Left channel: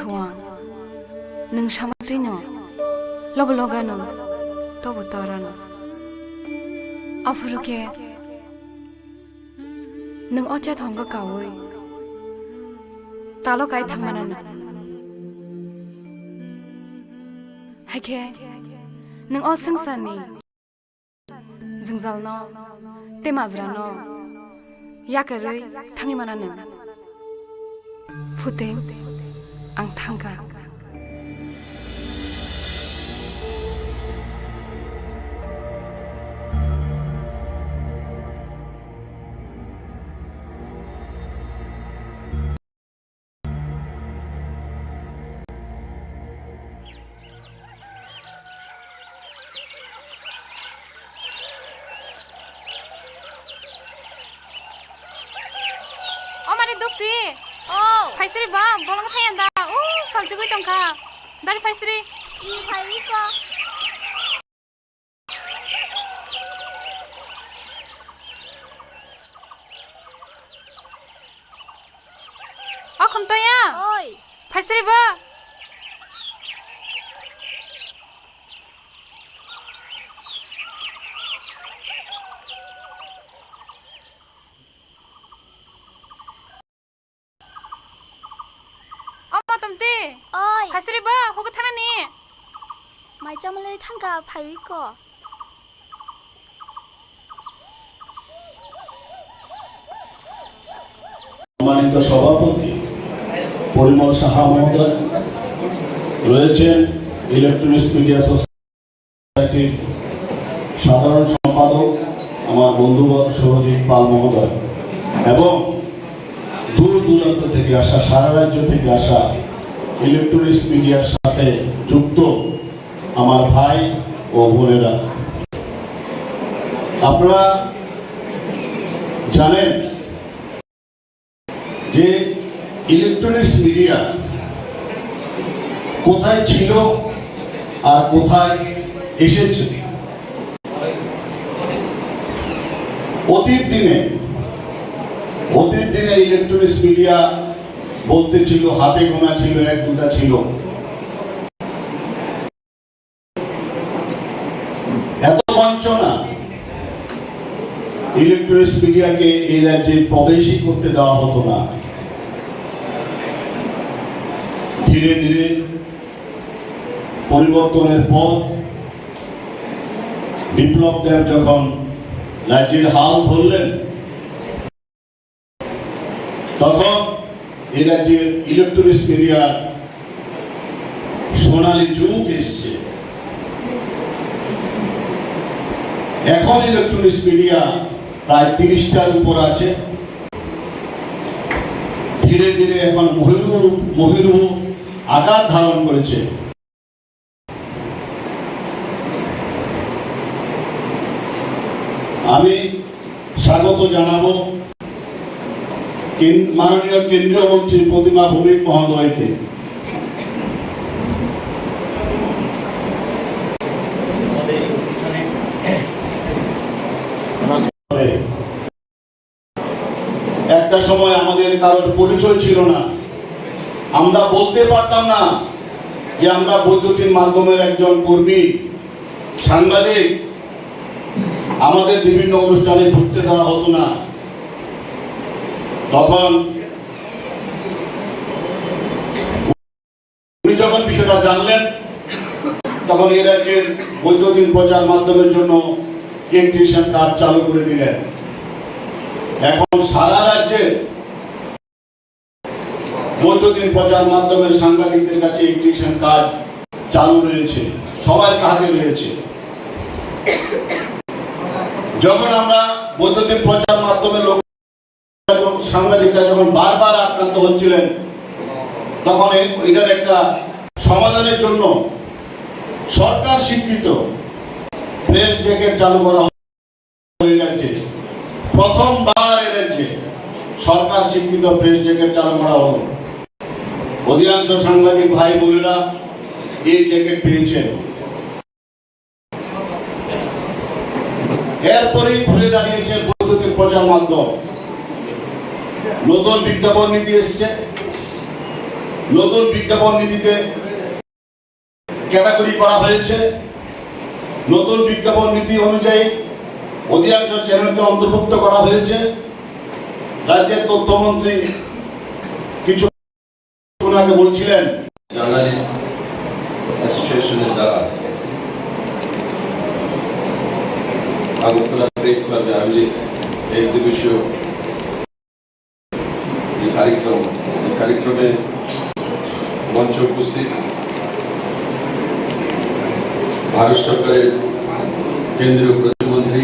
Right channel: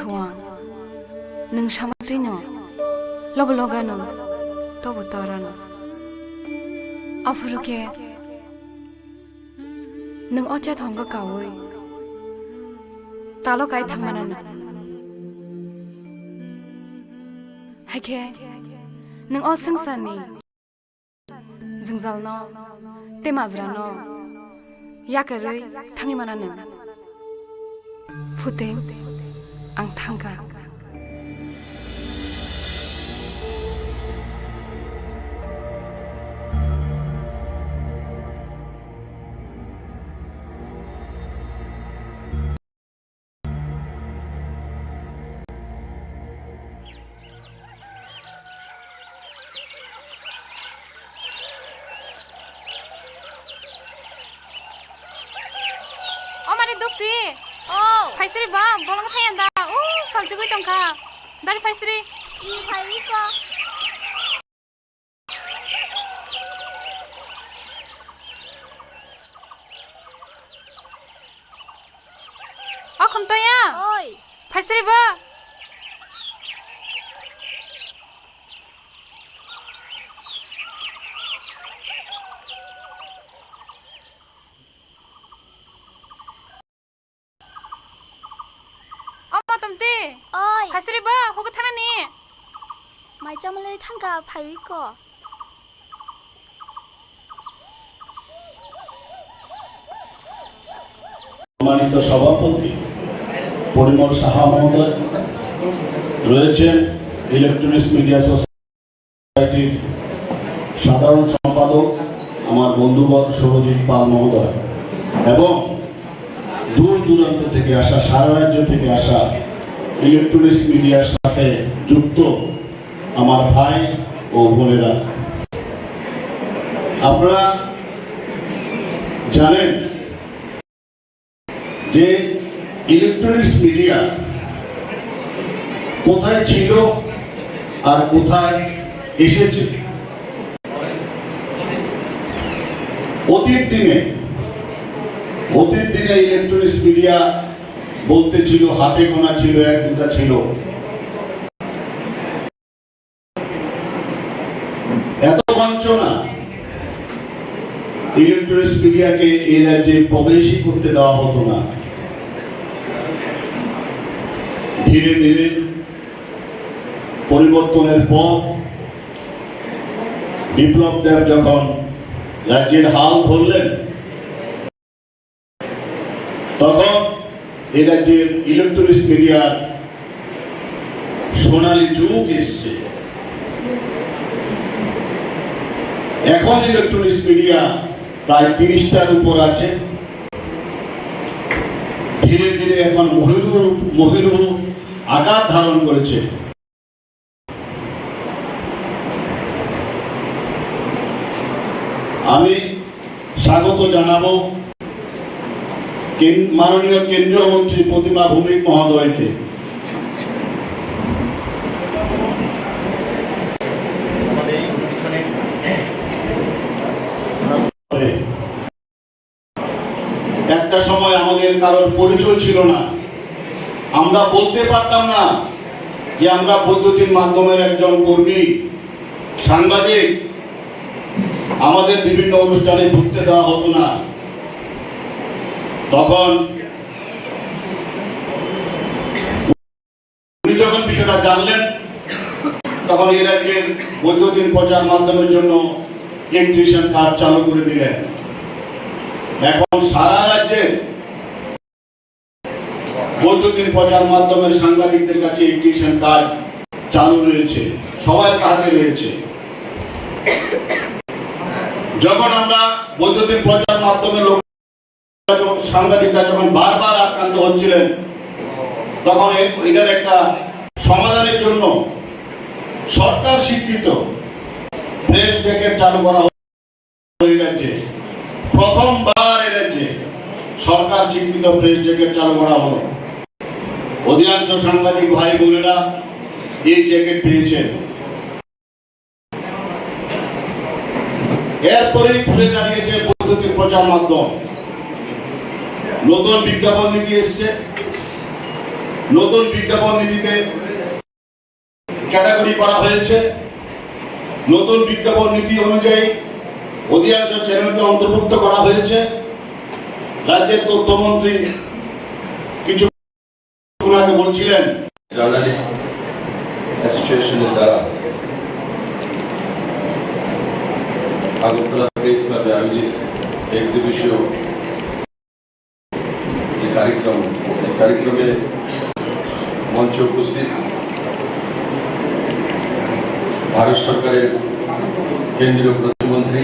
थुआ नों सामद्रिनो लब लगानो तब तारानो आफुरुके नों अचे थंग कावै तालो काय थांमानानो हायके नों असंसारनि जोंजालनो तेमाज्रानो याकरै थाङिमानानो फुतें आं थांगा Dukti, Faisri ba, bolong thayan da, salchugui tongka, dari Faisri. I Faisri ko. Khomto ya. Oi. Faisri ba. Oi. Faisri ba, hoga thana ni. Mai chamale thangka Faisri ko. সম্মানিত সভাপতি পরিমল সাহা মহোদয় রয়েছেন ইলেকট্রনিক্স মিডিয়া সোসাইটির সাধারণ সম্পাদক আমার বন্ধুবর সৌরজিৎ পাল মহোদয় এবং দূর দূরান্ত থেকে আসা সারা রাজ্য থেকে আসা ইলেকট্রনিক্স মিডিয়ার সাথে যুক্ত আমার ভাই ও বোনেরা, আপনারা জানেন যে ইলেকট্রনিক্স মিডিয়া কোথায় ছিল আর কোথায় এসেছে। অতীত দিনে ইলেকট্রনিক্স মিডিয়া বলতে ছিল হাতে গোনা ছিল, এক দুটা ছিল। এত বঞ্চনা ইলেকট্রনিক্স মিডিয়াকে এই রাজ্যে প্রবেশই করতে দেওয়া হতো না। ধীরে ধীরে পরিবর্তনের পর বিপ্লব দেব যখন রাজ্যের হাল ধরলেন, তখন এই রাজ্যের ইলেকট্রনিক্স মিডিয়ার সোনালী যুগ এসছে। এখন ইলেকট্রনিক্স মিডিয়া প্রায় 30টার উপর আছে। ধীরে ধীরে এখন মহিরূহ আকার ধারণ করেছে। আমি স্বাগত জানাবো মাননীয় কেন্দ্রীয় মন্ত্রী প্রতিমা ভৌমিক মহোদয়কে। একটা সময় আমাদের কারোর পরিচয় ছিল না, আমরা বলতে পারতাম না যে আমরা বৈদ্যুতিন মাধ্যমের একজন কর্মী, সাংবাদিক। আমাদের বিভিন্ন অনুষ্ঠানে ঢুকতে দেওয়া হতো না। তখন উনি যখন বিষয়টা জানলেন, তখন এই রাজ্যের বৈদ্যুতিন প্রচার মাধ্যমের জন্য ইলেকট্রিশিয়ান কার্ড চালু করে দিলেন। এখন সারা রাজ্যে বৈদ্যুতিন প্রচার মাধ্যমের সাংবাদিকদের কাছে ইলেকট্রিশিয়ান কার্ড চালু রয়েছে, সবার কাছে রয়েছে। যখন আমরা বৈদ্যুতিন প্রচার মাধ্যমের সাংবাদিকরা যখন বারবার আক্রান্ত হচ্ছিলেন, তখন এটার একটা সমাধানের জন্য সরকার স্বীকৃত প্রেস জ্যাকেট চালু করা হলো। প্রথমবার এই রাজ্যে সরকার স্বীকৃত প্রেস জ্যাকেট চালু করা হলো। অধিকাংশ সাংবাদিক ভাই বোনেরা এই জ্যাকেট পেয়েছেন। এরপরে ঘুরে দাঁড়িয়েছে বৈদ্যুতিন প্রচার মাধ্যম। নতুন বিজ্ঞাপন নীতি এসছে, নতুন বিজ্ঞাপন নীতিতে ক্যাটাগরি করা হয়েছে। নতুন বিজ্ঞাপন নীতি অনুযায়ী অধিকাংশ চ্যানেলকে অন্তর্ভুক্ত করা হয়েছে। রাজ্যের তথ্যমন্ত্রী কিছু আগে বলছিলেন জার্নালিস্ট অ্যাসোসিয়েশনের দ্বারা আগরতলা প্রেস ক্লাবে আয়োজিত এক দিবসীয় যে কার্যক্রমে মঞ্চে উপস্থিত ভারত সরকারের কেন্দ্রীয় প্রতিমন্ত্রী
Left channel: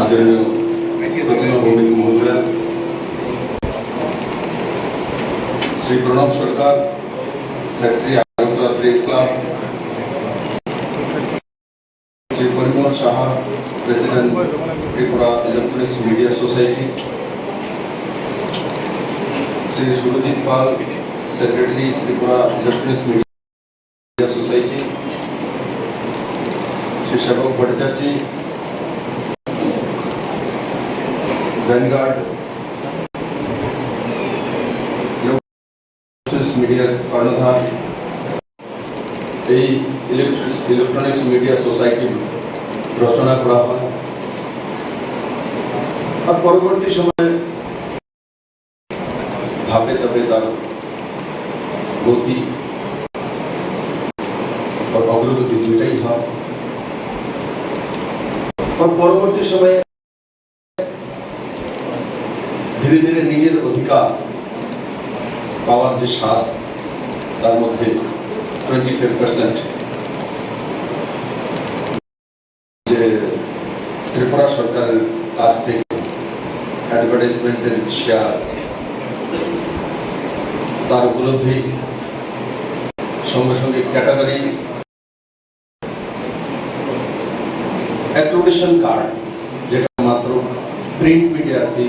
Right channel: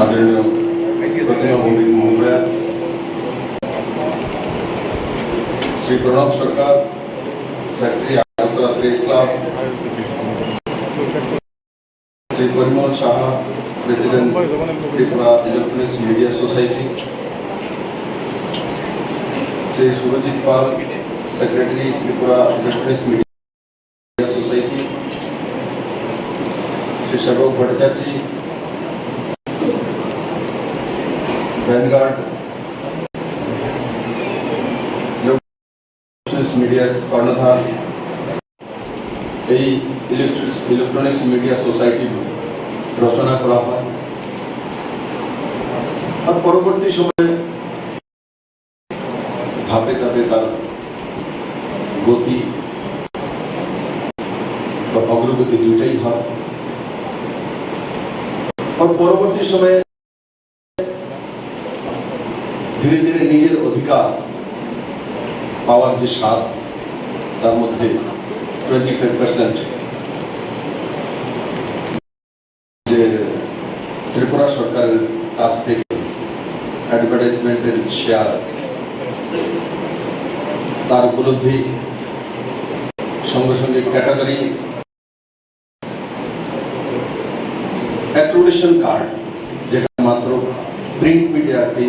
আদরণীয় প্রতিমা ভৌমিক মহোদয়া, Shri Pranab Sarkar, secretary Agartala press club, Shri Parimal Saha, president Tripura electronics media society, Shri Surajit Pal, secretary Tripura electronics media society, Shri Sebak Bhattacharya, vanguard মিডিয়ার কর্ণধার, এই ইলেকট্রনিক্স মিডিয়া সোসাইটি রচনা করা হয়। আর পরবর্তী সময়ে ধাপে ধাপে তার গতি আর অগ্রগতি দুইটাই হয়। আর পরবর্তী সময়ে ধীরে ধীরে নিজের অধিকার পাওয়ার যে স্বাদ, তার মধ্যে 25% যে ত্রিপুরা সরকারের কাছ থেকে অ্যাডভার্টাইজমেন্টের শেয়ার, তার উপলব্ধি, সঙ্গে সঙ্গে ক্যাটাগরি অ্যাক্টিভেশন কার্ড, যেটা মাত্র প্রিন্ট মিডিয়াতে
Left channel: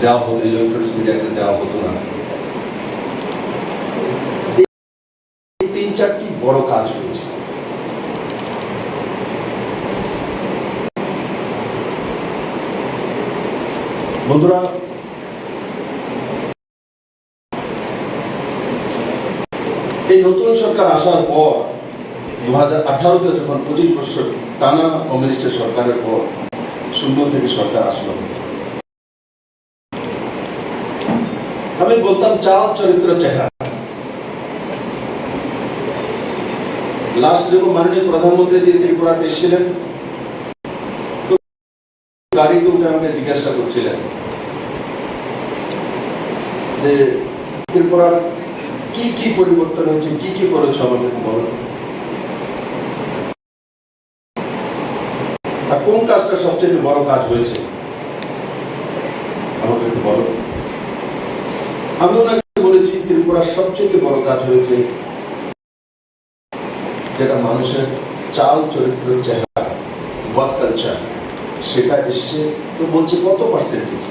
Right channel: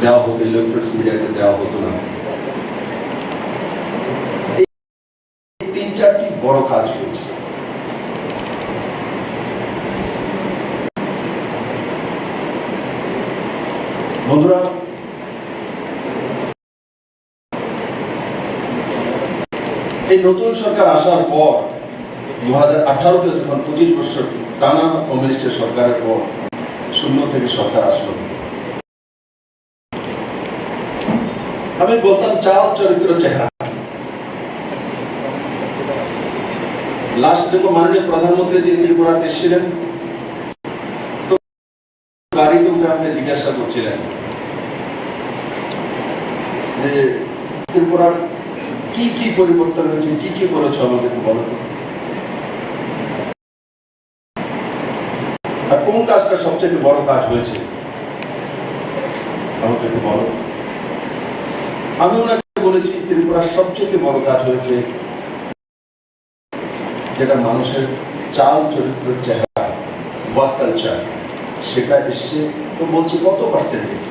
দেওয়া হতো, ইলেকট্রনিক্স মিডিয়াতে দেওয়া হতো না। তিন চারটি বড় কাজ হয়েছে। বন্ধুরা, এই নতুন সরকার আসার পর 2018-তে যখন 25 বছর টানা কমিউনিস্টের সরকারের পর শূন্য থেকে সরকার আসলো, আমি বলতাম চাল চরিত্র চেহারা। লাস্ট যখন মাননীয় প্রধানমন্ত্রী যে ত্রিপুরাতে এসেছিলেন, তো গাড়িতে উঠে আপনি জিজ্ঞাসা করছিলেন যে ত্রিপুরার কি কি পরিবর্তন হয়েছে, কি কি করেছ আমাদের বলো, আর কোন কাজটা সবচেয়ে বড় কাজ হয়েছে আমাকে একটু বলো। আমি ওনাকে বলেছি ত্রিপুরার সবচেয়ে বড় কাজ হয়েছে যেটা মানুষের চাল চরিত্র চেহারা, ওয়ার্ক কালচার, সেটা এসছে। তো বলছে কত পার্সেন্টেজ?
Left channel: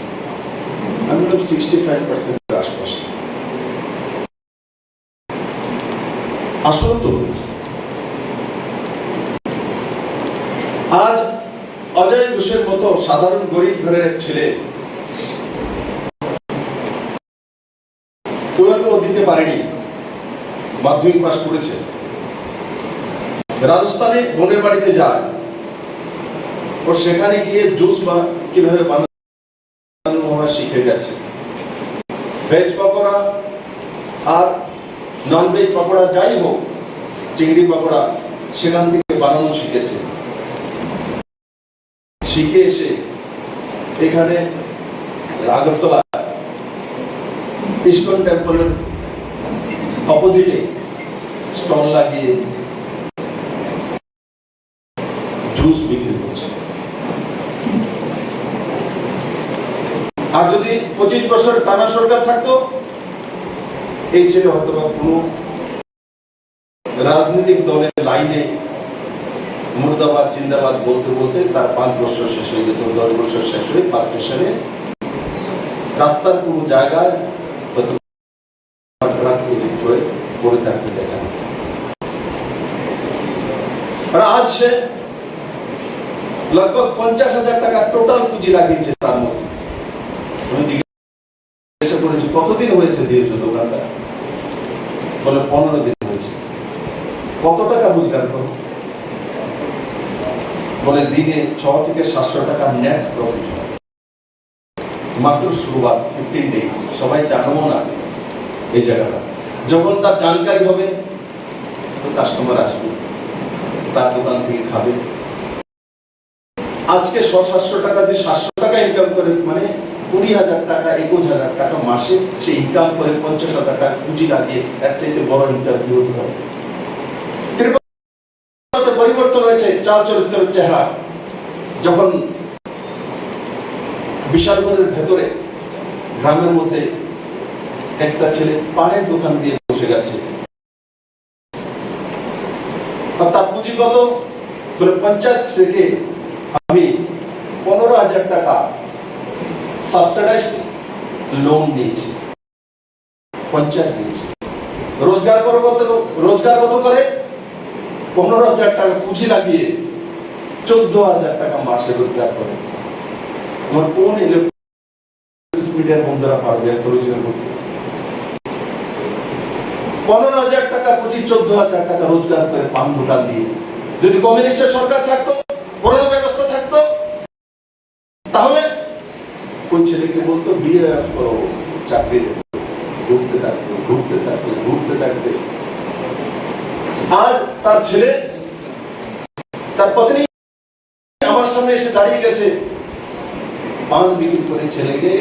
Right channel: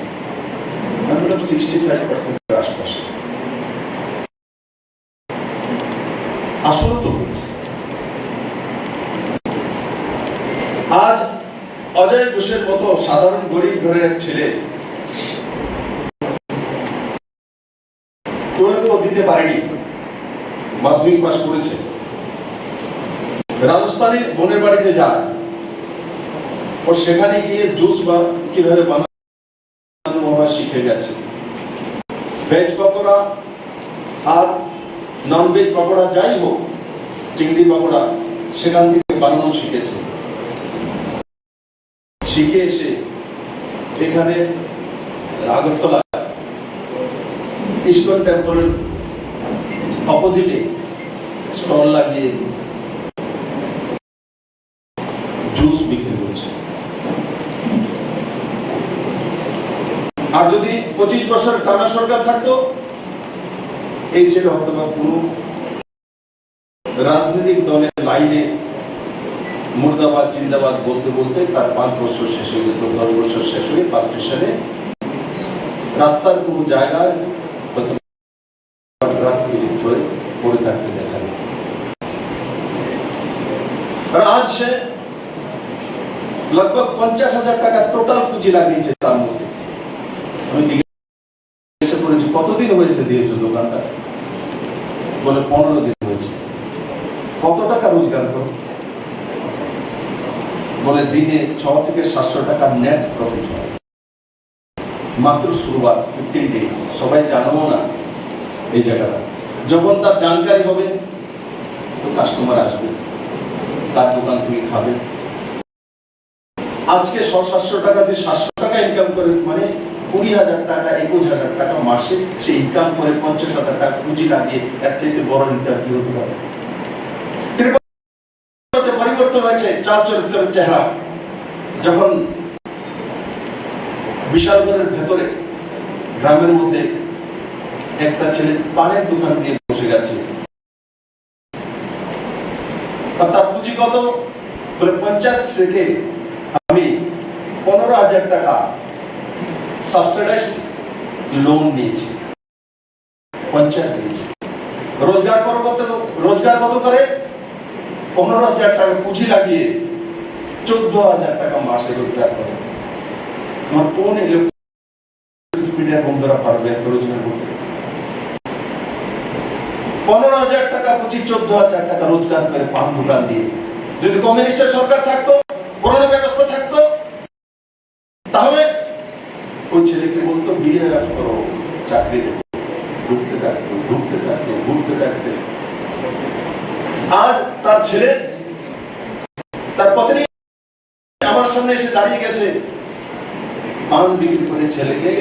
আমি বললাম 65% আশপাশে। আসলে তো হচ্ছে। আজ অজয় ঘোষের মতো সাধারণ গরিব ঘরের ছেলে টুয়েলভও দিতে পারেনি, মাধ্যমিক পাস করেছে, রাজস্থানে বোনের বাড়িতে যায়, ও সেখানে গিয়ে জুস কিভাবে বানানো শিখে গেছে। ভেজ পকোড়া আর নন ভেজ পকোড়া যাই হোক, চিংড়ি পকোড়া সেখান থেকে বানানো শিখেছে। শিখে এসে এখানে আগরতলা ইস্কন টেম্পলের অপোজিটে স্টল লাগিয়ে জুস বিক্রি করছে। আর যদি 25 বছর টানা সরকার থাকতো, এই ছেলে হয়তো বা কোনো রাজনৈতিক দলের লাইনে মুর্দাবাদ জিন্দাবাদ বলতে বলতে তার 5 বছর শেষ হয়ে যেত, 10 বছর শেষ হয়ে ফার্স্ট স্টেশনে রাস্তার কোনো জায়গায় পড়ে থাকতে দেখা। আজ সে लगभग 50,000 টাকা টোটাল পুঁজি লাগিয়েছে। তার মধ্যে আমি জিজ্ঞাসা করেছি কতদিন দোকানটা, বলে 15 দিন হয়েছে। কত টাকা রোজগার করো? বলে দিনে 600 থেকে 700 টাকা নেট প্রফিট হয়। মাত্র শুরুয়াত, 15 ডেজ। সবাই জানো না এই জায়গাটা। যখন তার জানকারি হবে, কাস্টমার আসবে, তার দোকান থেকে খাবে। আজকে 600-700 টাকা দিয়ে 700 টাকা ইনকাম করে, মানে 20,000 টাকা 21,000 টাকা মাসে সে ইনকাম করে 50,000 টাকা পুঁজি লাগিয়ে এর চাইতে বড় ইন্টারভিউ হবে। পরিবর্তন হয়েছে চাল চরিত্রের চেহারা। যখন বিশালগড়ের ভেতরে গ্রামের মধ্যে একটা ছেলে পানের দোকান দিয়ে বসে গেছে, তার পুঁজি কত? বলে পঞ্চায়েত থেকে আমি 15,000 টাকা সাবসিডাইজ লোন নিয়েছি, পঞ্চায়েত দিয়েছে। রোজগার কত করে? 15,000 টাকা পুঁজি লাগিয়ে 14,000 টাকা মাসে রোজগার করে। আমার কোন মিডিয়ার বন্ধুরা পারবে এত রোজগার করতে? 15,000 টাকা পুঁজি, 14,000 টাকা রোজগার করে পান দোকান দিয়ে। যদি কমিউনিস্টের সরকার থাকতো, করোনা ব্যবস্থা থাকতো, তাহলে ওই ছেলেকে বলতো বিএফ করো, চাকরি দেবো। ঘুরতে থাকতে আজ তার ছেলে, তার পত্নী আমার সামনে এসে দাঁড়িয়ে গেছে, পান বিক্রি করে ছেলেকে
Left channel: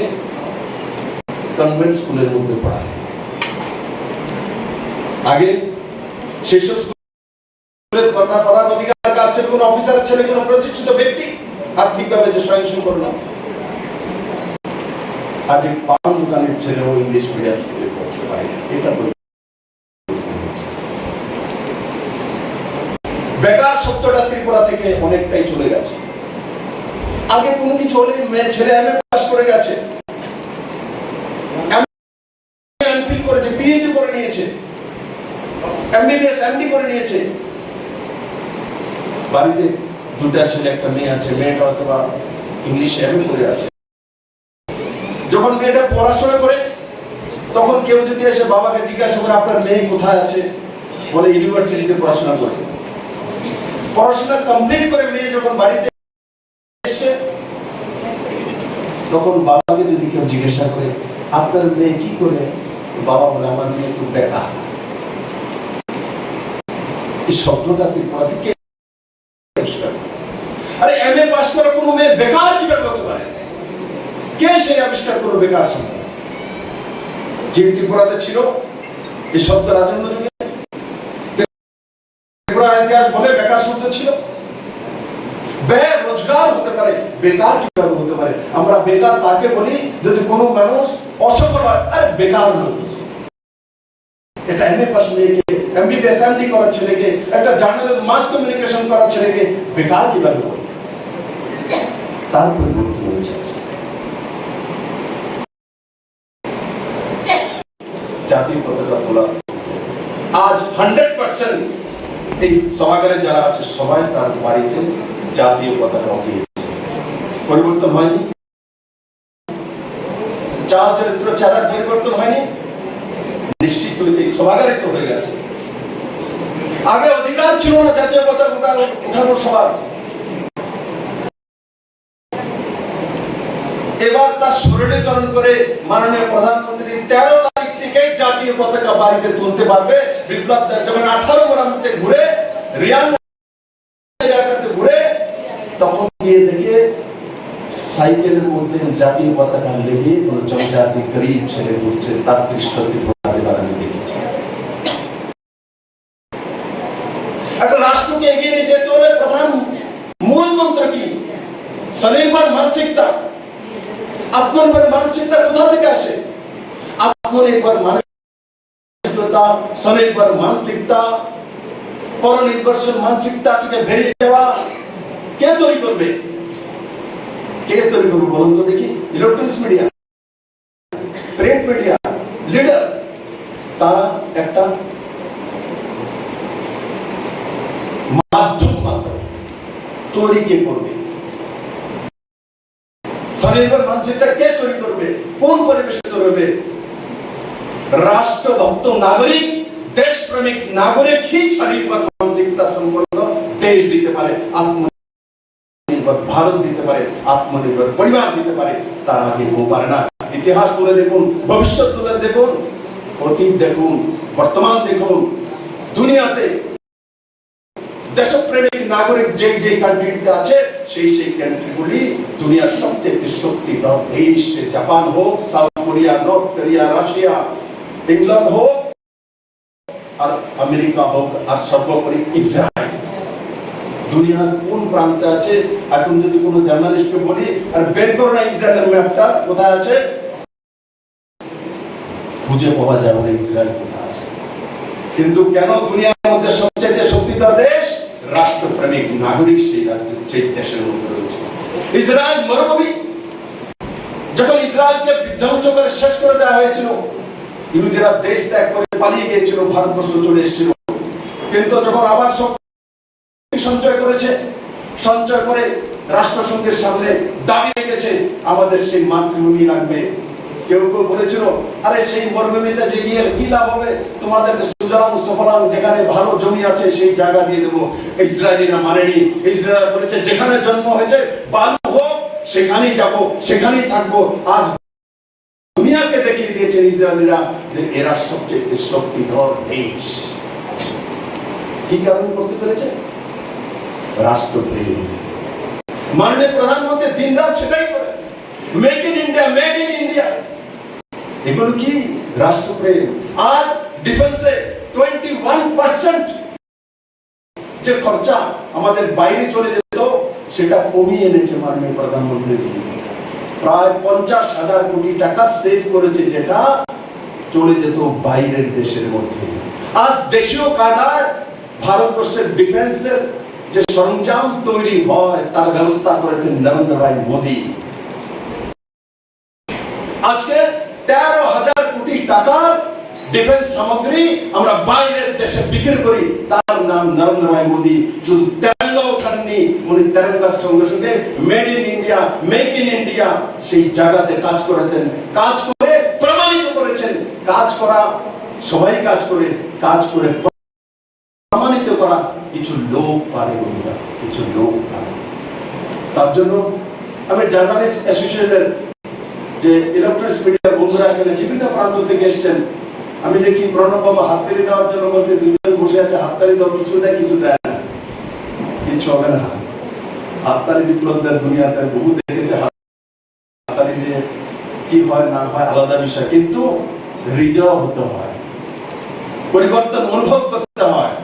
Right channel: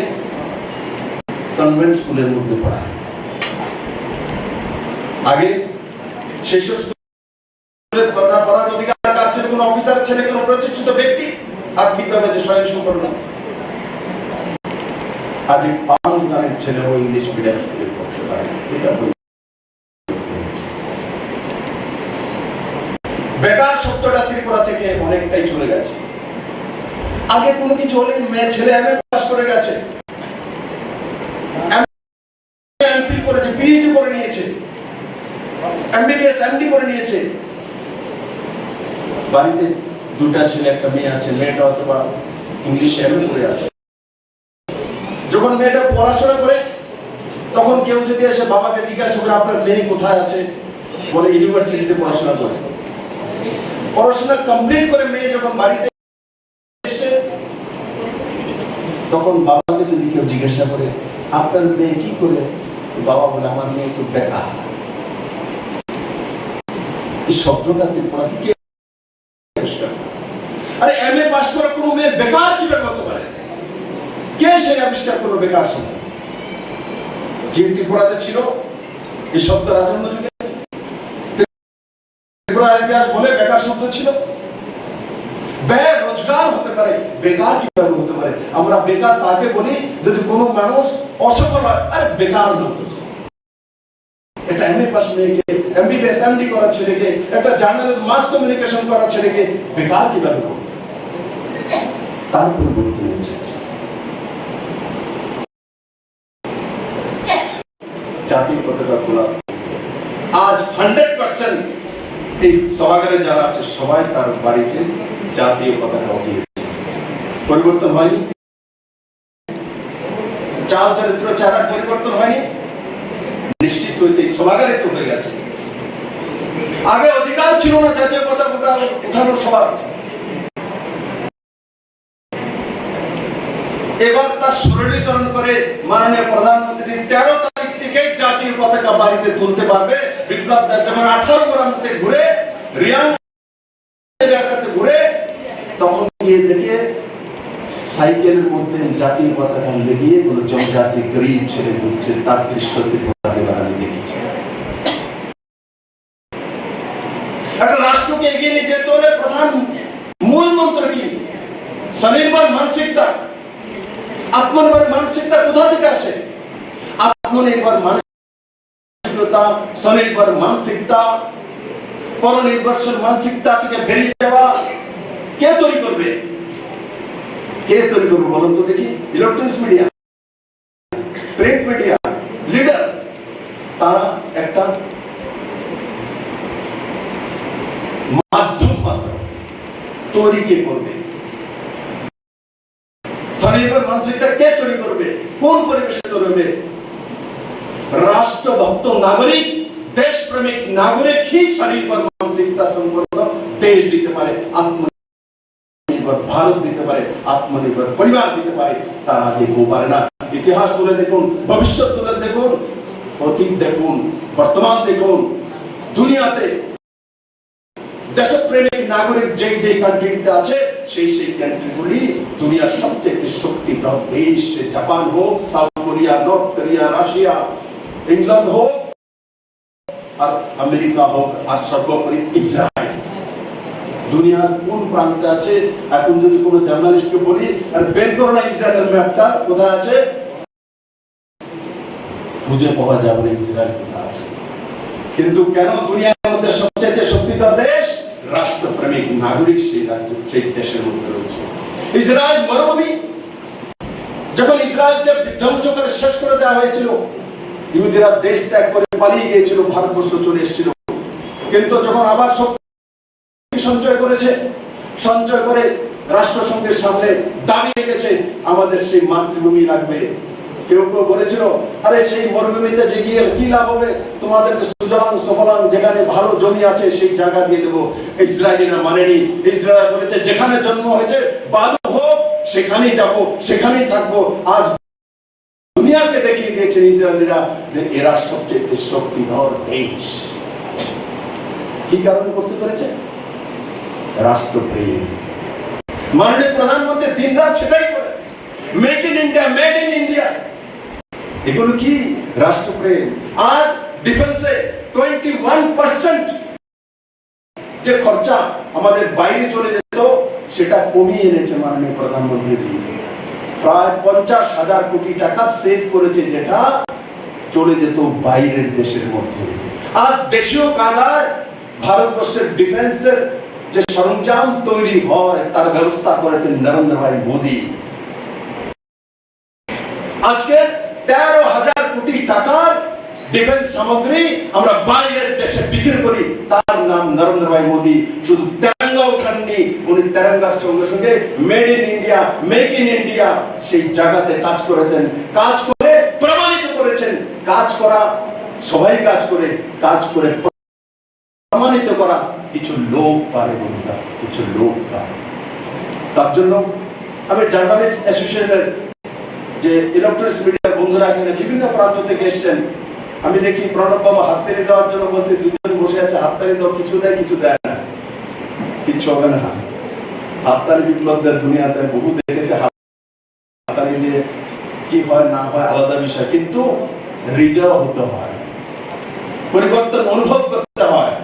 কনভেন্ট স্কুলের মধ্যে পড়ায়। আগে সেসব স্কুলের কথা পড়ার অধিকার কার ছিল? কোন অফিসার ছেলে, কোন প্রতিষ্ঠিত ব্যক্তি আর্থিকভাবে যে স্বয়ংসম্পূর্ণ না। আজ পান দোকানের ছেলেও ইংলিশ মিডিয়াম স্কুলে পড়তে পারে। এটা বেকার শব্দটা ত্রিপুরা থেকে অনেকটাই চলে গেছে। আগে কোনো কিছু হলে মেয়ে ছেলে এমএ পাস করে গেছে, এমফিল করেছে, পিএইচডি করে নিয়েছে, এমবিবিএস এমডি করে নিয়েছে। বাড়িতে দুটা ছেলে একটা মেয়ে আছে, মেয়েটা অথবা ইংলিশ এমএ করে আছে। যখন মেয়েটা পড়াশোনা করে, তখন কেউ যদি এসে বাবাকে জিজ্ঞাসা করে আপনার মেয়ে কোথায় আছে, বলে ইউনিভার্সিটিতে পড়াশোনা করে। পড়াশোনা কমপ্লিট করে মেয়ে যখন বাড়িতে এসে, তখন বাবাকে যদি কেউ জিজ্ঞাসা করে আপনার মেয়ে কি করে, বাবা বলে আমার মেয়ে তো বেকার। এই শব্দটা ত্রিপুরা থেকে আরে এমএ পাস করা কোনো মেয়ে বেকার কিভাবে হতে পারে? কে সে আবিষ্কার করলো বেকার শব্দ? যে ত্রিপুরাতে ছিল এই শব্দ রাজন্য যুগে, ত্রিপুরার ইতিহাস বলে বেকার শব্দ ছিল। রোজগার হতে পারে, বেকার কিভাবে হতে পারে? আমরা বেকার তাকে বলি যদি কোনো মানুষ অসফল হয়। আরে বেকার লোক, একটা এমএ পাস মেয়েকে, এমবিবিএস এমডি করা ছেলেকে, একটা জার্নালের মাস কমিউনিকেশন করা ছেলেকে বেকার কিভাবে বলবে? তার পরিবর্তন হয়েছে। জাতীয় পতাকা তোলা আজ 100% এই সভাগারে যারা আছে সবাই তার বাড়িতে জাতীয় পতাকা উঠিয়েছে। পরিবর্তন হয়নি, চাল চরিত্র চেহারার পরিবর্তন হয়নি, নিশ্চিত হয়েছে সভাগারে তো হয়ে গেছে। আগে অধিকার ছিল না জাতীয় পতাকা উঠানোর সবার, এবার তার সরলীকরণ করে মাননীয় প্রধানমন্ত্রী 13 তারিখ থেকে জাতীয় পতাকা বাড়িতে তুলতে পারবে। বিপ্লব দেব যখন 18 গ্রামতে ঘুরে, রিয়াং এলাকাতে ঘুরে, তখন গিয়ে দেখে সাইকেলের মধ্যে জাতীয় পতাকা লেগে কোন জনজাতি গরিব ছেলে ঘুরছে, তার দৃশ্য আমি দেখেছি। একটা রাষ্ট্রকে এগিয়ে নিয়ে যেতে হলে প্রধান মূল মন্ত্র কি? স্বনির্ভর মানসিকতা। আত্মনির্ভর মানসিকতা কোথা থেকে আসে? আত্মনির্ভর মানসিকতা, স্বনির্ভর মানসিকতা, পরনির্ভরশীল মানসিকতা থেকে বেরিয়ে যাওয়া কে তৈরি করবে? কে তৈরি করবে বলুন তো দেখি? Electronics media, print media, leader, তারা একটা মাধ্যম মাত্র। তৈরি কে করবে? স্বনির্ভর মানসিকতা কে তৈরি করবে? কোন পরিবেশে তৈরি হবে? राष्ट्रभक्त नागरिक, देश प्रेमिक नागरिक ही शरीर पर मानसिकता संपन्न देश দিতে পারে, আত্মনির্ভর ভারত দিতে পারে, আত্মনির্ভর পরিবার দিতে পারে। তার আগে কেউ পারে না। ইতিহাস তুলে দেখুন, ভবিষ্যৎ তুলে দেখুন, অতীত দেখুন, বর্তমান দেখুন, দুনিয়াতে দেশপ্রেমিক নাগরিক যেই যেই কান্ট্রিতে আছে সেই সেই কান্ট্রিগুলি দুনিয়ার সবচেয়ে শক্তিধর দেশ। জাপান হোক, south Korea, north Korea, Russia, England হোক আর আমেরিকা হোক, আর সর্বোপরি ইসরায়েল। দুনিয়ার কোন প্রান্তে আছে? এখন যদি কোনো জার্নালিস্টকে বলি আর বের করো না ইসরায়েলের ম্যাপটা কোথায় আছে, খুঁজে পাওয়া যাবে না ইসরায়েল কোথায় আছে। কিন্তু কেন দুনিয়ার মধ্যে সবচেয়ে শক্তিধর দেশ? রাষ্ট্রপ্রেমিক নাগরিক সেই রাজ্যে, সেই দেশের মধ্যে রয়েছে। ইসরায়েল মরুভূমি, যখন ইসরায়েলকে বিধ্বংস করে শেষ করে দেওয়া হয়েছিল, ইহুদিরা দেশ ত্যাগ করে পালিয়ে গিয়েছিল, ভারতবর্ষ চলে এসেছিল। কিন্তু যখন আবার সঞ্চয় করেছে, সঞ্চয় করে রাষ্ট্রসংঘের সামনে দাবি রেখেছে আমাদের সেই মাতৃভূমি লাগবে। কেউ কেউ বলেছিল আরে সেই মরুভূমিতে যে গিয়ে কি লাভ হবে, তোমাদেরকে সুজলাং সুফলাং যেখানে ভালো জমি আছে সেই জায়গা দিয়ে দেবো। ইসরায়েলিরা মানেনি। ইসরায়েল বলেছে যেখানে জন্ম হয়েছে বালু হোক সেখানেই যাব, সেখানেই থাকবো। আজ দুনিয়াকে দেখিয়ে দিয়েছেন ইসরায়েলিরা যে এরা সবচেয়ে শক্তিধর দেশ। কি কারণে করতে পেরেছে? রাষ্ট্রপ্রেম। মাননীয় প্রধানমন্ত্রী দিন রাত সেটাই করে, make in India, made in India. এগুলো কি? রাষ্ট্রপ্রেম। আজ ডিফেন্সে 21% যে খরচা আমাদের বাইরে চলে যেত সেটা কমিয়ে এনেছে মাননীয় প্রধানমন্ত্রী। প্রায় 50,000 কোটি টাকা সেভ করেছে, যেটা চলে যেত বাইরের দেশের মধ্যে। আজ দেশীয় কায়দায় ভারতবর্ষের ডিফেন্সের যে সরঞ্জাম তৈরি হয় তার ব্যবস্থা করেছেন নরেন্দ্র ভাই মোদী। আজকে 13,000 কোটি টাকার ডিফেন্স সামগ্রী আমরা বাইরের দেশে বিক্রি করি, তার নাম নরেন্দ্র ভাই মোদী। শুধু তেরঙ্গা উঠাননি, উনি তেরঙ্গার সঙ্গে সঙ্গে made in India, make in India সেই জায়গাতে কাজ করেছেন। কাজ করে প্রমাণিত করেছেন। কাজ করা সবাই কাজ করে, কাজ করে প্রমাণিত করা কিছু লোক পারে, কিছু লোক পারে। তার জন্য আমি জার্নালিস্ট অ্যাসোসিয়েশনের যে ইলেকট্রনিক্স মিডিয়ার বন্ধুরা এখানে বিভিন্ন প্রান্ত থেকে এসছেন, আমি দেখি প্রণব বাবু হাততালি দেওয়ার জন্য বলতে দুজন বসে আছে, হাততালি দাও, কিছু দেয় কিছু দেয় না, কিছু হবে না। হাততালি বিপ্লবদের দুনিয়াতে বহু দেখেছে, হাততালি দিয়ে কি হয় না হয় আলাদা বিষয়, কিন্তু হৃদয় হতে হয়, পরিবর্তন অনুভব করতে হয়।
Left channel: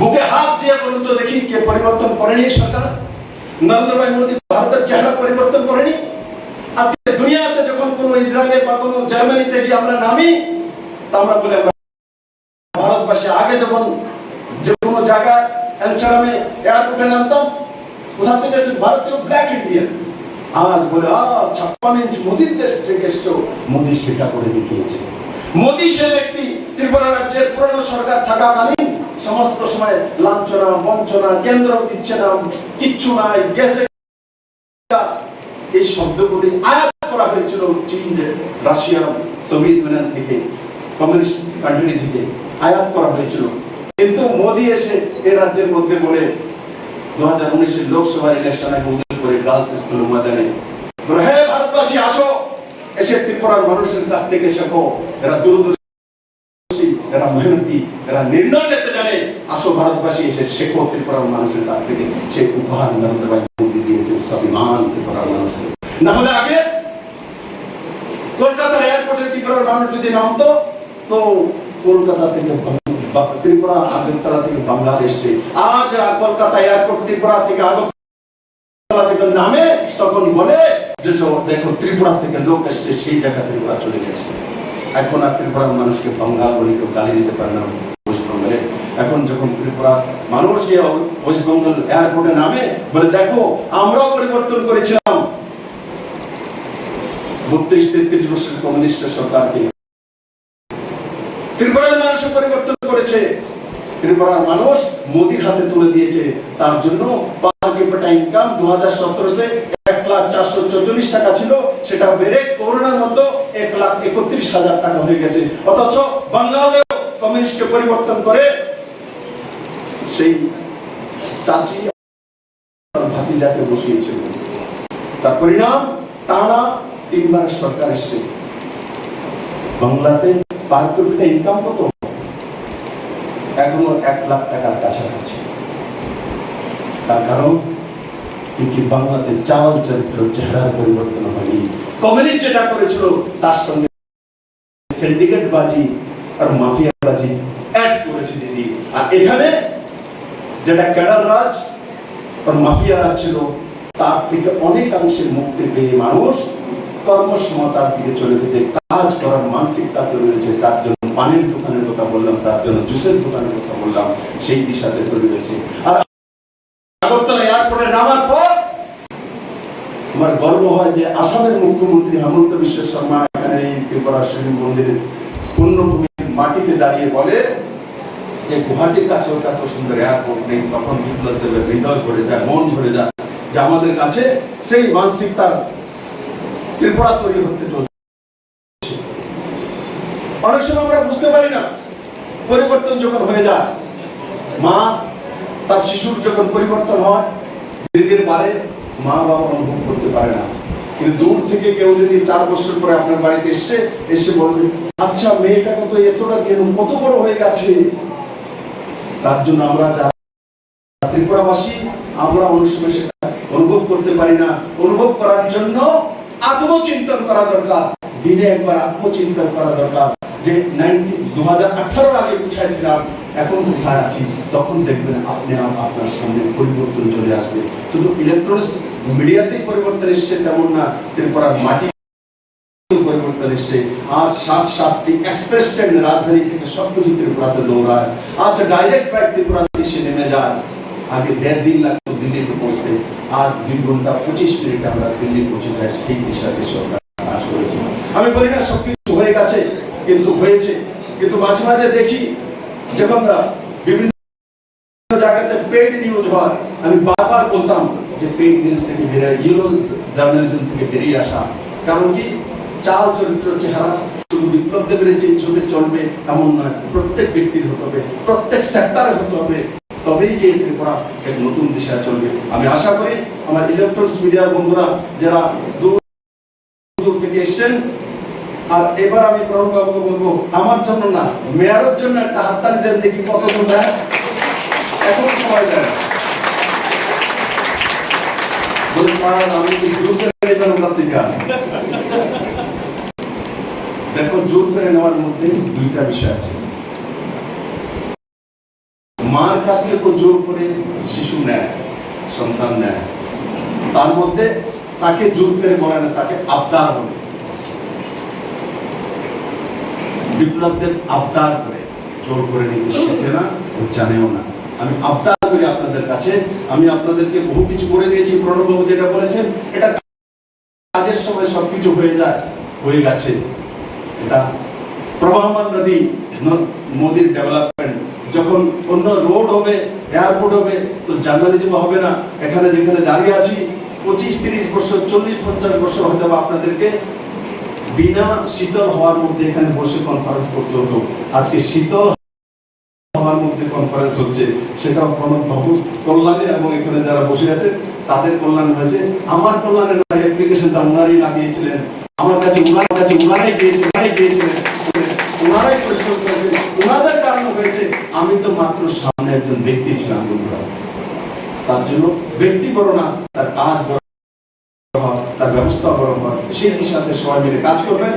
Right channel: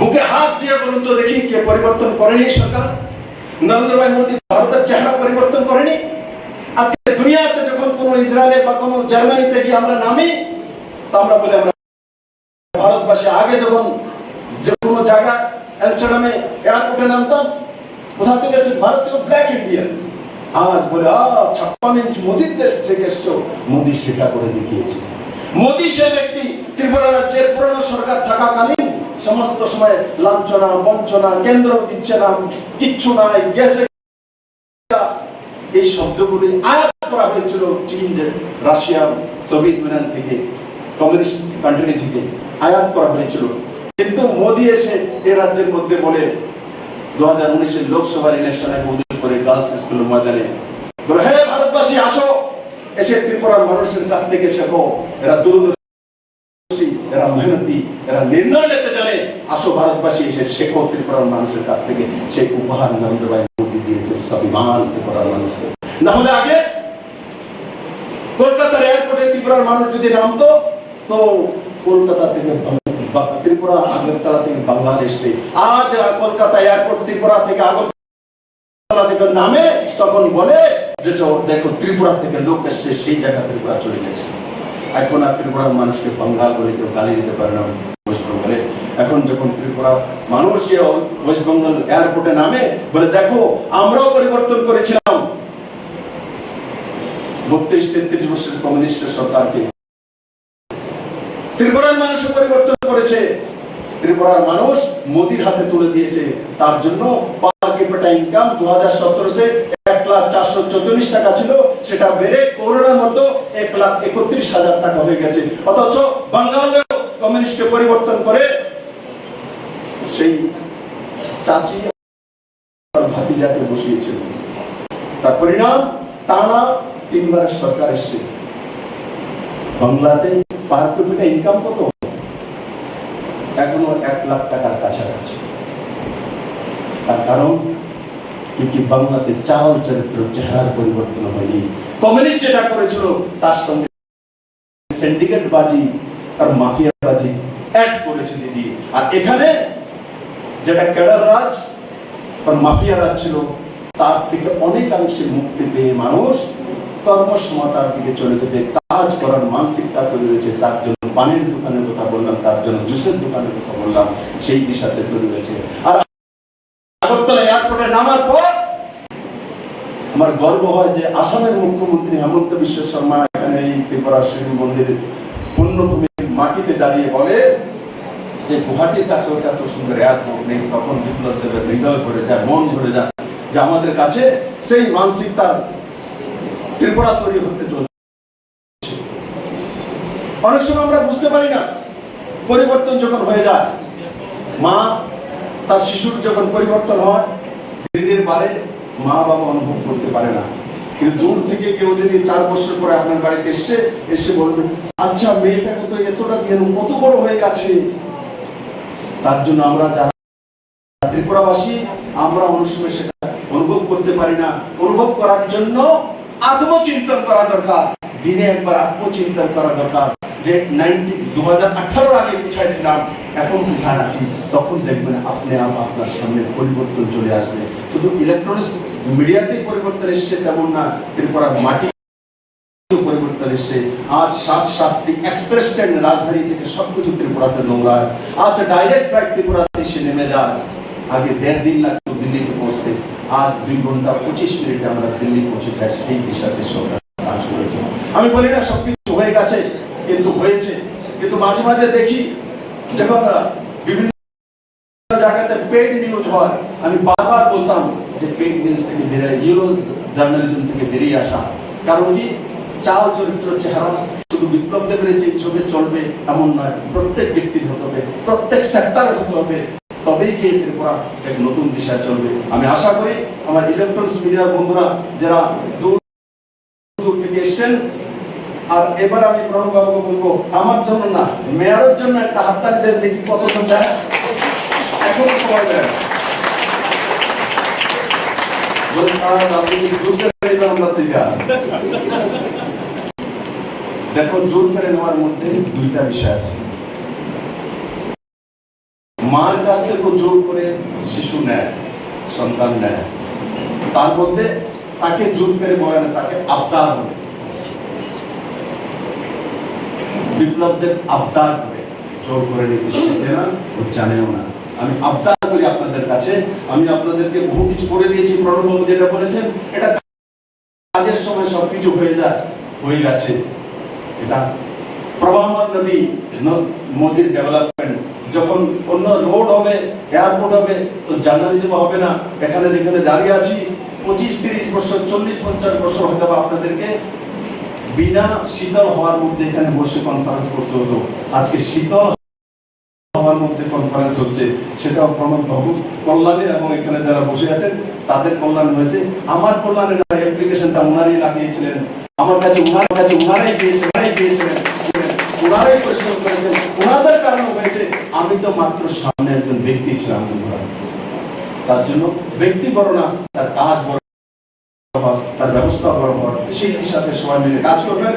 বুকে হাত দিয়ে বলুন তো দেখি কে পরিবর্তন করেনি সরকার? নরেন্দ্র ভাই মোদী ভারতের চেহারা পরিবর্তন করেনি। আজকে দুনিয়াতে যখন কোন ইসরায়েলে বা কোন জার্মানিতে গিয়ে আমরা নামি, তা আমরা বলি আমরা ভারতবাসী। আগে যখন যে কোনো জায়গায় এলসালামে এয়ারপোর্টে নামতাম, কোথা থেকে এসে ভারত থেকে ব্ল্যাক ইন্ডিয়ান। আজ বলে 56 ইঞ্চ মোদীর দেশ থেকে এসছো। মোদী সেটা করে দেখিয়েছে। মোদী সে ব্যক্তি ত্রিপুরা রাজ্যের পুরনো সরকার থাকাকালীন সমস্ত সময় লাঞ্ছনা, বঞ্চনা, কেন্দ্র দিচ্ছে না, কিচ্ছু নাই, গেছে। এই শব্দগুলি আয়াত করা হয়েছিল চীন, যে রাশিয়া, সোভিয়েত ইউনিয়ন থেকে, কমিউনিস্ট কান্ট্রি থেকে আয়াত করা হয়েছিল। কিন্তু মোদী এসে এই রাজ্যের মধ্যে বলে 2019 লোকসভার ইলেকশনে উদ্বোধন করে গার্লস স্কুলের ময়দানে বলে, হে ভারতবাসী আসো, এসে ত্রিপুরার মানুষের কাছ থেকে শেখো। এরা দূরদর্শী, এরা মেহনতি, এরা নির্ণয় নিতে জানে। আসো ভারতবাসী, এসে শেখো ত্রিপুরার মানুষের কাছ থেকে। সে উপহার নরেন্দ্র ভাই মোদী দিয়েছে স্বাভিমান ত্রিপুরার মানুষকে। না হলে আগে কলকাতার এয়ারপোর্টে ত্রিপুরার মানুষ যদি নামতো, তো কলকাতা থেকে ত্রিপুরা, আগরতলা থেকে বাংলাদেশ থেকে। আজ কলকাতা এয়ারপোর্ট ত্রিপুরা থেকে আগরতলা থেকে নামে, তখন বলে যে দেখো ত্রিপুরা থেকে লোক এসছে, সেই জায়গা থেকে ওরা চলে গেছে। এখন আর ত্রিপুরার মানুষকে বাঙ্গাল বলে কেউ গালি দিতে পারে না ওয়েস্ট বেঙ্গলে। এখন যখন ত্রিপুরা মানুষ গিয়ে ওয়েস্ট বেঙ্গল এয়ারপোর্টে নামে, বলে দেখো আমরাও পরিবর্তন করেছিলাম 32-33 বছর কমিউনিস্ট সরকারকে। ত্রিপুরার মানুষ পরিবর্তন করেছে। ত্রিপুরার মানুষ মোদির হাতে তুলে দিয়েছে। তার জন্য পার ক্যাপিটা ইনকাম 2017 তে 1,04,44 টাকা ছিল, সেটা বেড়ে করোনার মতো 1,31,000 টাকা হয়ে গেছে। অথচ বাঙ্গালেও কমিউনিস্টকে পরিবর্তন করে সেই চাচি ভাতিজাকে বসিয়েছিল। তার পরিণাম টানা 3 বার সরকার এসছে। বাংলাতে পার ক্যাপিটা ইনকাম কত? এখনো 1 লাখ টাকার কাছাকাছি। তার কারণ কিন্তু বাংলাতে চাল চরিত্র চেহারার পরিবর্তন হয়নি। কমিউনিস্ট যেটা করেছিল তার সঙ্গে সিন্ডিকেট বাজি আর মাফিয়া বাজি অ্যাড করেছে দিদি। আর এখানে যেটা ক্যাডার রাজ আর মাফিয়া রাজ ছিল তার থেকে অনেকাংশে মুক্তি পেয়ে মানুষ কর্মসমতার দিকে চলে গেছে, কাজ করার মানসিকতা তৈরি হয়েছে। তার জন্য পানির দোকানের কথা বললাম, তার জন্য জুসের দোকানের কথা বললাম, সেই দিশাতে তৈরি হয়েছে। আর আগরতলা এয়ারপোর্টে নামার পর আমার গর্ব হয় যে আসামের মুখ্যমন্ত্রী হেমন্ত বিশ্ব শর্মা এখানে এই ত্রিপুরা শিব মন্দিরের পূর্ণভূমির মাটিতে দাঁড়িয়ে বলে যে গুয়াহাটির কাছে এত সুন্দর এয়ারপোর্ট নেই। তখন বিপ্লব দেবের হৃদয় ভরে যায়, মন ভরে যায় যে আমাদের কাছে সেই মানসিকতার ত্রিপুরা তৈরি হতে চলছে। অনেক সময় আমরা বুঝতে পারি না, পরিবর্তন যখন হয়ে যায়, মা তার শিশুর যখন পরিবর্তন হয় ধীরে ধীরে বাড়ে, মা বাবা অনুভব করতে পারে না। কিন্তু দূর থেকে কেউ যদি 4 বছর পরে আপনার বাড়িতে এসে বলবে আচ্ছা মেয়েটাকে তো এতটা কেন কত বড় হয়ে গেছে। তার জন্য আমরা ত্রিপুরাবাসী আমরা অনেক সময় সেটা অনুভব করতে পারি না। অনুভব করার জন্য আত্মচিন্তন করা দরকার, দিনে একবার আত্মচিন্তন করা দরকার যে 2018 আগে বুঝাইছিলাম এখন কোথায় আছি। তখন দেখবেন আপনি আপনার সামনে পরিবর্তন চলে আসবে। শুধু ইলেকট্রনিক্স মিডিয়াতে পরিবর্তন এসছে তেমন না, ত্রিপুরার মাটি পরিবর্তন এসছে। আজ 7-7টি এক্সপ্রেস ট্রেন রাজধানী থেকে সবকিছু ত্রিপুরাতে দৌড়ায়। আজ ডাইরেক্ট ফ্লাইট ত্রিপুরাতে এসে নেমে যায়। আগে 1.5 দিন লাগতো দিল্লিতে পৌঁছতে, আজ 2 ঘন্টা 25 মিনিটে আমরা দিল্লি পৌঁছে যাই। সেই দিশাতে সরকার কাজ করেছে। আমি বলি না সবকিছু হয়ে গেছে, কিন্তু হয়েছে। কিন্তু মাঝে মাঝে দেখি যখন বিভিন্ন জায়গাতে পেড নিউজ হয়, আমি বারবার বলতাম যে পেড নিউজ থেকে বেরিয়ে জিরো জার্নালিজম থেকে বেরিয়ে আসা। কারণ কি চাল চরিত্র চেহারা শুধু বিপ্লব দেবের যে ছবি চলবে এমন নয়, প্রত্যেক ব্যক্তির হতে হবে, প্রত্যেক সেক্টরে হতে হবে, তবেই গিয়ে ত্রিপুরা এক নতুন দিশা চলবে। আমি আশা করি আমার ইলেকট্রনিক্স মিডিয়ার বন্ধুরা যারা দূর থেকে এসছেন, আর এবার আমি প্রণব বাবুকে বলবো আমার জন্য না মেয়রের জন্য একটা হাততালি দেন, দেখি কতজন দেয়। এখন সবাই দেয় দেখো, জোর করে নেওয়ার মধ্যে 2টা বিষয় আছে। মার কাছ থেকে জোর করে শিশু নেয়, সন্তান নেয়, তার মধ্যে তাকে জোর করে বলে না, তাকে আবদার বলে। বিপ্লবদের আবদার করে জোর করে নিতে শিখে না, ও জানেও না। আমি আবদার করি আপনাদের কাছে, আমি আপনাদেরকে বহু কিছু করে দিয়েছি। প্রণববাবু যেটা বলেছেন এটা কাজের সময় সবকিছু হয়ে যায়, হয়ে গেছে। এটা প্রবাহমান নদী, মোদির ডেভেলপমেন্ট। যখন অন্য রোড হবে, এয়ারপোর্ট হবে, তো জার্নালিজম হবে না। এখানে যেখানে দাঁড়িয়ে আছি 25-30 বছর, 40-50 বছর হয়তো আপনাদেরকে বিনা শীতল হওয়ার মধ্যে এখানে বসে কনফারেন্স করতে হতো। আজকে শীতল হওয়ার মধ্যে কনফারেন্স হচ্ছে, সেটাও প্রণব বাবুর কল্যাণে এবং এখানে যারা বসে আছেন তাদের কল্যাণ হয়েছে। আমার কল্যাণের অ্যাপ্লিকেশনটা ওনারই লাগিয়েছিলেন, আমার কাছে ওনারাই দিয়েছিলেন, ওনারাই পরিশ্রম করেছেন, ওনাদের কারণে হয়েছে। আমি তো মাত্র সামনে একজন ব্যক্তি ছিলাম। তার জন্য ব্যক্তি বড় না, তার কাজ বড়, তার ব্যবস্থা বড় হয়। সেই সাথে সবাই মিলে কাজ করবেন।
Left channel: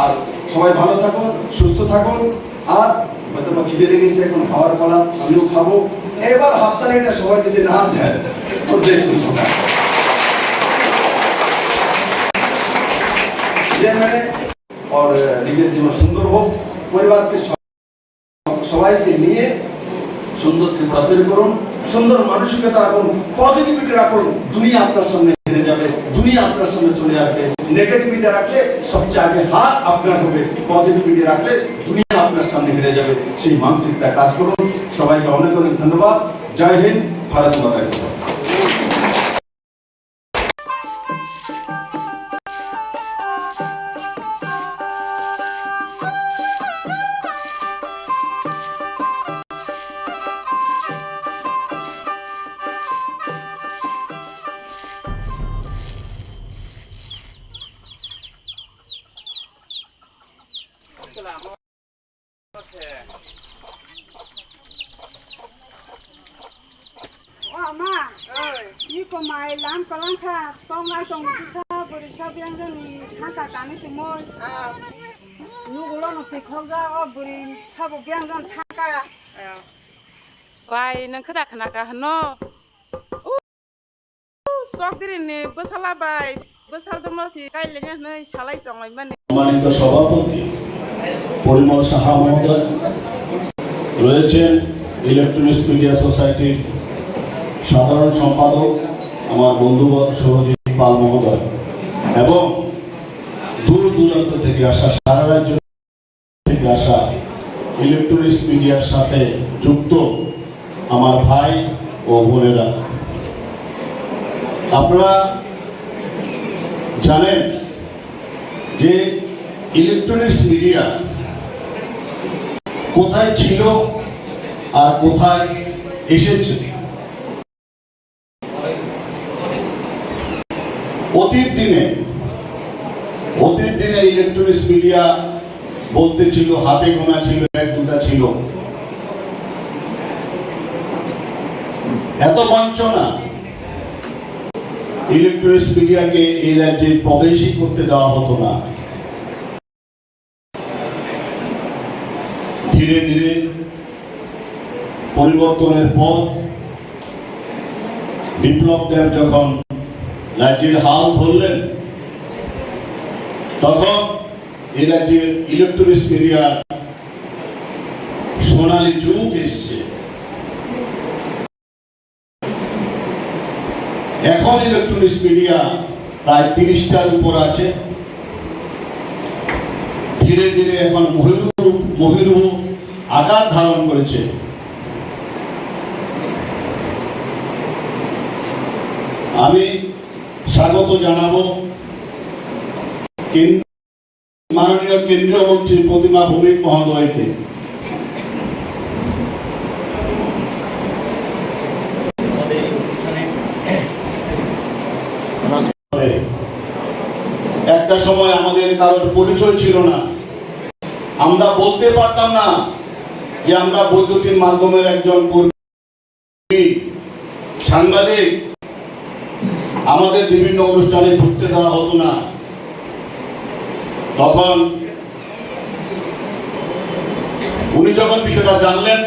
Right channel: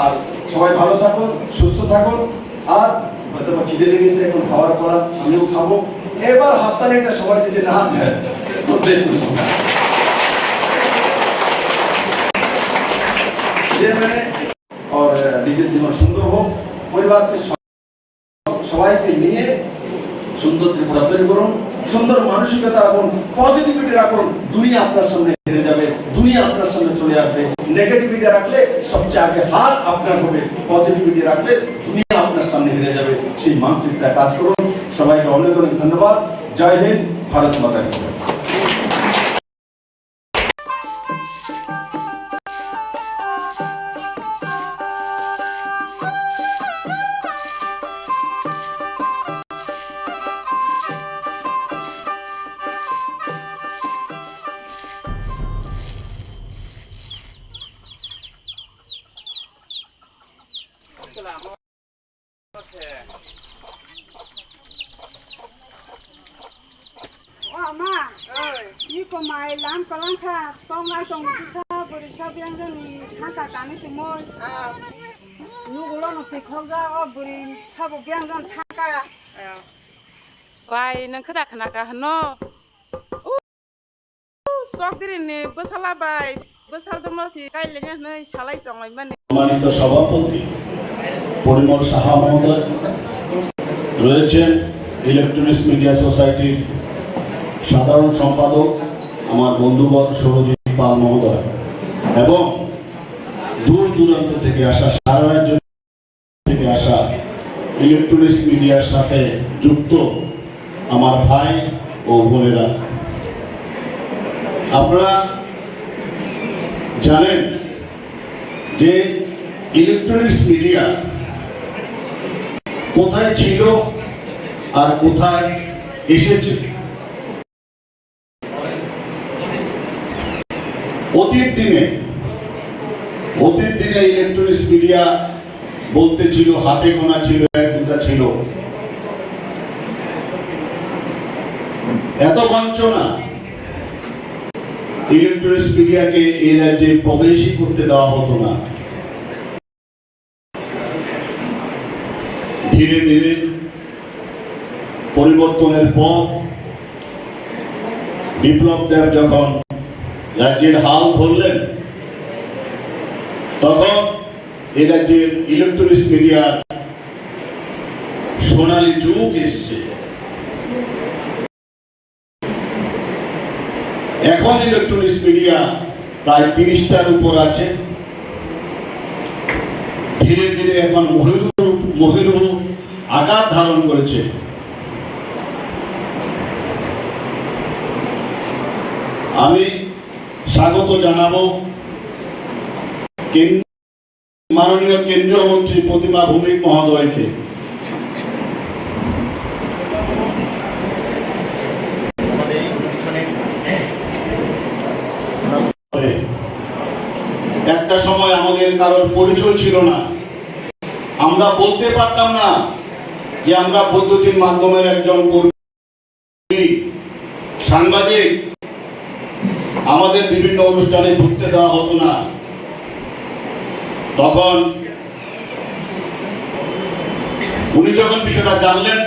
আর সবাই ভালো থাকুন, সুস্থ থাকুন। আর হয়তো খিদে লেগেছে, এখন খাওয়ার পর আমিও খাবো। এবার হাততালিটা সবাই যদি না দেয় और নিজের জীবন সুন্দর হোক, পরিবারকে সবাইকে নিয়ে সুন্দর ত্রিপুরা তৈরি করুন, সুন্দর মানসিকতা রাখুন, পজিটিভিটি রাখুন। দুনিয়া আপনার সামনে হেরে যাবে, দুনিয়া আপনার সামনে চলে আসবে। নেগেটিভিটি রাখলে সবচেয়ে আগে হার আপনার হবে, পজিটিভিটি রাখলে দুনিয়া আপনার সামনে হেরে যাবে। সেই মানসিকতা কাজ করুন। সবাইকে অনেক অনেক ধন্যবাদ। জয় হিন্দ, ভারত মাতা কি জয়। Mama, ni ko mai lam kalang kha, tong ngai tong sa bori sa biang ni haka kami semua. Nu gulo no pikhoga o bori sa bo biang jan thaka. Bai nang khada khana ka hano. Sok diri ni besala bai, besal dong si kai lenga nei salai tong ai mane. সম্মানিত সভাপতি পরিমল সাহা মহোদয় রয়েছেন electronics media সোসাইটির সাধারণ সম্পাদক আমার বন্ধুবর সৌরজিৎ পাল মহোদয় এবং দূর দূরান্ত থেকে আসা সারা রাজ্য থেকে আসা ইলেকট্রনিক্স মিডিয়ার সাথে যুক্ত আমার ভাই ও বোনেরা, আপনারা জানেন যে ইলেকট্রনিক্স মিডিয়া কোথায় ছিল আর কোথায় এসেছে। অতীত দিনে ইলেকট্রনিক্স মিডিয়া বলতে ছিল হাতে গোনা ছিল, এক দুটা ছিল। এত বঞ্চনা, ইলেকট্রনিক্স মিডিয়াকে এই রাজ্যে প্রবেশই করতে দেওয়া হতো না। ধীরে ধীরে পরিবর্তনের পর বিপ্লব দেব যখন রাজ্যের হাল ধরলেন, তখন এই রাজ্যের ইলেকট্রনিক্স মিডিয়ার সোনালী যুগ এসছে। এখন ইলেকট্রনিক্স মিডিয়া প্রায় 30টার উপর আছে। ধীরে ধীরে এখন মহিরূহ আকার ধারণ করেছে। আমি স্বাগত জানাবো মাননীয় কেন্দ্রীয় মন্ত্রী প্রতিমা ভৌমিক মহোদয়কে। একটা সময় আমাদের কারোর পরিচয় ছিল না, আমরা বলতে পারতাম না যে আমরা বৈদ্যুতিন মাধ্যমের একজন কর্মী, সাংবাদিক। আমাদের বিভিন্ন অনুষ্ঠানে ঢুকতে দেওয়া হতো না। তখন উনি যখন বিষয়টা জানলেন,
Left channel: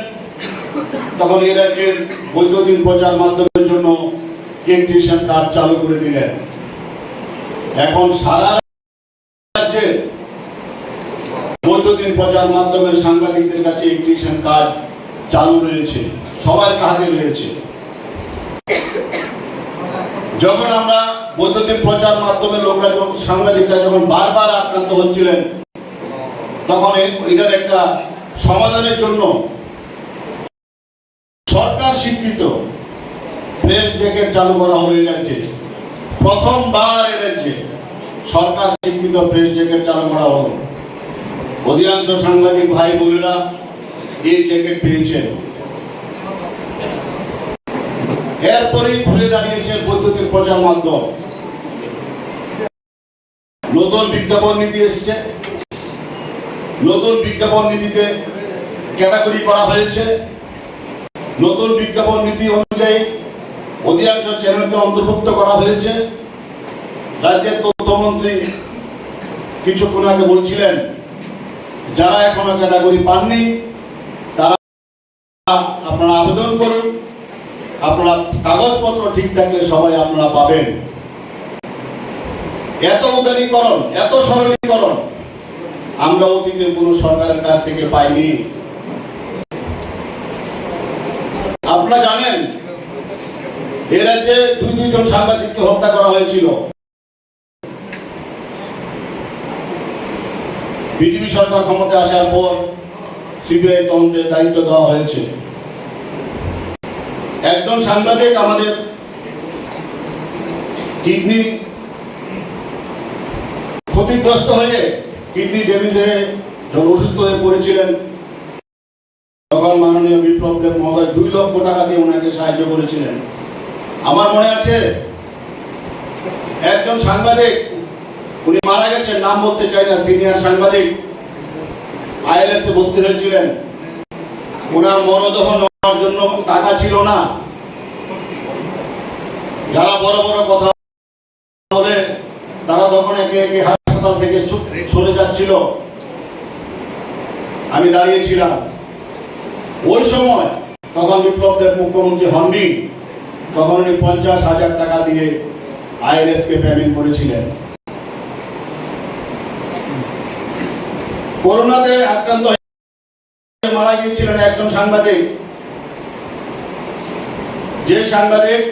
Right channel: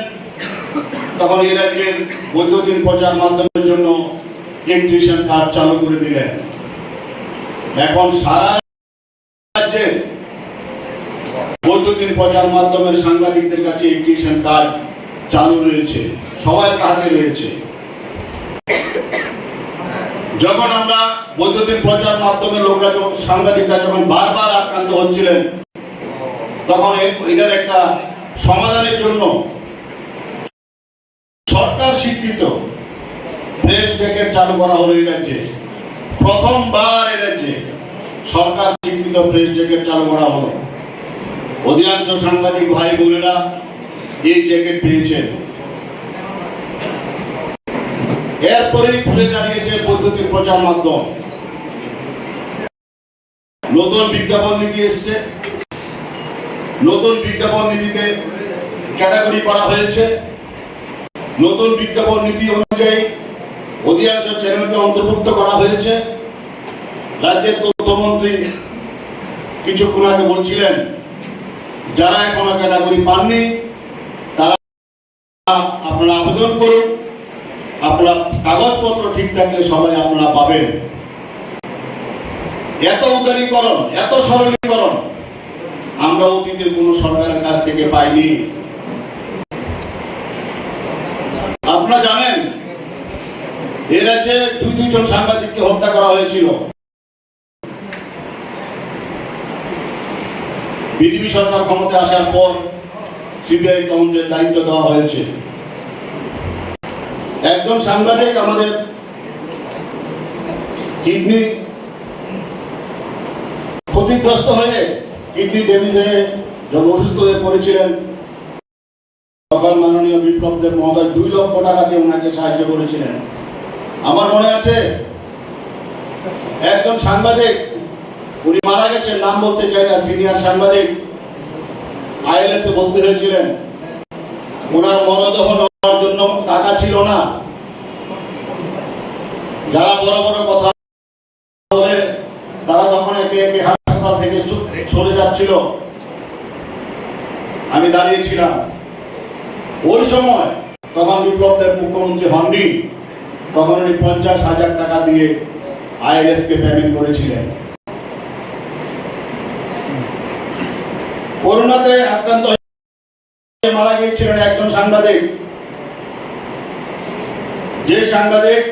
তখন এই রাজ্যের বৈদ্যুতিন প্রচার মাধ্যমের জন্য ইলেকট্রিশিয়ান কার্ড চালু করে দিলেন। এখন সারা রাজ্যে বৈদ্যুতিন প্রচার মাধ্যমের সাংবাদিকদের কাছে ইলেকট্রিশিয়ান কার্ড চালু রয়েছে, সবার হাতে রয়েছে। যখন আমরা বৈদ্যুতিন প্রচার মাধ্যমের লোকরা, সাংবাদিকরা যখন বারবার আক্রান্ত হচ্ছিলেন, তখন এটার একটা সমাধানের জন্য সরকার স্বীকৃত প্রেস জ্যাকেট চালু করা হলো এই রাজ্যে। প্রথমবার এই রাজ্যে সরকার স্বীকৃত প্রেস জ্যাকেট চালু করা হলো। অধিকাংশ সাংবাদিক ভাই বোনেরা এই জ্যাকেট পেয়েছেন। এরপরেই ঘুরে দাঁড়িয়েছে বৈদ্যুতিন প্রচার মাধ্যম। নতুন বিজ্ঞাপন নীতি এসছে, নতুন বিজ্ঞাপন নীতিতে ক্যাটাগরি করা হয়েছে। নতুন বিজ্ঞাপন নীতি অনুযায়ী অধিকাংশ চ্যানেলকে অন্তর্ভুক্ত করা হয়েছে। রাজ্যের তথ্যমন্ত্রী কিছুক্ষণ আগে বলছিলেন, যারা এখনো ক্যাটাগরি পাননি তারা আপনারা আবেদন করুন, আপনারা কাগজপত্র ঠিক থাকলে সবাই আপনারা পাবেন। এত উদারীকরণ, এত সরলীকরণ আমরা অতীতের কোন সরকারের কাছ থেকে পাইনি। আপনারা জানেন এ রাজ্যে দুজন সাংবাদিককে হত্যা করা হয়েছিল। বিজেপি সরকার ক্ষমতায় আসার পর সিবিআই তদন্তের দায়িত্ব দেওয়া হয়েছে। একজন সাংবাদিক আমাদের কিডনি ক্ষতিগ্রস্ত হয়ে, কিডনি ড্যামেজ হয়ে যখন অসুস্থ হয়ে পড়েছিলেন, তখন মাননীয় বিপ্লব দেব মহোদয় 2 লক্ষ টাকা দিয়ে ওনাকে সাহায্য করেছিলেন। আমার মনে আছে একজন সাংবাদিক, উনি মারা গেছেন, নাম বলতে চাই না, সিনিয়র সাংবাদিক, আইএলএস এ ভর্তি হয়েছিলেন। ওনার মরদেহ নেওয়ার জন্য টাকা ছিল না। যারা বড় বড় কথা বলে তারা তখন একে একে হাসপাতাল থেকে সরে যাচ্ছিল, আমি দাঁড়িয়েছিলাম ওই সময়। তখন বিপ্লব দেব মুখ্যমন্ত্রী হননি, তখন উনি 50,000 টাকা দিয়ে আইএলএস কে পেমেন্ট করেছিলেন। করোনাতে আক্রান্ত হয়ে মারা গিয়েছিলেন একজন সাংবাদিক, যে সাংবাদিক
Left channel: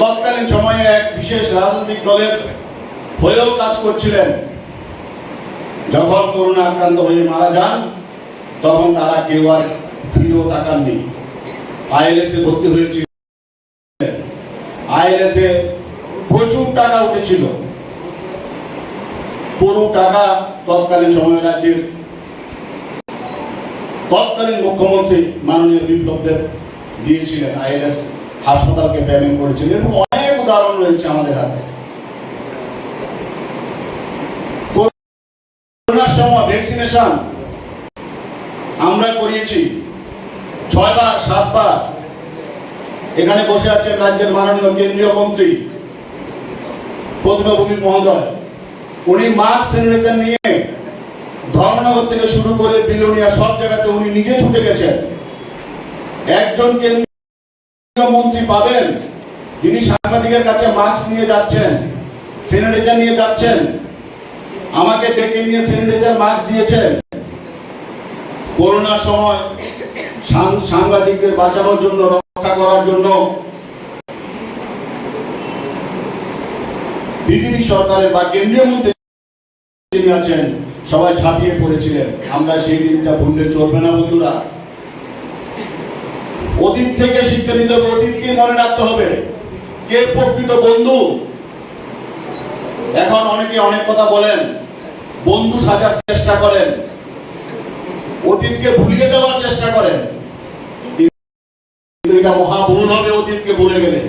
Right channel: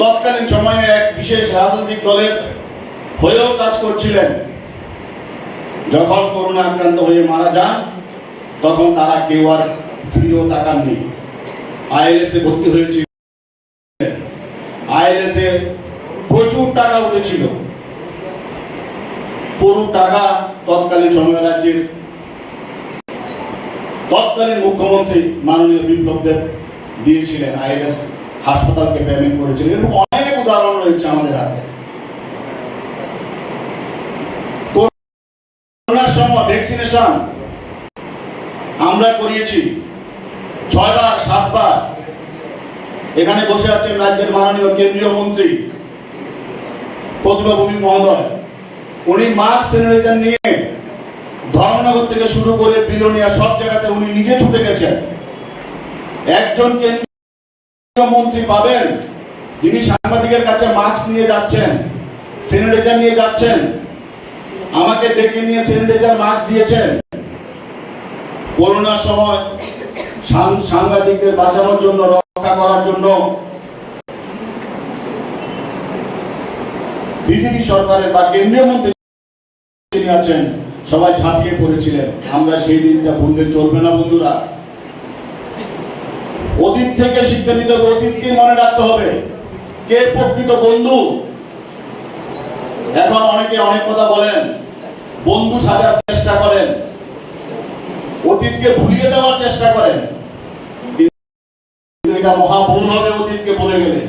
তৎকালীন সময়ে এক বিশেষ রাজনৈতিক দলের হয়েও কাজ করছিলেন। যখন করোনা আক্রান্ত হয়ে মারা যান তখন তারা কেউ আর ফিরেও তাকাননি। আইএলএস এ ভর্তি হয়েছিল, আইএলএস এ প্রচুর টাকা উঠেছিল। পুরো টাকা তৎকালীন সময় রাজ্যের তৎকালীন মুখ্যমন্ত্রী মাননীয় বিপ্লব দেব দিয়েছিলেন, আইএলএস হাসপাতালকে পেমেন্ট করেছিলেন। এবং অনেক উদাহরণ রয়েছে আমাদের হাতে। করোনার সময় ভ্যাকসিনেশন আমরা করিয়েছি 6 বার 7 বার। এখানে বসে আছেন রাজ্যের মাননীয় কেন্দ্রীয় মন্ত্রী প্রতিভা ভৌমিক মহোদয়, উনি মাস্ক স্যানিটাইজার নিয়ে ধর্মনগর থেকে শুরু করে বিলোনিয়া সব জায়গাতে উনি নিজে ছুটে গেছেন। একজন কেন্দ্রীয় মন্ত্রী পাবেন যিনি সাংবাদিকের কাছে মাস্ক নিয়ে যাচ্ছেন, স্যানিটাইজার নিয়ে যাচ্ছেন। আমাকে ডেকে নিয়ে স্যানিটাইজার মাস্ক দিয়েছেন। করোনার সময় সাংবাদিকদের বাঁচানোর জন্য, রক্ষা করার জন্য বিজেপি সরকারের বা কেন্দ্রীয় মন্ত্রী যিনি আছেন সবাই ঝাঁপিয়ে পড়েছিলেন। আমরা সেই দিনটা ভুললে চলবে না বন্ধুরা। অতীত থেকে শিক্ষা নিতে হবে, অতীতকে মনে রাখতে হবে, কে প্রকৃত বন্ধু। এখন অনেকে অনেক কথা বলেন, বন্ধু সাজার চেষ্টা করেন, অতীতকে ভুলিয়ে দেওয়ার চেষ্টা করেন, কিন্তু এটা মহা ভুল হবে অতীতকে ভুলে গেলে।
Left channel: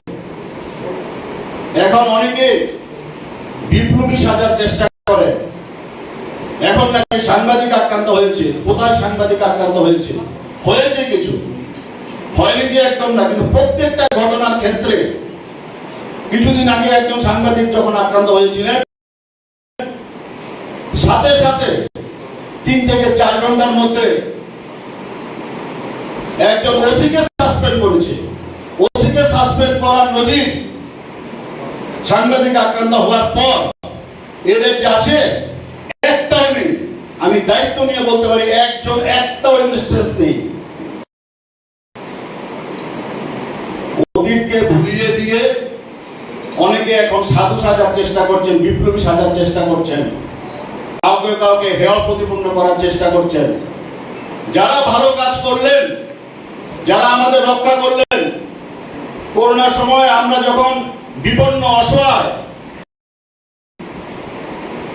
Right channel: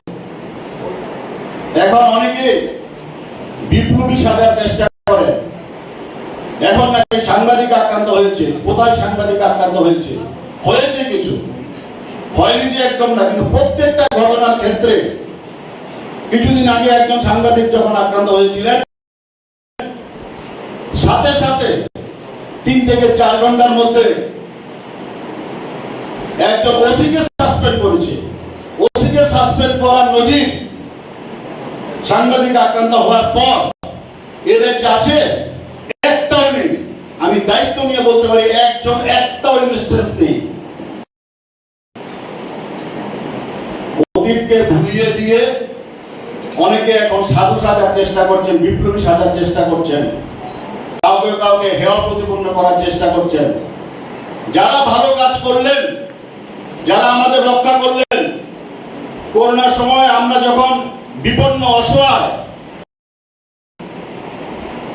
এখন অনেকে বিপ্লবী সাজার চেষ্টা করে। এখন নাকি সাংবাদিক আক্রান্ত হয়েছে, কোথায় সাংবাদিক আক্রান্ত হয়েছে? হয়েছে কিছু, হয়নি যে একদম না, কিন্তু প্রত্যেকটা ঘটনার ক্ষেত্রে কিছুদিন আগে একজন সাংবাদিক যখন আক্রান্ত হয়েছিলেন, সাথে সাথে 3 থেকে 4 ঘন্টার মধ্যে একজন ওসিকে সাসপেন্ড করেছে। ওসিকে সাসপেন্ড করার নজির সাংবাদিক আক্রান্ত হওয়ার পর এদের আছে একটাও নেই। আমি দায়িত্ব নিয়ে বলতে পারি একটাও ইনস্টেন্স নেই। অতীতকে ভুলিয়ে দিয়ে অনেকে এখন সাধু সাজার চেষ্টা করছেন, বিপ্লবী সাজার চেষ্টা করছেন, কাউকে কাউকে হেয় প্রতিপন্ন করার চেষ্টা করছেন। যারা ভালো কাজ করলেন, যারা আমাদের রক্ষা করলেন, করোনার সময় আমরা যখন বিপন্ন অসহায়,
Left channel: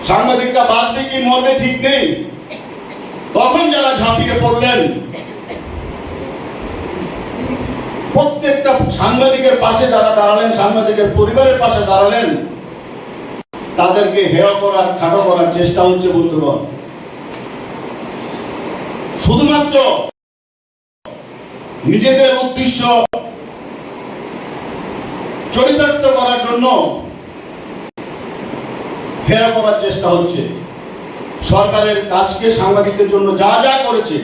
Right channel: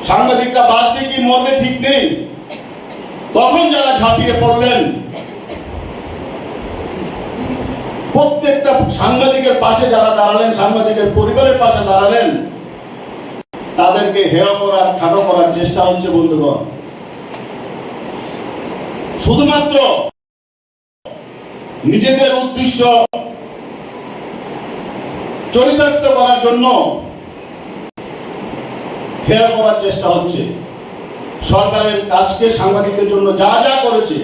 সাংবাদিকরা বাঁচবে কি মরবে ঠিক নেই, তখন যারা ঝাঁপিয়ে পড়লেন, প্রত্যেকটা সাংবাদিকের পাশে যারা দাঁড়ালেন, সাংবাদিকের পরিবারের পাশে দাঁড়ালেন, তাদেরকে হেয় করার, খাটো করার চেষ্টা হচ্ছে বন্ধুগণ। শুধুমাত্র নিজেদের উদ্দেশ্য চরিতার্থ করার জন্য হেয় করার চেষ্টা হচ্ছে। সরকারের কাজকে সাংবাদিকদের জন্য যা যা করেছে,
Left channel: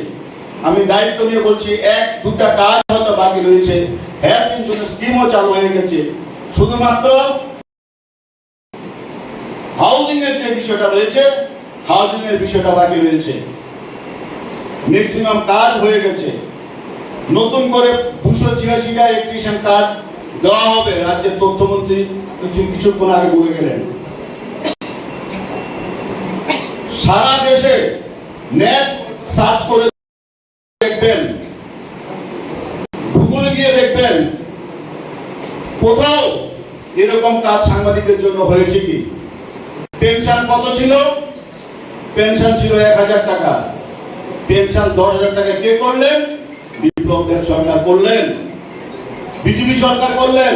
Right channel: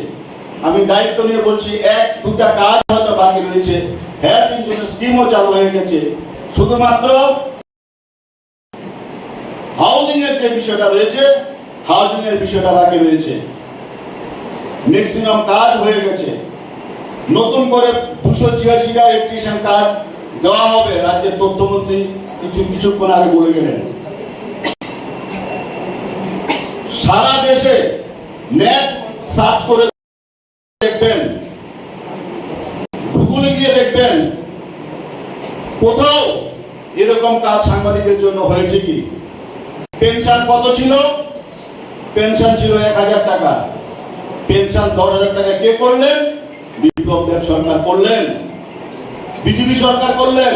আমি দায়িত্ব নিয়ে বলছি, 1-2টা কাজ হয়তো বাকি রয়েছে। হেলথ ইন্স্যুরেন্স স্কিমও চালু হয়ে গেছে। শুধুমাত্র হাউজিং এর যে বিষয়টা রয়েছে, হাউজিং এর বিষয়টা বাকি রয়েছে। ম্যাক্সিমাম কাজ হয়ে গেছে। নতুন করে 286টা ইলেকট্রিশিয়ান কার্ড দেওয়া হবে, রাজ্যের তথ্যমন্ত্রী কিছুক্ষণ আগে বলে গেলেন। সারা দেশে নেট সার্চ করে দেখবেন, গুগলে গিয়ে দেখবেন কোথাও এরকম কাজ সাংবাদিকদের জন্য হয়েছে কি। পেনশন কত ছিল? পেনশন ছিল 1000 টাকা। পেনশন 10,000 টাকা কে করলেন? বিপ্লব দেব সরকার করলেন, বিজেপি সরকার করলেন।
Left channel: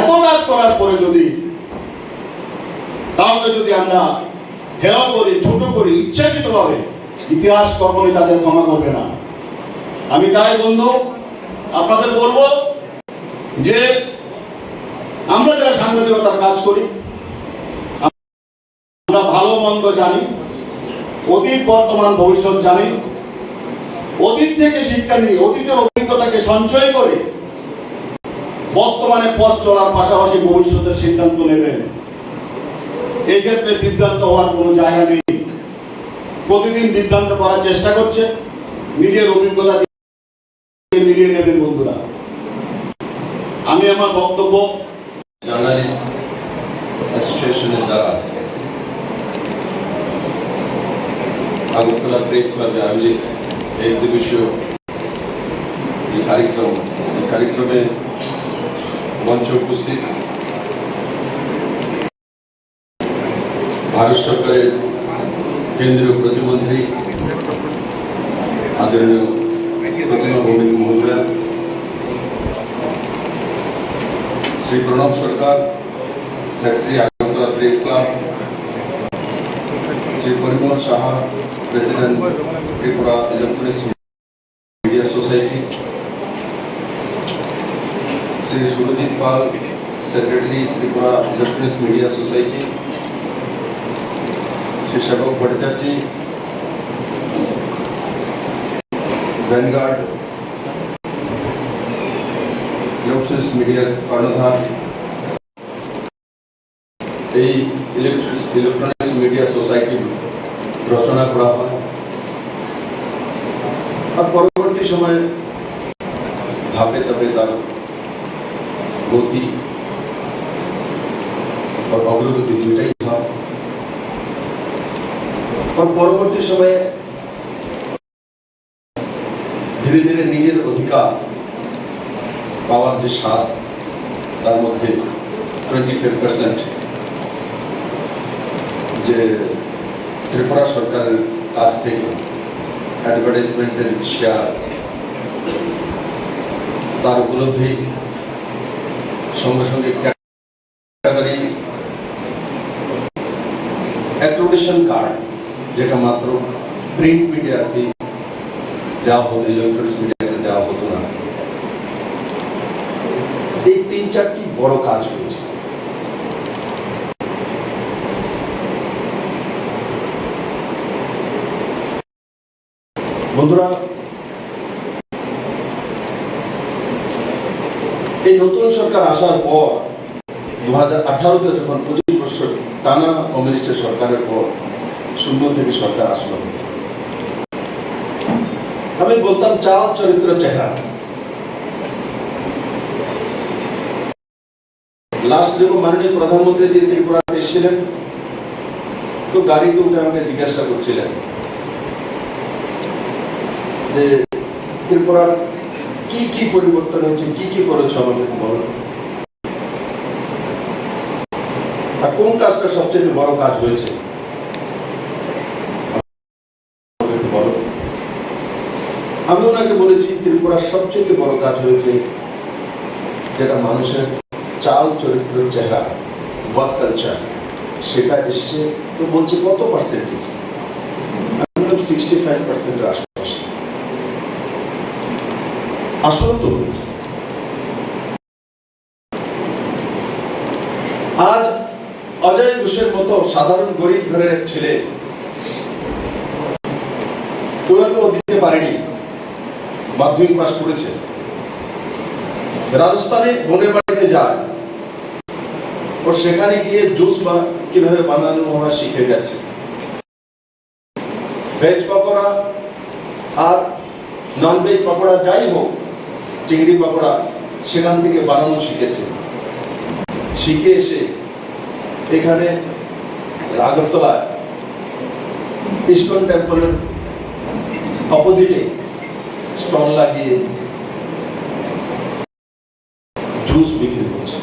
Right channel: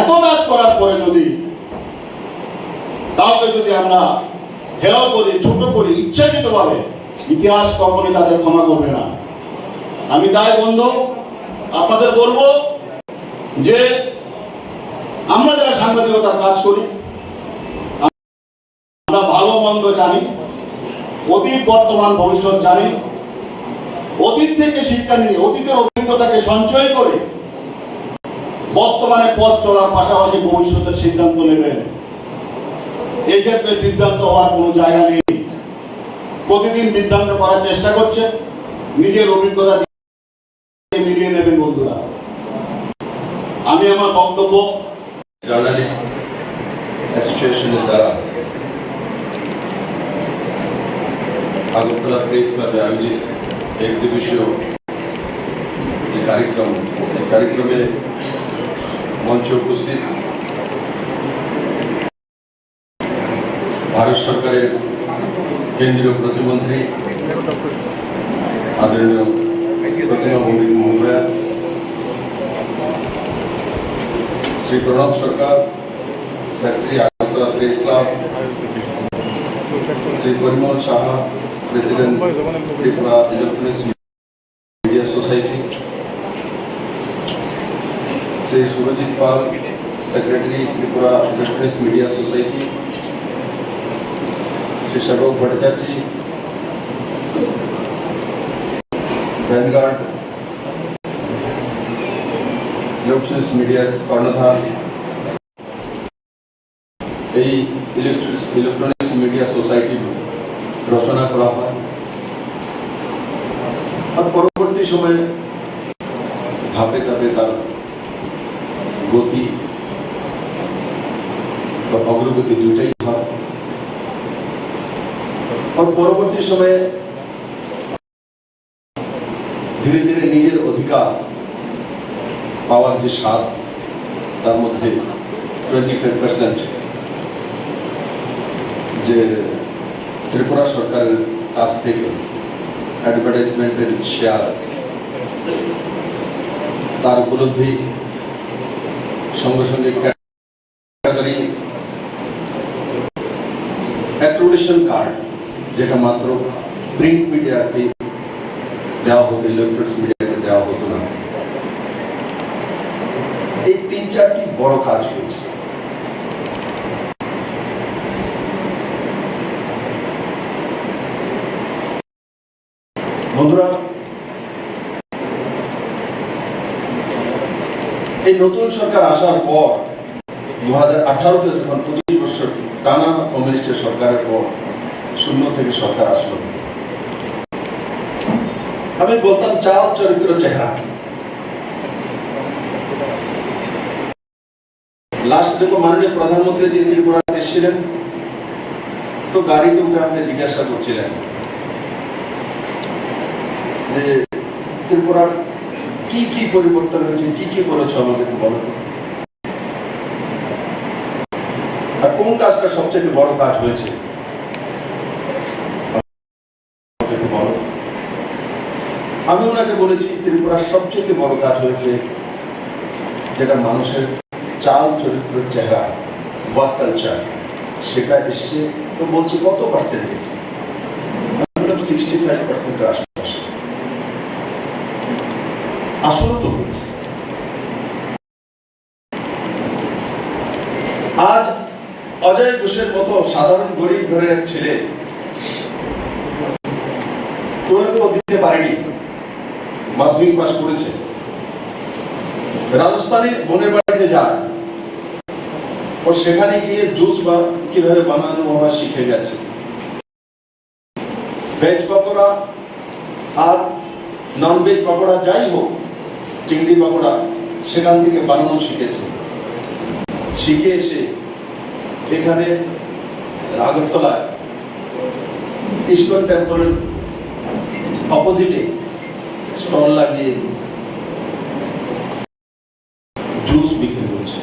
এত কাজ করার পরে করে যদি কাউকে যদি আমরা হেলাও করি, ছোট করি ইচ্ছাকৃতভাবে, ইতিহাস কখনোই তাদের ক্ষমা করবে না। আমি তাই বন্ধু আপনাদের বলবো যে আমরা যারা সাংবাদিকতার কাজ করি আমরা ভালো মন্দ জানি, অতীত বর্তমান ভবিষ্যৎ জানি, অতীত থেকে শিক্ষা নিয়ে অতীতের অভিজ্ঞতাকে সঞ্চয় করে বর্তমানে পথ চলার পাশাপাশি ভবিষ্যতের সিদ্ধান্ত নেবেন। এই ক্ষেত্রে বিভ্রান্ত হওয়ার কোনো জায়গা নেই। প্রতিদিন বিভ্রান্ত করার চেষ্টা করছে, নিজের অভিজ্ঞতা মিলিয়ে নেবেন বন্ধুরা। আমি আমার বক্তব্য জার্নালিস্ট অ্যাসোসিয়েশনের দ্বারা আগরতলা প্রেস ক্লাবে আয়োজিত এক দিবসীয় যে কার্যক্রমে মঞ্চে উপস্থিত ভারত সরকারের কেন্দ্রীয় প্রতিমন্ত্রী আদরণীয় প্রতিমা মহোদয়া, Shri Pranab Sarkar, secretary Agartala press club, Shri Parimal Saha, president Tripura electronics media society, Shri Surajit Pal, secretary Tripura electronics media society, Shri Sebak Bhattacharya, vanguard electronics মিডিয়ার কর্ণধার, এই ইলেকট্রনিক্স মিডিয়া সোসাইটি রচনা করা হয়। আর পরবর্তী সময়ে ধাপে ধাপে তার গতি অগ্রগতি দুটাই হয়। আর পরবর্তী সময়ে ধীরে ধীরে নিজের অধিকার পাওয়ার যে স্বাদ, তার মধ্যে 25% যে ত্রিপুরা সরকারের কাছ থেকে অ্যাডভার্টাইজমেন্টের শেয়ার, তার উপলব্ধি, সঙ্গে সঙ্গে ক্যাটাগরি অ্যাক্রিডিটেশন কার্ড, যেটা মাত্র প্রিন্ট মিডিয়াকে দেওয়া হতো, ইলেকট্রনিক্স মিডিয়াকে দেওয়া হতো না। এই 3-4টি বড় কাজ হয়েছে। বন্ধুরা, এই নতুন সরকার আসার পর 2018-তে যখন 25 বছর টানা কমিউনিস্টের সরকারের পর শূন্য থেকে সরকার আসলো, আমি বলতাম চাল চরিত্র চেহারা। লাস্ট যখন মাননীয় প্রধানমন্ত্রী যে ত্রিপুরাতে এসেছিলেন, তো গাড়িতে উঠে আমাকে জিজ্ঞাসা করছিলেন যে ত্রিপুরার কি কি পরিবর্তন হয়েছে, কি কি করেছ আমাদের বলো, আর কোন কাজটা সবচেয়ে বড় কাজ হয়েছে বলো। আমি ওনাকে বলেছি ত্রিপুরার সবচেয়ে বড় কাজ হয়েছে যেটা মানুষের চাল চরিত্র চেহারা, ওয়ার্ক কালচার, সেটা এসছে। তো বলছি কত পার্সেন্টেজ? 65% আশপাশে। আসলে তো আজ অজয় ঘোষের মতো সাধারণ গরিব ঘরের এক ছেলে 12 দিতে পারেনি, মাধ্যমিক পাস করেছে, রাজস্থানে বোনের বাড়িতে যায়, ও সেখানে গিয়ে জুস কিভাবে বানানো হয় শিখে গেছে। ভেজ পকোড়া আর নন ভেজ পকোড়া যাই হোক, চিংড়ি পকোড়া সেখান থেকে বানানো শিখেছে। শিখে এসে এখানে আগরতলায় ইস্কন টেম্পলের অপোজিটে স্টল লাগিয়ে জুস বিক্রি করছে।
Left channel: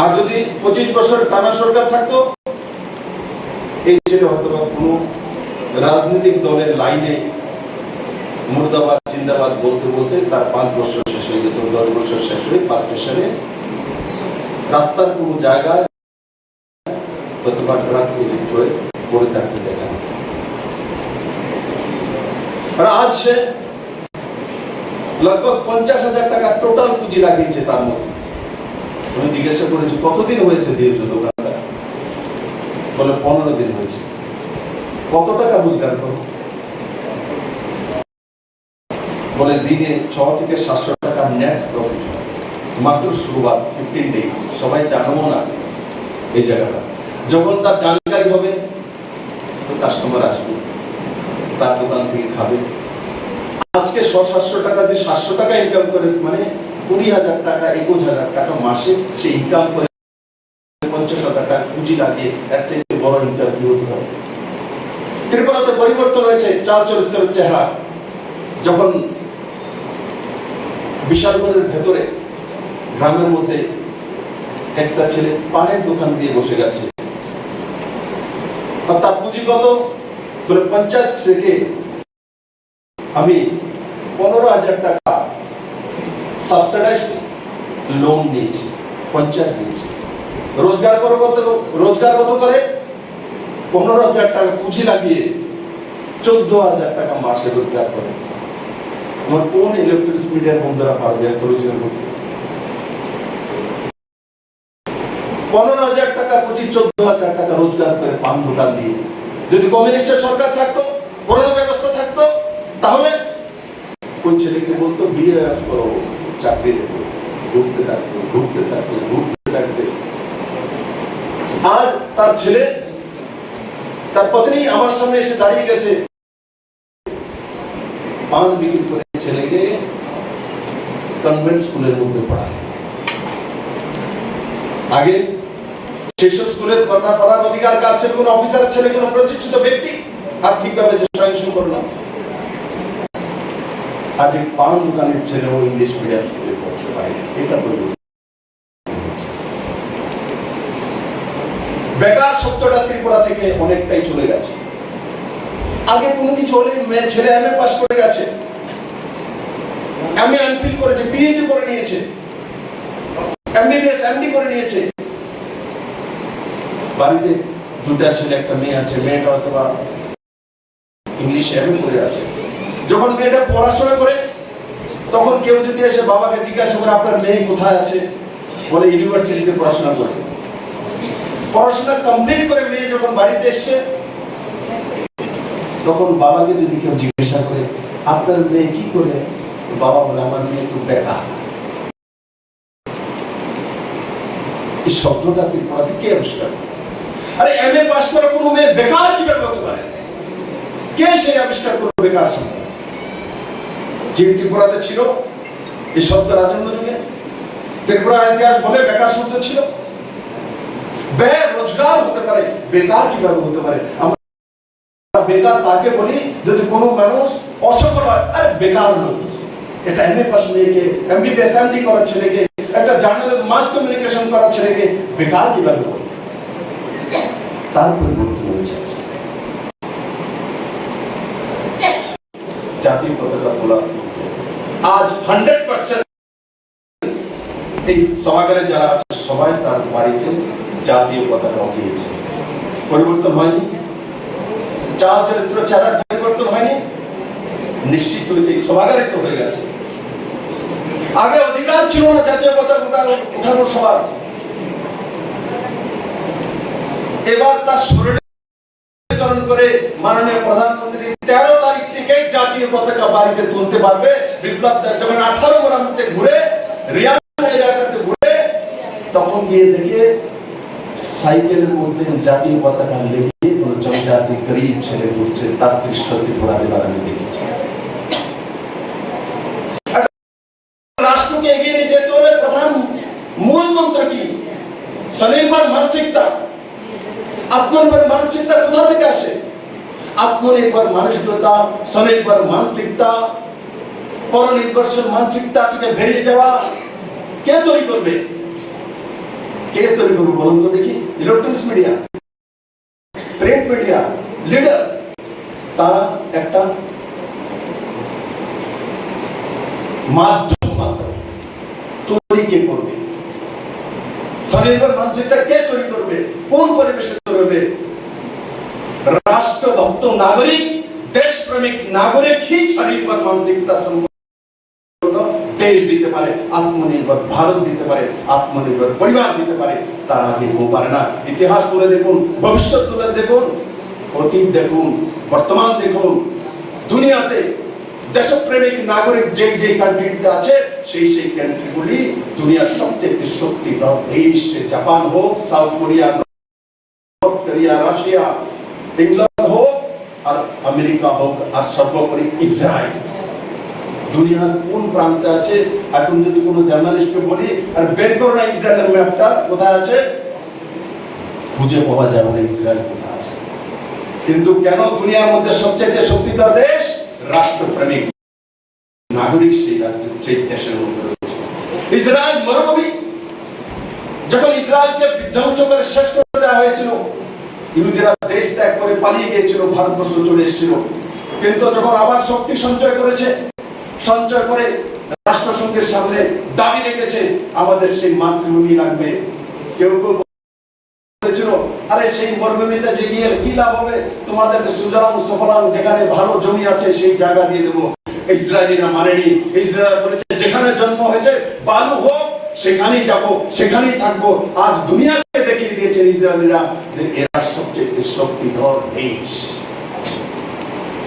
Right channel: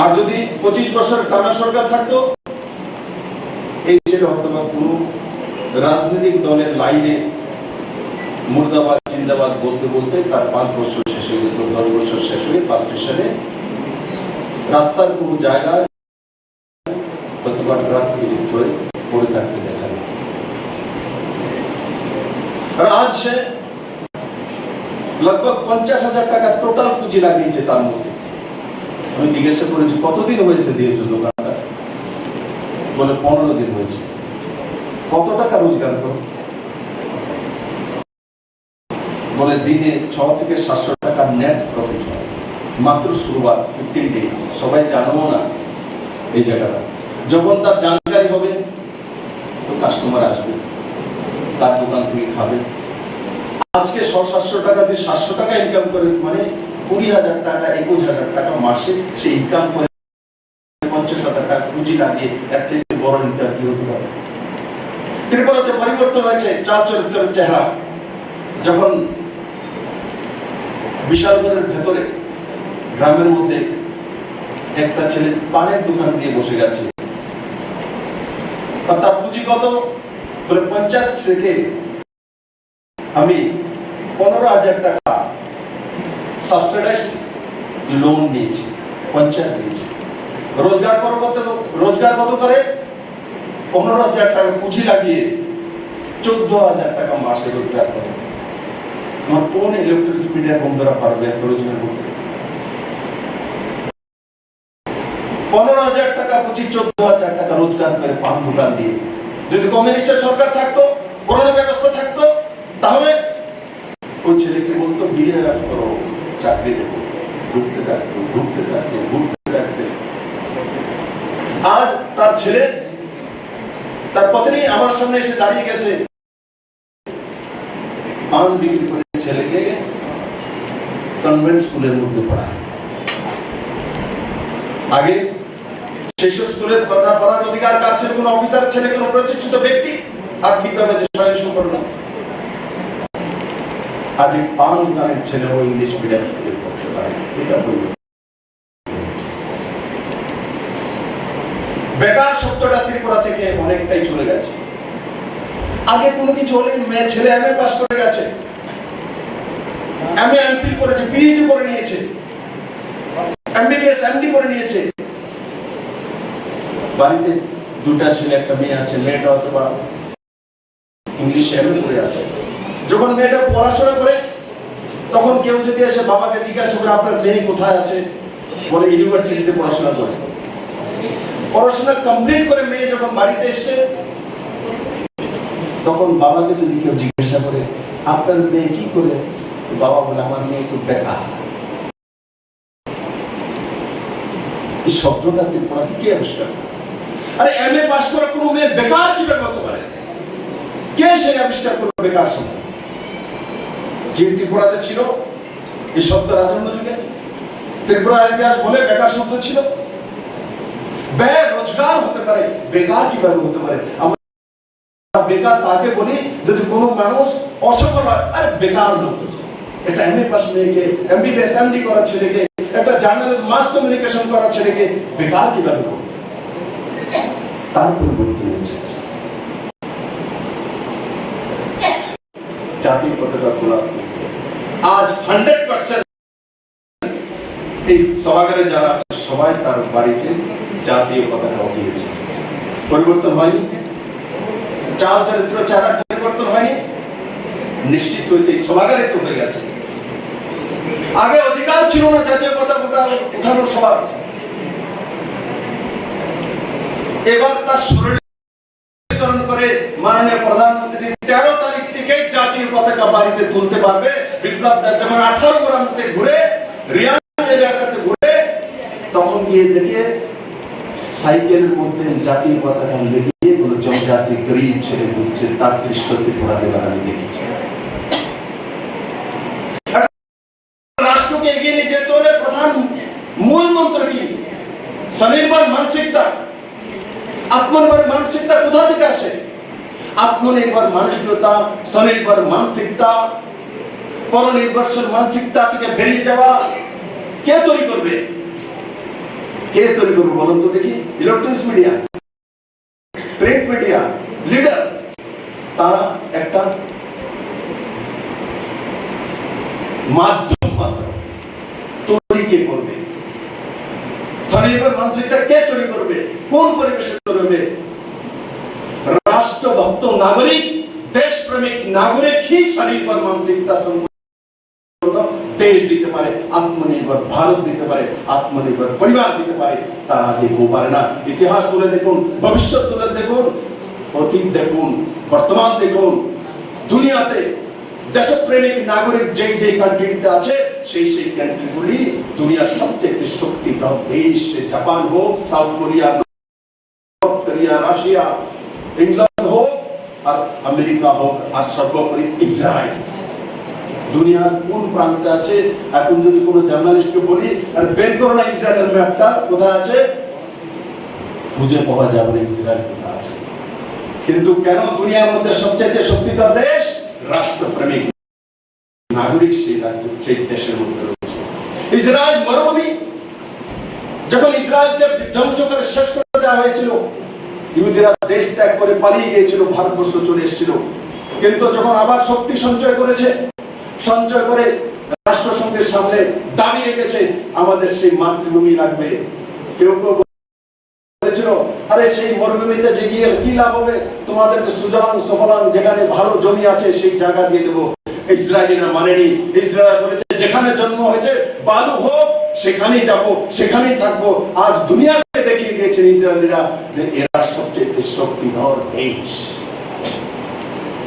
আর যদি 25 বছর টানা সরকার থাকতো, এই ছেলে হয়তো কোন রাজনৈতিক দলের লাইনে মুর্দাবাদ জিন্দাবাদ বলতে বলতে তার 5 বছর শেষ হয়ে যেত, 10 বছর শেষ হয়ে 5 স্টেশনে রাস্তার কোনো জায়গায় কতবার ট্রাক প্রযুক্ত হয়ে পড়ে থাকতে দেখা যায়। আর আজ সে लगभग 50,000 টাকা টোটাল পুঁজি লাগিয়েছে তার মধ্যে। আমি জিজ্ঞাসা করেছি কতদিন হয়েছে দিয়েছো দোকানটা, বলে 15 দিন হয়েছে। কত টাকা রোজগার করো, বলে দিনে 600 থেকে 700 টাকা নেট প্রফিট হয়। মাত্র শুরুয়াত 15 ডেজ। সবাই জানবো না এই জায়গাটা। যখন তার জানকারি হবে তো কাস্টমার আসবে, তার দোকান থেকে খাবে। আজকে 600-700 টাকা দিয়ে 700 টাকা ইনকাম করে, মানে 20,000 টাকা 21,000 টাকা মাসে সে ইনকাম করে 50,000 টাকা পুঁজি লাগিয়ে এর চেয়ে বড় ইনকাম কি হতে পারে? ত্রিপুরাতে পরিবর্তন হয়েছে চাল চরিত্রের চেহারা। যখন বিশালগড়ের ভেতরে গ্রামের মধ্যে একটা ছেলে পানের দোকান দিয়ে বসে গেছে, তার পুঁজি কত, বলে পঞ্চায়েত থেকে আমি 15,000 টাকা সাবসিডাইজ লোন নিয়েছি, পঞ্চায়েত দিয়েছে। রোজগার কত করে, 15,000 টাকা পুঁজি লাগিয়ে 14,000 টাকা মাসে রোজগার করে। আমার কোন ইলেকট্রিক মিডিয়ার বন্ধুরা পারবে এত রোজগার করতে? 15,000 টাকা পুঁজি 14,000 টাকা রোজগার করে পান দোকান দিয়ে। যদি কমিউনিস্টের সরকার থাকতো, করোনা ব্যবস্থা থাকতো, তাহলে ওই ছেলেকে বলতো বিয়ে করো, চাকরি দেবো, ঘুরতে থাকতে ঘুরতে থাকতে ঘুরতে থাকতে। আজ তার ছেলে, তার পত্নী আমার সামনে এসে দাঁড়িয়ে গেছে, পান বিক্রি করে ছেলেকে কনভেন্ট স্কুলের মধ্যে পড়ায়। আগে সেসব স্কুলের কথা পড়ার অধিকার কার ছিল? কোন অফিসার ছেলে, কোন প্রতিষ্ঠিত ব্যক্তি আর্থিকভাবে স্বয়ংসম্পূর্ণ করল। আজ এই পান দোকানের ছেলেও ইংলিশ মিডিয়াম স্কুলে পড়তে পারে। এটা বলব বেকার শব্দটা ত্রিপুরা থেকে অনেকটাই চলে গেছে। আগে কোনো কিছু হলে মেয়ে ছেলে এমএ পাস করে গেছে, এমএ এমফিল করেছে, পিএইচডি করে নিয়েছে, এমবিবিএস এমডি করে নিয়েছে। বাড়িতে দুটা ছেলে একটা মেয়ে আছে, মেয়েটা অথবা ইংলিশ এমএ করে আছে। যখন মেয়েটা পড়াশোনা করে তখন কেউ যদি এসে বাবাকে জিজ্ঞাসা করে আপনার মেয়ে কোথায় আছে, বলে ইউনিভার্সিটিতে পড়াশোনা করে। পড়াশোনা কমপ্লিট করে মেয়ে যখন বাড়িতে এসছে, তখন বাবাকে যদি কেউ জিজ্ঞাসা করে আপনার মেয়ে কি করে, বাবা বলে আমার মেয়ে তো বেকার। এই শব্দটা ত্রিপুরাতে কে আবিষ্কার করে? আরে এমএ পাস করা কোনো মেয়ে বেকার কিভাবে হতে পারে? কে সে আবিষ্কার করবে বেকার শব্দ? যে ত্রিপুরাতে ছিল এই শব্দ রাজন্য যুগে? ত্রিপুরার ইতিহাস বলে বেকার শব্দ ছিল। রোজগার হতে পারে, বেকার কিভাবে হতে পারে? আমরা বেকার তাকে বলি যদি কোনো মানুষ অসফল হয়। আরে বেকার লোক, এটা এমএ পাস মেয়েকে, এমবিবিএস এমডি করার ছেলেকে, একটা জার্নালিস্ট মাস কমিউনিকেশন করার ছেলেকে বেকার কিভাবে বলে? তার পরিবর্তন হয়েছে। জাতীয় পতাকা তোলা আজ 100% এই সভাগারে যারা সবাই তার বাড়িতে জাতীয় পতাকা উঠিয়েছে। পরিবর্তন হয়নি, চাল চরিত্র চেহারা পরিবর্তন হয়নি, নিশ্চিত হয়েছে এই সভাগারে তো হয়ে গেছে। আগে অধিকার ছিল না জাতীয় পতাকা উঠানোর সবার, এবার তার শরীরে করে মাননীয় প্রধানমন্ত্রী 13 তারিখ থেকে জাতীয় পতাকা বাড়িতে তুলতে পারবে। বিপ্লব দেব যখন 18 গ্রামতে ঘুরে রিয়াং এলাকাতে ঘুরে, তখন গিয়ে দেখে সাইকেলের মধ্যে জাতীয় পতাকা লেগে কোন জনজাতি গরিব ছেলে ঘুরছে, তার দৃশ্য ত্রিপুরাতে আমি দেখেছি। রাষ্ট্রকে এগিয়ে নিয়ে যেতে হলে প্রধান মূল মন্ত্র কি? স্বনির্ভর মানসিকতা। আত্মনির্ভর মানসিকতা কোথা থেকে আসে? আত্মনির্ভর মানসিকতা, স্বনির্ভর মানসিকতা, পরনির্ভরশীল মানসিকতা থেকে বেরিয়ে যাওয়া কে তৈরি করবে? কে তৈরি করবে বলুন তো দেখি? Electronics media, print media, leader, তারা একটা মাধ্যম মাত্র। স্বনির্ভর মানসিকতা কে তৈরি করবে, কোন পরিবেশে তৈরি হবে? রাষ্ট্রভক্ত নাগরিক, দেশপ্রেমিক নাগরিক ही স্বনির্ভর মানসিকতা দেশ দিতে পারে, আত্মনির্ভর ভারত দিতে পারে, আত্মনির্ভর পরিবার দিতে পারে। তারা কেউ পারে না। ইতিহাস তুলে দেখুন, ভবিষ্যৎ তুলে দেখুন, অতীত দেখুন, বর্তমান দেখুন, দুনিয়াতে দেশপ্রেমিক নাগরিক যেই যেই কান্ট্রিতে আছে সেই সেই কান্ট্রিগুলি দুনিয়ার সবচেয়ে শক্তিধর দেশ। জাপান হোক, south Korea, north Korea, Russia, England হোক আর আমেরিকা হোক আর সর্বোপরি ইসরায়েল। দুনিয়ার কোন প্রান্তে আছে? এখন যদি কোনো জার্নালিস্টকে বলি আর বের করো না ইসরায়েলের ম্যাপটা কোথায় আছে, খুঁজে পাওয়া যাবে না ইসরায়েল কোথায় আছে। কিন্তু কেন দুনিয়ার মধ্যে সবচেয়ে শক্তিধর দেশ? রাষ্ট্রপ্রেমিক নাগরিক সেই রাজ্যের সেই দেশের মধ্যে রয়েছে। ইসরায়েল মরুভূমি, যখন ইসরায়েলকে বিধ্বংস করে শেষ করে দেওয়া হয়েছিল, ইহুদিরা দেশ ত্যাগ করে পালিয়ে গিয়েছিল, ভারতবর্ষ চলে এসেছিল। কিন্তু যখন আবার শক্তি সঞ্চয় করেছে, সঞ্চয় করে রাষ্ট্রসংঘের সামনে দাবি রেখেছে আমাদের সেই মাতৃভূমি লাগবে। কেউ কেউ বলেছিল আরে সেই মরুভূমিতে যে গিয়ে কি লাভ হবে, তোমাদেরকে সুজলাম সফলাম যেখানে ভালো জমি আছে সেই জায়গা দিয়ে দেবো। ইসরায়েলিরা মানেনি। ইসরায়েল বলেছে যেখানে জন্ম হয়েছে বালু হোক সেখানেই যাব, সেখানেই থাকবো। আজ দুনিয়াকে দেখিয়ে দিয়েছেন ইসরায়েলিরা যে এরা সবচেয়ে শক্তিধর দেশ।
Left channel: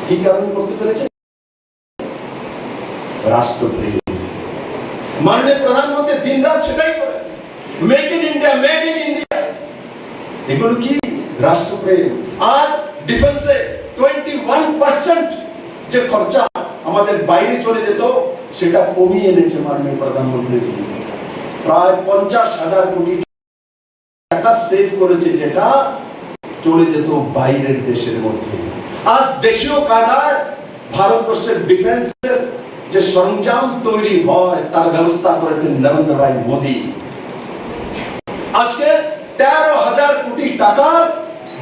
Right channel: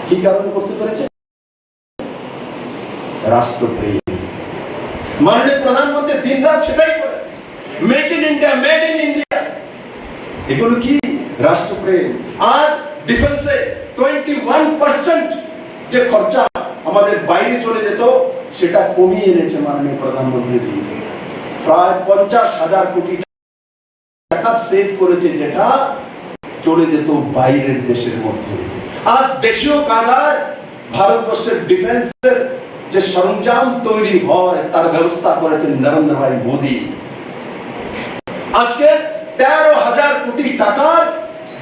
কি কারণে করতে পেরেছে? রাষ্ট্রপ্রেম। মাননীয় প্রধানমন্ত্রী দিন রাত সেটাই করে, make in India, made in India. এগুলো কি? রাষ্ট্রপ্রেম। আজ ডিফেন্সে 21% যে খরচা আমাদের বাইরে চলে যেত সেটা কমিয়ে এনেছে মাননীয় প্রধানমন্ত্রী। প্রায় 50,000 কোটি টাকা সেভ করেছে, যেটা চলে যেত বাইরের দেশের মধ্যে। আজ দেশীয় কায়দায় ভারতবর্ষের ডিফেন্সের যে সরঞ্জাম তৈরি হয় তার ব্যবস্থা করেছেন নরেন্দ্র ভাই মোদী। আজকে 13,000 কোটি টাকার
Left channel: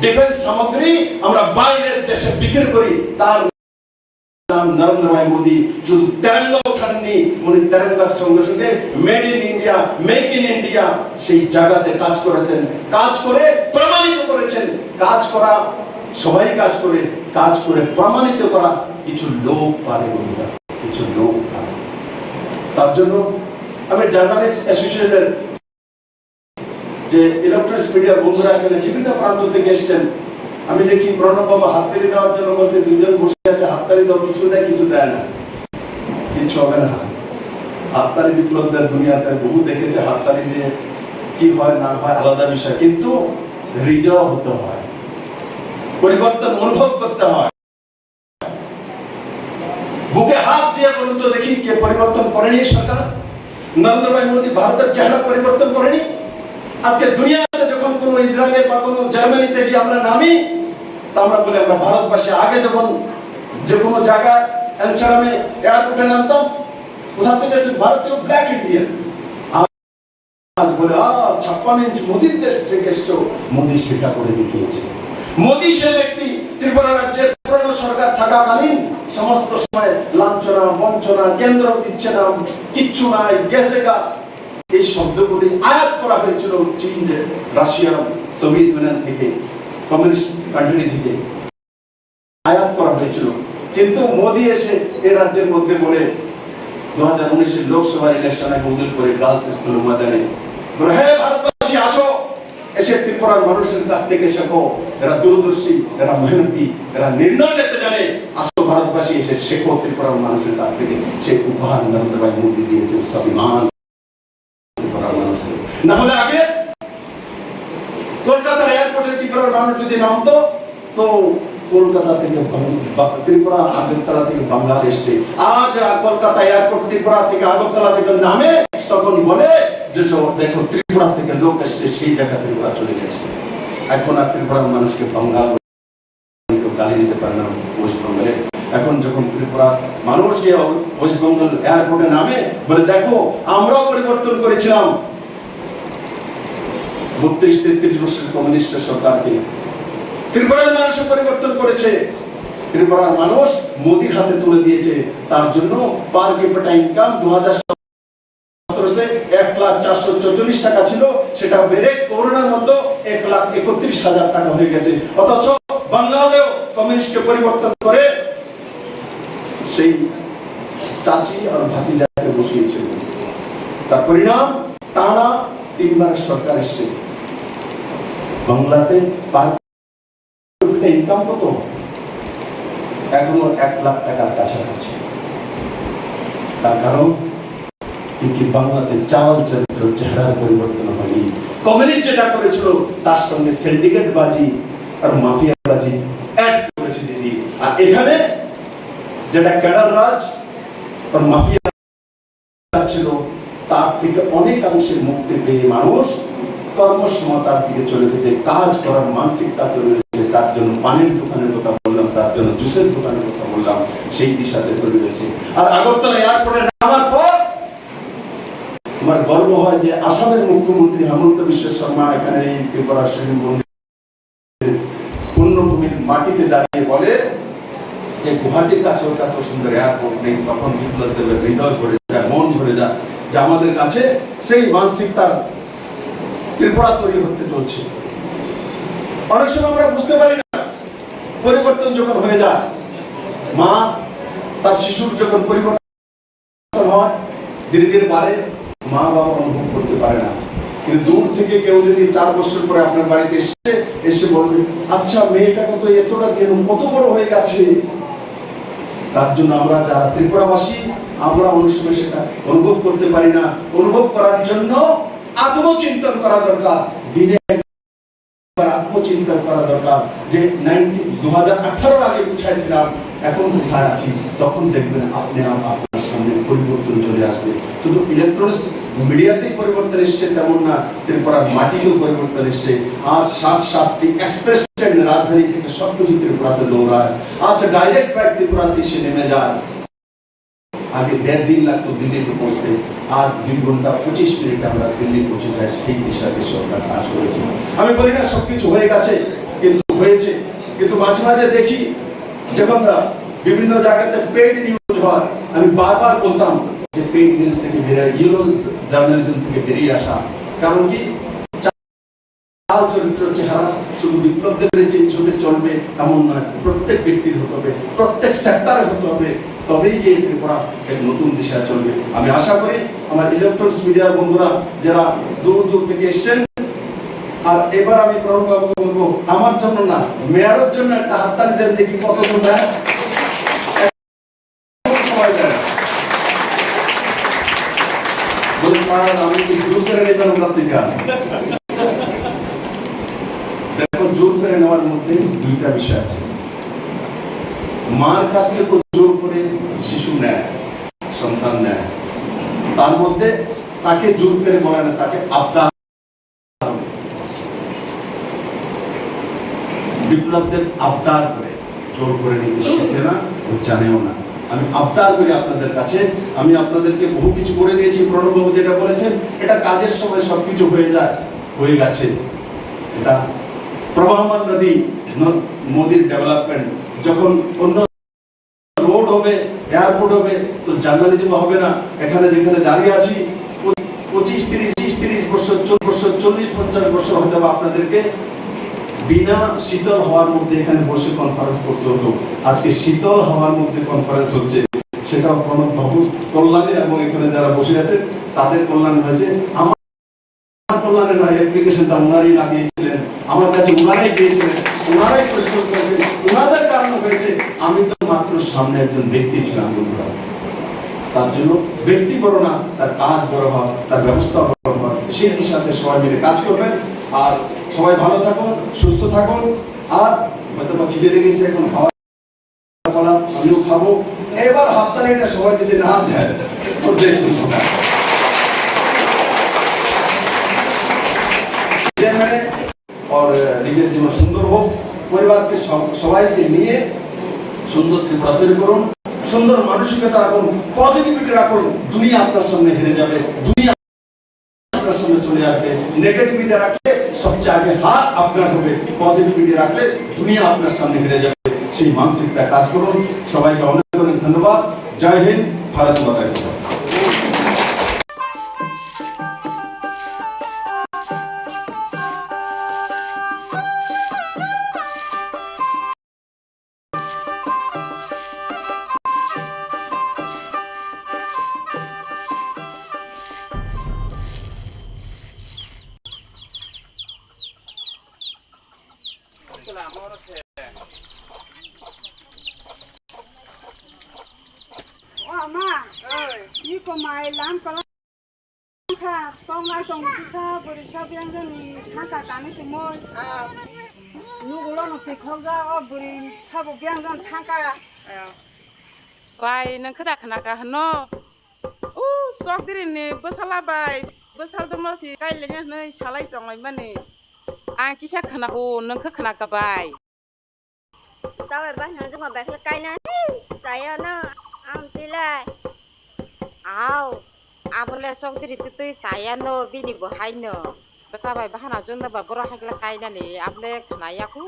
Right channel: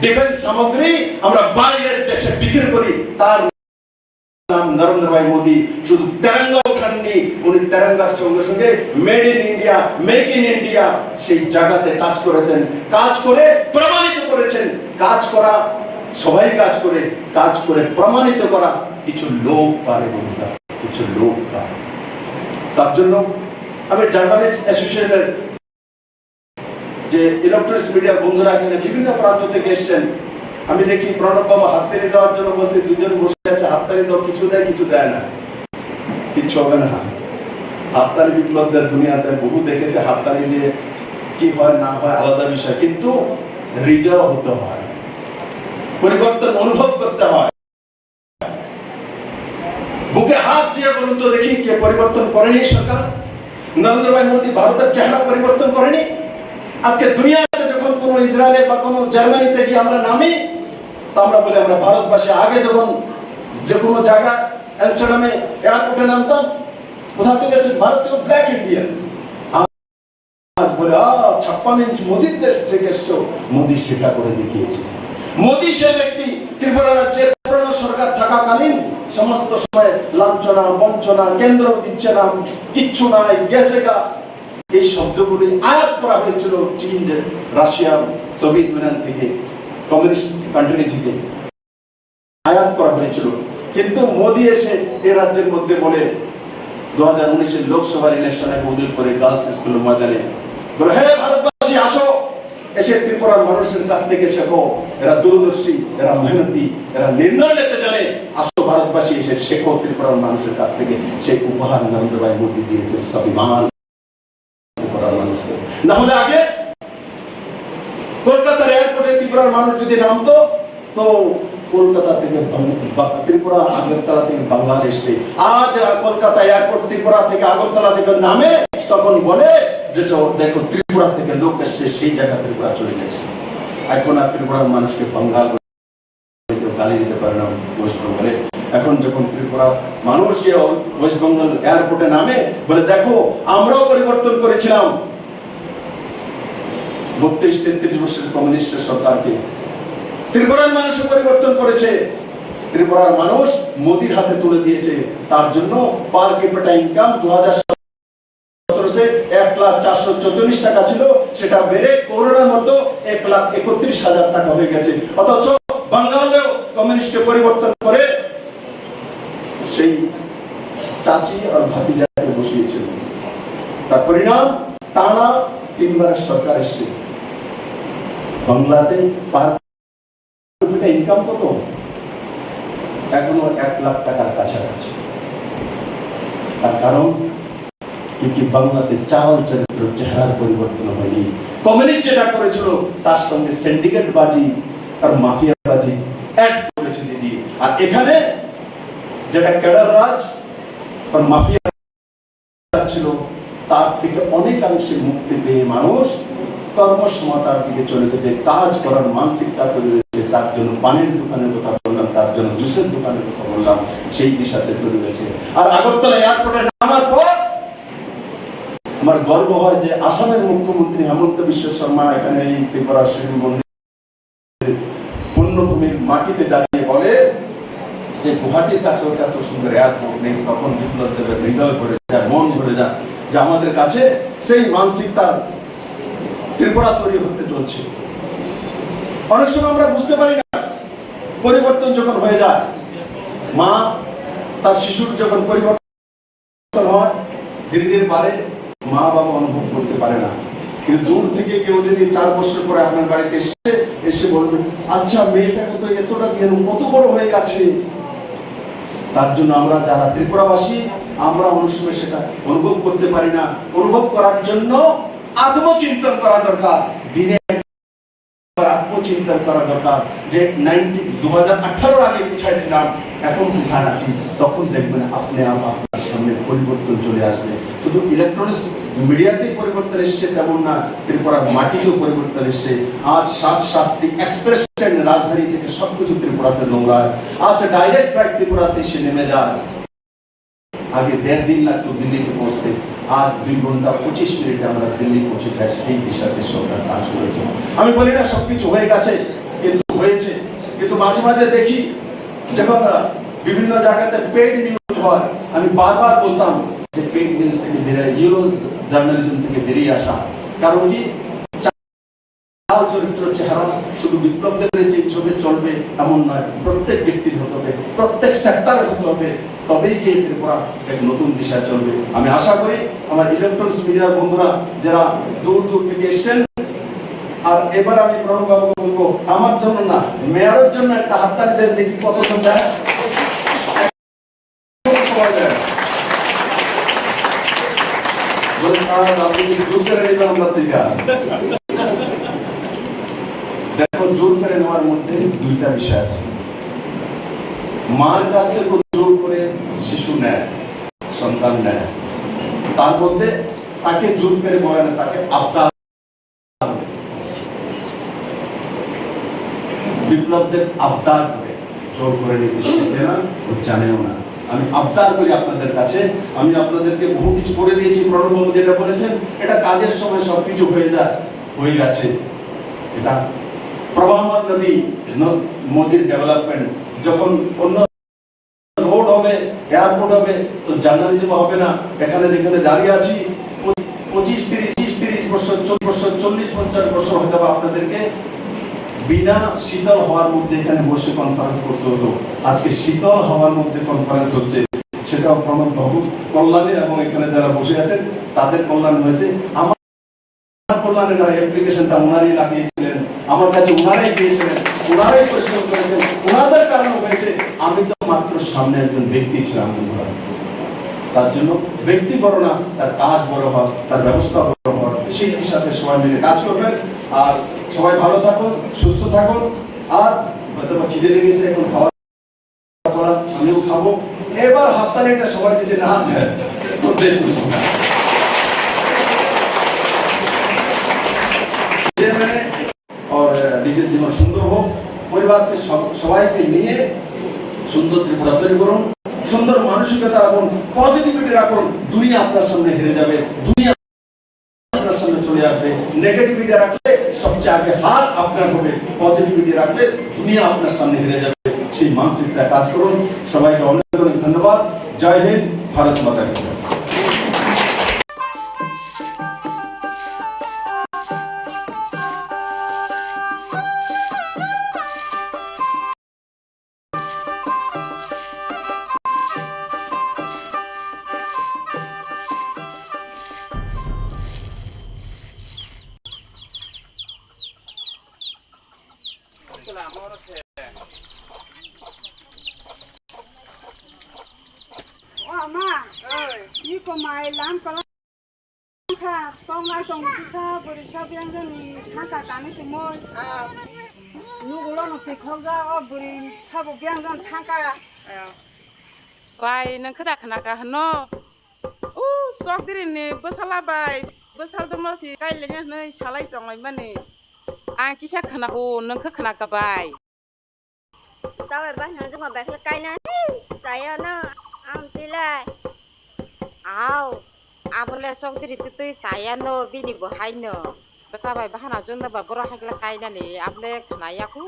ডিফেন্স সামগ্রী আমরা বাইরের দেশে বিক্রি করি, তার নাম নরেন্দ্র ভাই মোদী। শুধু তেরঙ্গা ওঠাননি, উনি তেরঙ্গার সঙ্গে সঙ্গে made in India, make in India সেই জায়গাতে কাজ করেছেন, কাজ করে প্রমাণিত করেছেন। কাজ করা সবাই কাজ করে, কাজ করে প্রমাণিত করা কিছু লোক পারে, কিছু লোক পারে। তার জন্য আমি জার্নালিস্ট অ্যাসোসিয়েশনের যে ইলেকট্রনিক্স মিডিয়া বন্ধুরা এখানে বিভিন্ন প্রান্ত থেকে এসছেন, আমি দেখি প্রণব বাবা হাততালি দেওয়ার জন্য বলতে দুজন বসে আছে, হাততালি দাও, কিছু দেয় কিছু দেয় না, কিছু হবে না। হাততালি বিপ্লবদের দুনিয়াতে বহু দেখেছে, হাততালি দিয়ে কি হয় না হয় আলাদা বিষয়, কিন্তু হৃদয় হতে হয়, পরিবর্তন অনুভব করতে হয়। বুকে হাত দিয়ে বলুন তো দেখি কে পরিবর্তন করেনি? সরকার নরেন্দ্র ভাই মোদী ভারতের চেহারা পরিবর্তন করেনি? আজকে দুনিয়াতে যখন কোন ইসরায়েলে বা কোন জার্মানিতে গিয়ে আমরা নামি, তা আমরা বলি আমরা ভারতবাসী। আগে যখন যে কোনো জায়গায় অ্যামস্টারডামে এয়ারপোর্টে নামতাম, কোথা থেকে এসে ভারতীয় ব্ল্যাক ইন্ডিয়ান, আজ বলে 56 ইঞ্চ মোদীর দেশ থেকে এসছো। মোদী সেটা করে দেখিয়েছে। মোদী সে ব্যক্তি ত্রিপুরা রাজ্যের পুরনো সরকার থাকাকালীন সমস্ত সময় লাঞ্ছনা বঞ্চনা, কেন্দ্র দিচ্ছে না, কিচ্ছু নাই, গেছে গা, এই শব্দগুলি আয়াত করা হয়েছিল চীন, যে রাশিয়া, সোভিয়েত ইউনিয়ন থেকে, কমিউনিস্ট কান্ট্রি থেকে আয়াত করা হয়েছিল। কিন্তু মোদী এসে এই রাজ্যের মধ্যে বলে 2019 লোকসভার ইলেকশনে উদ্যোগ করে গার্লস স্কুল ময়দানে বলে, হ্যাঁ ভারতবাসী আসো, এসে ত্রিপুরার মানুষের কাছ থেকে শেখো, এরা দূরদর্শী, এরা মেহনতি, এরা নির্ণয় নিতে জানে, আসো ভারতবাসী এসে শেখো ত্রিপুরার মানুষের কাছ থেকে। সে উপহার নরেন্দ্র ভাই মোদী দিয়েছে স্বাভিমান ত্রিপুরার মানুষকে। না হলে আগে কলকাতার এয়ারপোর্টে ত্রিপুরার মানুষ যদি নামতো, তো কলকাতা থেকে ত্রিপুরা, আগরতলা থেকে বাংলাদেশে। আজ কলকাতা এয়ারপোর্ট ত্রিপুরা থেকে আগরতলা থেকে নামে, তখন বলে যে দেখো ত্রিপুরা থেকে লোক এসছে, সেই জায়গা ত্রিপুরা চলে গেছে। এখন আর ত্রিপুরার মানুষকে বাঙ্গাল গালি দিতে পারে না ওয়েস্ট বেঙ্গলে। এখন যখন ত্রিপুরা মানুষ গিয়ে ওয়েস্ট বেঙ্গল এয়ারপোর্টে নামে, বলে দেখো আমরাও পরিবর্তন করেছিলাম 32-33 বছরের কমিউনিস্ট সরকারকে। ত্রিপুরার মানুষও পরিবর্তন করেছে। ত্রিপুরার মানুষ মোদির হাতে তুলে দিয়েছে। তার জন্য পার ক্যাপিটা ইনকাম 2017 তে 1,04,000 544 টাকা ছিল, সেটা বেড়ে করোনার মতো 1,31,000 টাকা হয়ে গেছে। অথচ বাংলাদেশেও কমিউনিস্টকে পরিবর্তন করে সেই চাচি আর ভাতিজাকে বসিয়েছিল। তার পরিণাম টানা 3 বার সরকার এসেছে। বাংলাতে ইনকাম কত? এখনো 1 লাখ টাকার কাছাকাছি। তার কারণ কি? বাংলাতে চাল চরিত্র চেহারার পরিবর্তন হয়নি। কমিউনিস্ট যেটা করেছিল তার সঙ্গে সিন্ডিকেট বাজি আর মাফিয়া বাজি অ্যাড করেছে দিদি। আর এখানে যেটা ক্যাডার রাজ আর মাফিয়া ছিল, তার থেকে অনেকাংশে মুক্তি পেয়ে মানুষ কর্মসমতার দিকে চলে গেছে, কাজ করার মানসিকতা চলে গেছে। তার জন্য পানের দোকানের কথা বললাম, তার জন্য জুসের দোকানের কথা বললাম, সেই দিশাতে চলে গেছে। আর আগরতলা এয়ারপোর্টে নামার পর আমার গর্ব হয় যে আসামের মুখ্যমন্ত্রী হেমন্ত বিশ্ব শর্মা এখানে এই ত্রিপুরা শিব মন্দির পুণ্যভূমির মাটিতে দাঁড়িয়ে বলে যে গুয়াহাটির কাছে এত সুন্দর এয়ারপোর্ট নেই। তখন বিপ্লব দেবের হৃদয় ভরে যায়, মন ভরে যায় যে আমাদের কাছে সেই মানসিকতার ত্রিপুরা তৈরি হতে চলছে। অনেক সময় আমরা বুঝতে পারি না, পরিবর্তন যখন হয়ে যায়, মা তার শিশুর যখন পরিবর্তন হয় ধীরে ধীরে বাড়ে, মা বাবা অনুভব করতে পারে না। কিন্তু দূর থেকে কেউ যদি 4 বছর পরে আপনার বাড়িতে এসে বলবে, আচ্ছা মেয়েটাকে তো এতটা কেন কত বড় হয়ে গেছে। তার জন্য আমরা যারা ত্রিপুরাবাসী, আমরা অনেক সময় সেটা অনুভব করতে পারি না। অনুভব করার জন্য আত্মচিন্তন করা দরকার, দিনে আত্মচিন্তন করা দরকার যে 2018 আগে কোথায় ছিলাম, এখন কোথায় আছি। তখন দেখবেন আপনি আপনার সামনে পরিবর্তন চলে আসবে। শুধু ইলেকট্রনিক্স মিডিয়াতেই পরিবর্তন এসছে তেমন না, ত্রিপুরার মাটিতেও পরিবর্তন এসছে। আজ 7-7টি এক্সপ্রেস ট্রেন রাজধানী থেকে সবকিছু ত্রিপুরাতে দৌড়ায়। আজ ডাইরেক্ট ফ্লাইট ত্রিপুরাতে এসে নেমে যায়। আগে 1.5 দিন লাগতো দিল্লিতে পৌঁছতে, আজ 2 ঘন্টা 25 মিনিটে আমরা দিল্লি পৌঁছে যাই। সেই দিশাতে সরকার কাজ করেছে। আমি বলি না সবকিছু হয়ে গেছে, কিন্তু হয়েছে। কিন্তু মাঝে মাঝে দেখি যখন বিভিন্ন জায়গাতে পেইড নিউজ হয়, আমি বারবার বলতাম যে পেইড নিউজ থেকে বেরিয়ে জিরো জার্নালিজম থেকে বেরিয়ে আসা। কারণ কি? চাল চরিত্র চেহারা শুধু বিপ্লব দেবের যে ছবি চলবে এমন নয়, প্রত্যেক ব্যক্তির হতে হবে, প্রত্যেক সেক্টরে হতে হবে, তবেই গিয়ে ত্রিপুরা এক নতুন দিশায় চলবে। আমি আশা করি আমার ইলেকট্রনিক্স মিডিয়ার বন্ধুরা যারা দূর দূর থেকে এসছেন, আর এবার আমি প্রণববাবুকে বলবো আমার জন্য না, মেয়রের জন্য একটা হাততালি দেন, দেখি কতজন দেয়। দেখো, জোর করে নেওয়ার মধ্যে 2টা বিষয় আছে। মার কাছ থেকে জোর করে শিশু নেয়, সন্তান নেয়, তার মধ্যে তাকে জোর করে করে না, তাকে আবদার। বিপ্লবদের আবদার করে জোর করে নিতে শিখে না, ও জানেও না। আমি আবদার করি আপনাদের কাছে, আমি আপনাদেরকে বহু কিছু করে দিয়েছি। প্রণববাবু যেটা বলেছেন, এটা কাজের সময় সবকিছু হয়ে যায়, হয়ে গেছে। এটা প্রবাহমান নদী, মোদির ডেভেলপমেন্ট। যখন অন্য রোড হবে, এয়ারপোর্ট হবে, তো জার্নালিজম হবে না। এখানে যেখানে দাঁড়িয়ে আছি 25-30 বছর, 40 বছর হতে হবে আপনাদেরকে বিনা শীতল হওয়ার মধ্যে এখানে বসে কনফারেন্স করতে হতো। আজকে শীতল হওয়ার মধ্যে কনফারেন্স হচ্ছে, সেটা প্রণববাবুর কল্যাণে এবং এখানে যারা বসে আছেন তাদের কল্যাণে হয়েছে। আমার কল্যাণে না, অ্যাপ্লিকেশনটা ওনারই লাগিয়েছিলেন, আমার কাছে ওনারাই দিয়েছিলেন, ওনারাই পরিশ্রম করেছেন, ওনাদের কারণে হয়েছে। আমি তো মাত্র সামনে একজন ব্যক্তি ছিলাম। তার জন্য ব্যক্তি বড় না, তার কাজ বড় হয়, তার ব্যবস্থা বড় হয়। সেই সাথে সবাই মিলে কাজ করবেন। আর সবাই ভালো থাকুন, সুস্থ থাকুন। আর হয়তো খিদে লেগেছে, এখন খাওয়া আমিও খাবো। এবার হাততালিটা সবাই যদি না দেয়, নিজের জীবন সুন্দর হোক, পরিবারকে সবাইকে নিয়ে সুন্দর ত্রিপুরা তৈরি করুন, সুন্দর মানসিকতা রাখুন, পজিটিভিটি রাখুন। দুনিয়া আপনার সামনে হেরে যাবে, দুনিয়া আপনার সামনে চলে আসবে। নেগেটিভিটি রাখলে সবচেয়ে আগে হাত আপনার হবে, পজিটিভিটি রাখলে দুনিয়া আপনার সামনে হেরে যাবে। সেই মানসিকতা কাজ করুন। সবাইকে অনেক অনেক ধন্যবাদ। জয় হিন্দ, ভারত মাতা কি জয়। mama ni ko mai lam kalang kha tong na tong ti sa bori sa biang jan ni hata kami semua nu gulo no ti khogja o bori sa bo biang jan thangka Bai nang kada kana ka no. Sok diri ni besala bai. Besal dong si kai lenga nei salai tong lai mani. Ang kisah kana ko nang ka kana ka bai. Tao phải bắt nó cho mà bạc là cây nè. Saya nó am tilai. Aw, abole sok diri tutu saya no bini bohai no. Besa bai bahana junda ba boro hakla kaina ni abole khanaya ku.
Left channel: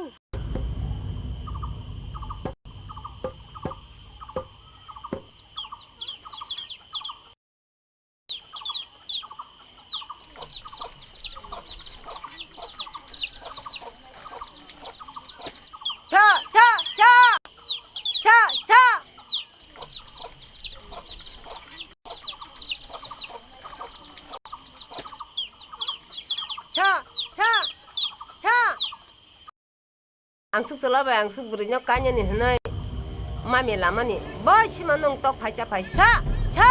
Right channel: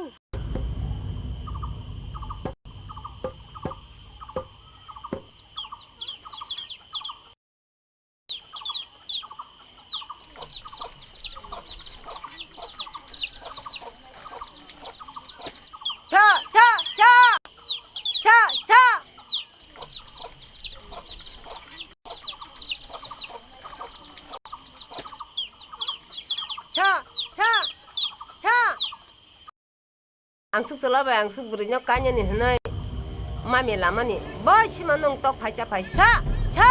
Ang suk sala ba ang suk buri nyok kanya ni hanai mami lama ni ba si manong tok phai cha phai sa cha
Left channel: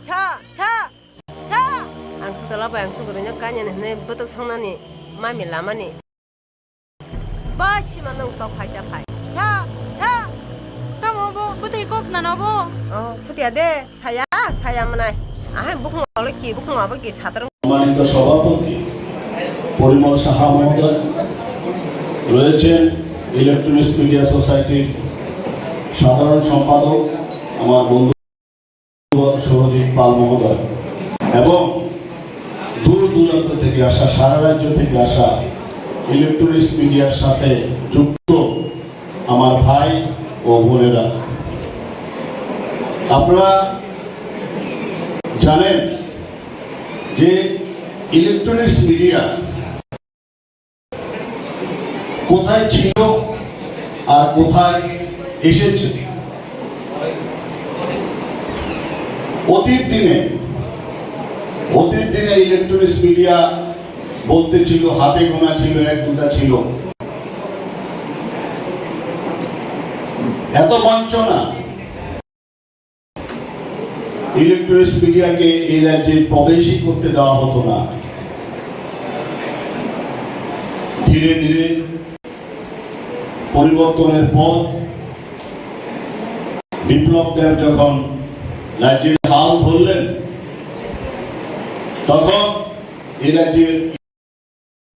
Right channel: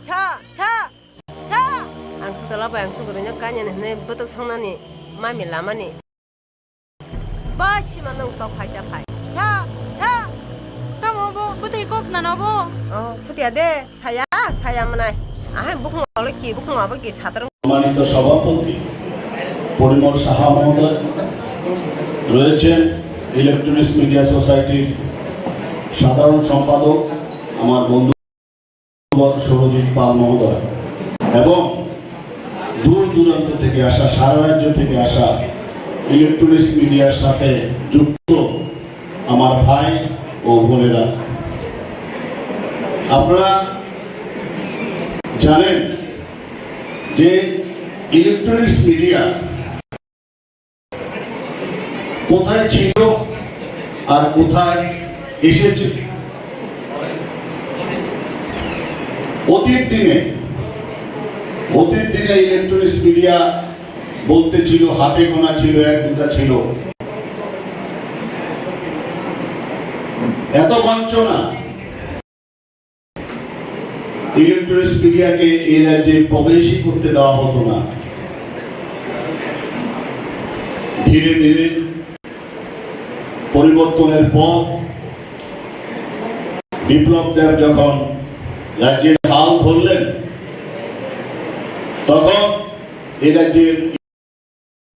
cha cha cha ang suk sala ba ang suk buri nyok kanya ni hanai butuk sangna ni mami lama ni ba si manong tok phai cha phai cha cha Tamo bo butai kok na no bo. putia de saya manai আহে বুক নলে কি বুক নবে কি সাধারণ সম্মানিত সভাপতি পরিমল সাহা মহোদয় রয়েছেন ইলেকট্রনিক্স মিডিয়া সোসাইটির সাধারণ সম্পাদক আমার বন্ধু সৌরজিৎ পাল মহোদয় এবং দূর দূরান্ত থেকে আসা সারা রাজ্য থেকে আসা ইলেকট্রনিক্স মিডিয়ার সাথে যুক্ত আমার ভাই ও বোনেরা, আপনারা জানেন যে ইলেকট্রনিক্স মিডিয়া কোথায় ছিল আর কোথায় এসেছে। অতীত দিনে ইলেকট্রনিক্স মিডিয়া বলতে ছিল হাতে গোনা ছিল, এক দুটা ছিল। এত বঞ্চনা ইলেকট্রনিক্স মিডিয়াকে এই রাজ্যে প্রবেশই করতে দেওয়া হতো না। ধীরে ধীরে পরিবর্তনের পর বিপ্লব দেব যখন রাজ্যের হাল ধরলেন, তখন এই রাজ্যের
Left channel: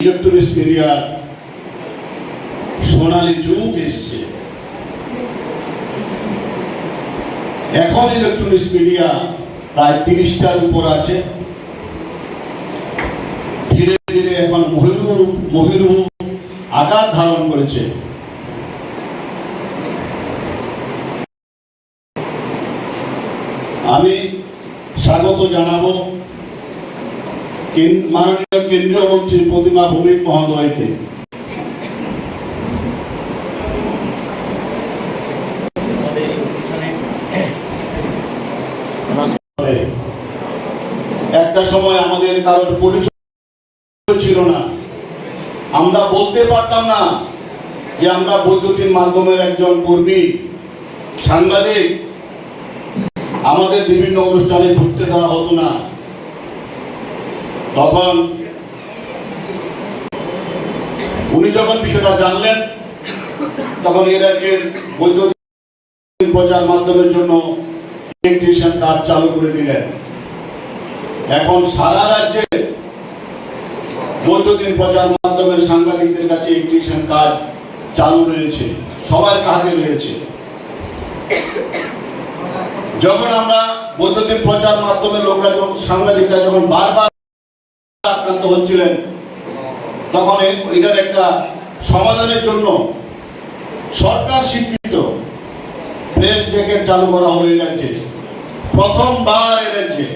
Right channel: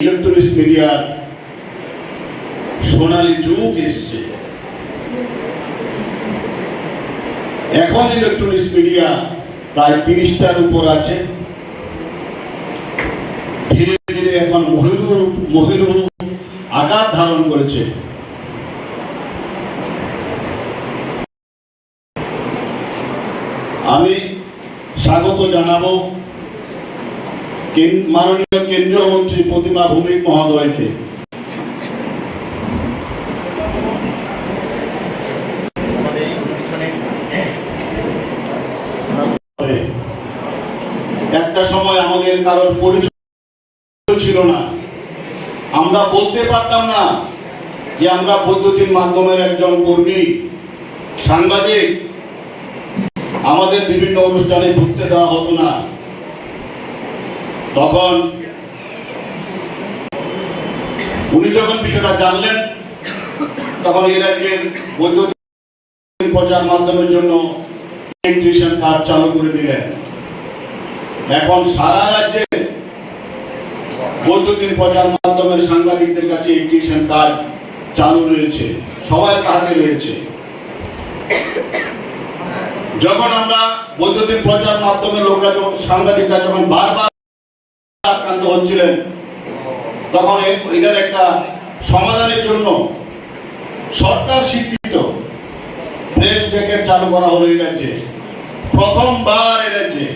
ইলেকট্রনিক্স মিডিয়ার সোনালী যুগ এসছে। এখন ইলেকট্রনিক্স মিডিয়া প্রায় 30টার উপর আছে। ধীরে ধীরে এখন মহিরূপ আকার ধারণ করেছে। আমি স্বাগত জানাবো মাননীয় কেন্দ্রীয় মন্ত্রী প্রতিমা ভৌমিক মহোদয়কে। একটা সময় আমাদের কারোর পরিচয় ছিল না, আমরা বলতে পারতাম না যে আমরা বৈদ্যুতিন মাধ্যমের একজন কর্মী, সাংবাদিক। আমাদের বিভিন্ন অনুষ্ঠানে ঢুকতে দেওয়া হতো না। তখন উনি যখন বিষয়টা জানলেন, তখন এর রাজ্যের বৈদ্যুতিন প্রচার মাধ্যমের জন্য ইলেকট্রিশিয়ান কার্ড চালু করে দিলেন। এখন সারা রাজ্যে বৈদ্যুতিন প্রচার মাধ্যমের সাংবাদিকদের কাছে ইলেকট্রিশিয়ান কার্ড চালু রয়েছে, সবার হাতে রয়েছে। যখন আমরা বৈদ্যুতিন প্রচার মাধ্যমের লোকরা, সাংবাদিকরা যখন বারবার আক্রান্ত হচ্ছিলেন, তখন এটার একটা সমাধানের জন্য সরকার স্বীকৃত প্রেস জ্যাকেট চালু করা হলো এই রাজ্যে। প্রথমবার এই রাজ্যে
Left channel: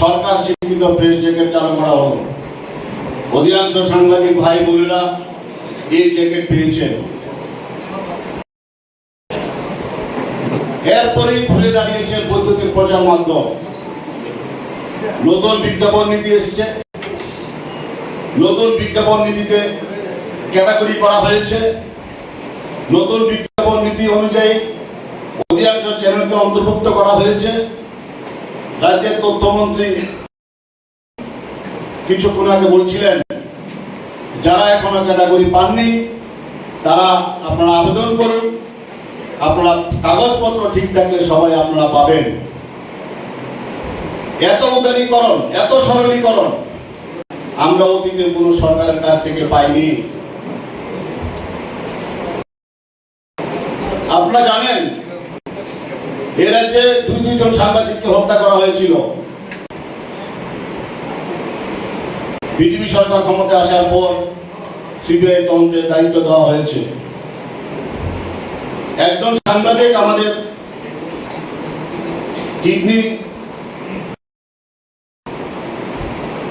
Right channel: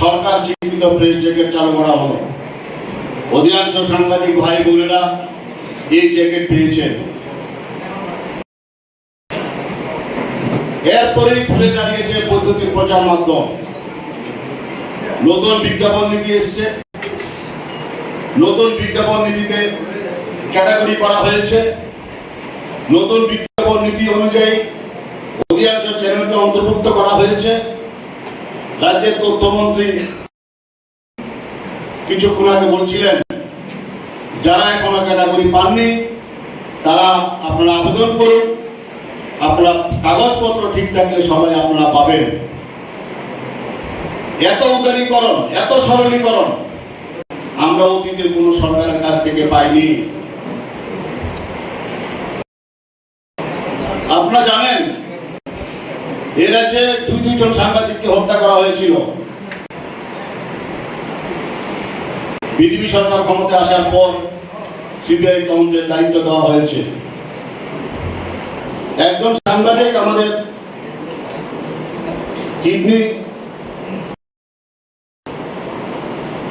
সরকার স্বীকৃত প্রেস জ্যাকেট চালু করা হলো। অধিকাংশ সাংবাদিক ভাই বোনেরা এই জ্যাকেট পেয়েছেন। এরপরে ঘুরে দাঁড়িয়েছে বৈদ্যুতিন প্রচার মাধ্যম। নতুন বিজ্ঞাপন নীতি এসছে, নতুন বিজ্ঞাপন নীতিতে ক্যাটাগরি করা হয়েছে। নতুন বিজ্ঞাপন নীতি অনুযায়ী অধিকাংশ চ্যানেলকে অন্তর্ভুক্ত করা হয়েছে। রাজ্যের তথ্যমন্ত্রী কিছুক্ষণ আগে বলছিলেন, যারা এখনো ক্যাটাগরি পাননি তারা আপনারা আবেদন করুন, আপনারা কাগজপত্র ঠিক থাকলে সবাই আপনারা পাবেন। এত উদারীকরণ, এত সরলীকরণ আমরা অতীতে কোন সরকারের কাছ থেকে পাইনি। আপনারা জানেন এ রাজ্যে দুইজন সাংবাদিককে হত্যা করা হয়েছিল। বিজেপি সরকার ক্ষমতায় আসার পর সিবিআই তদন্তের দায়িত্ব দেওয়া হয়েছে। একজন সাংবাদিক আমাদের কিডনি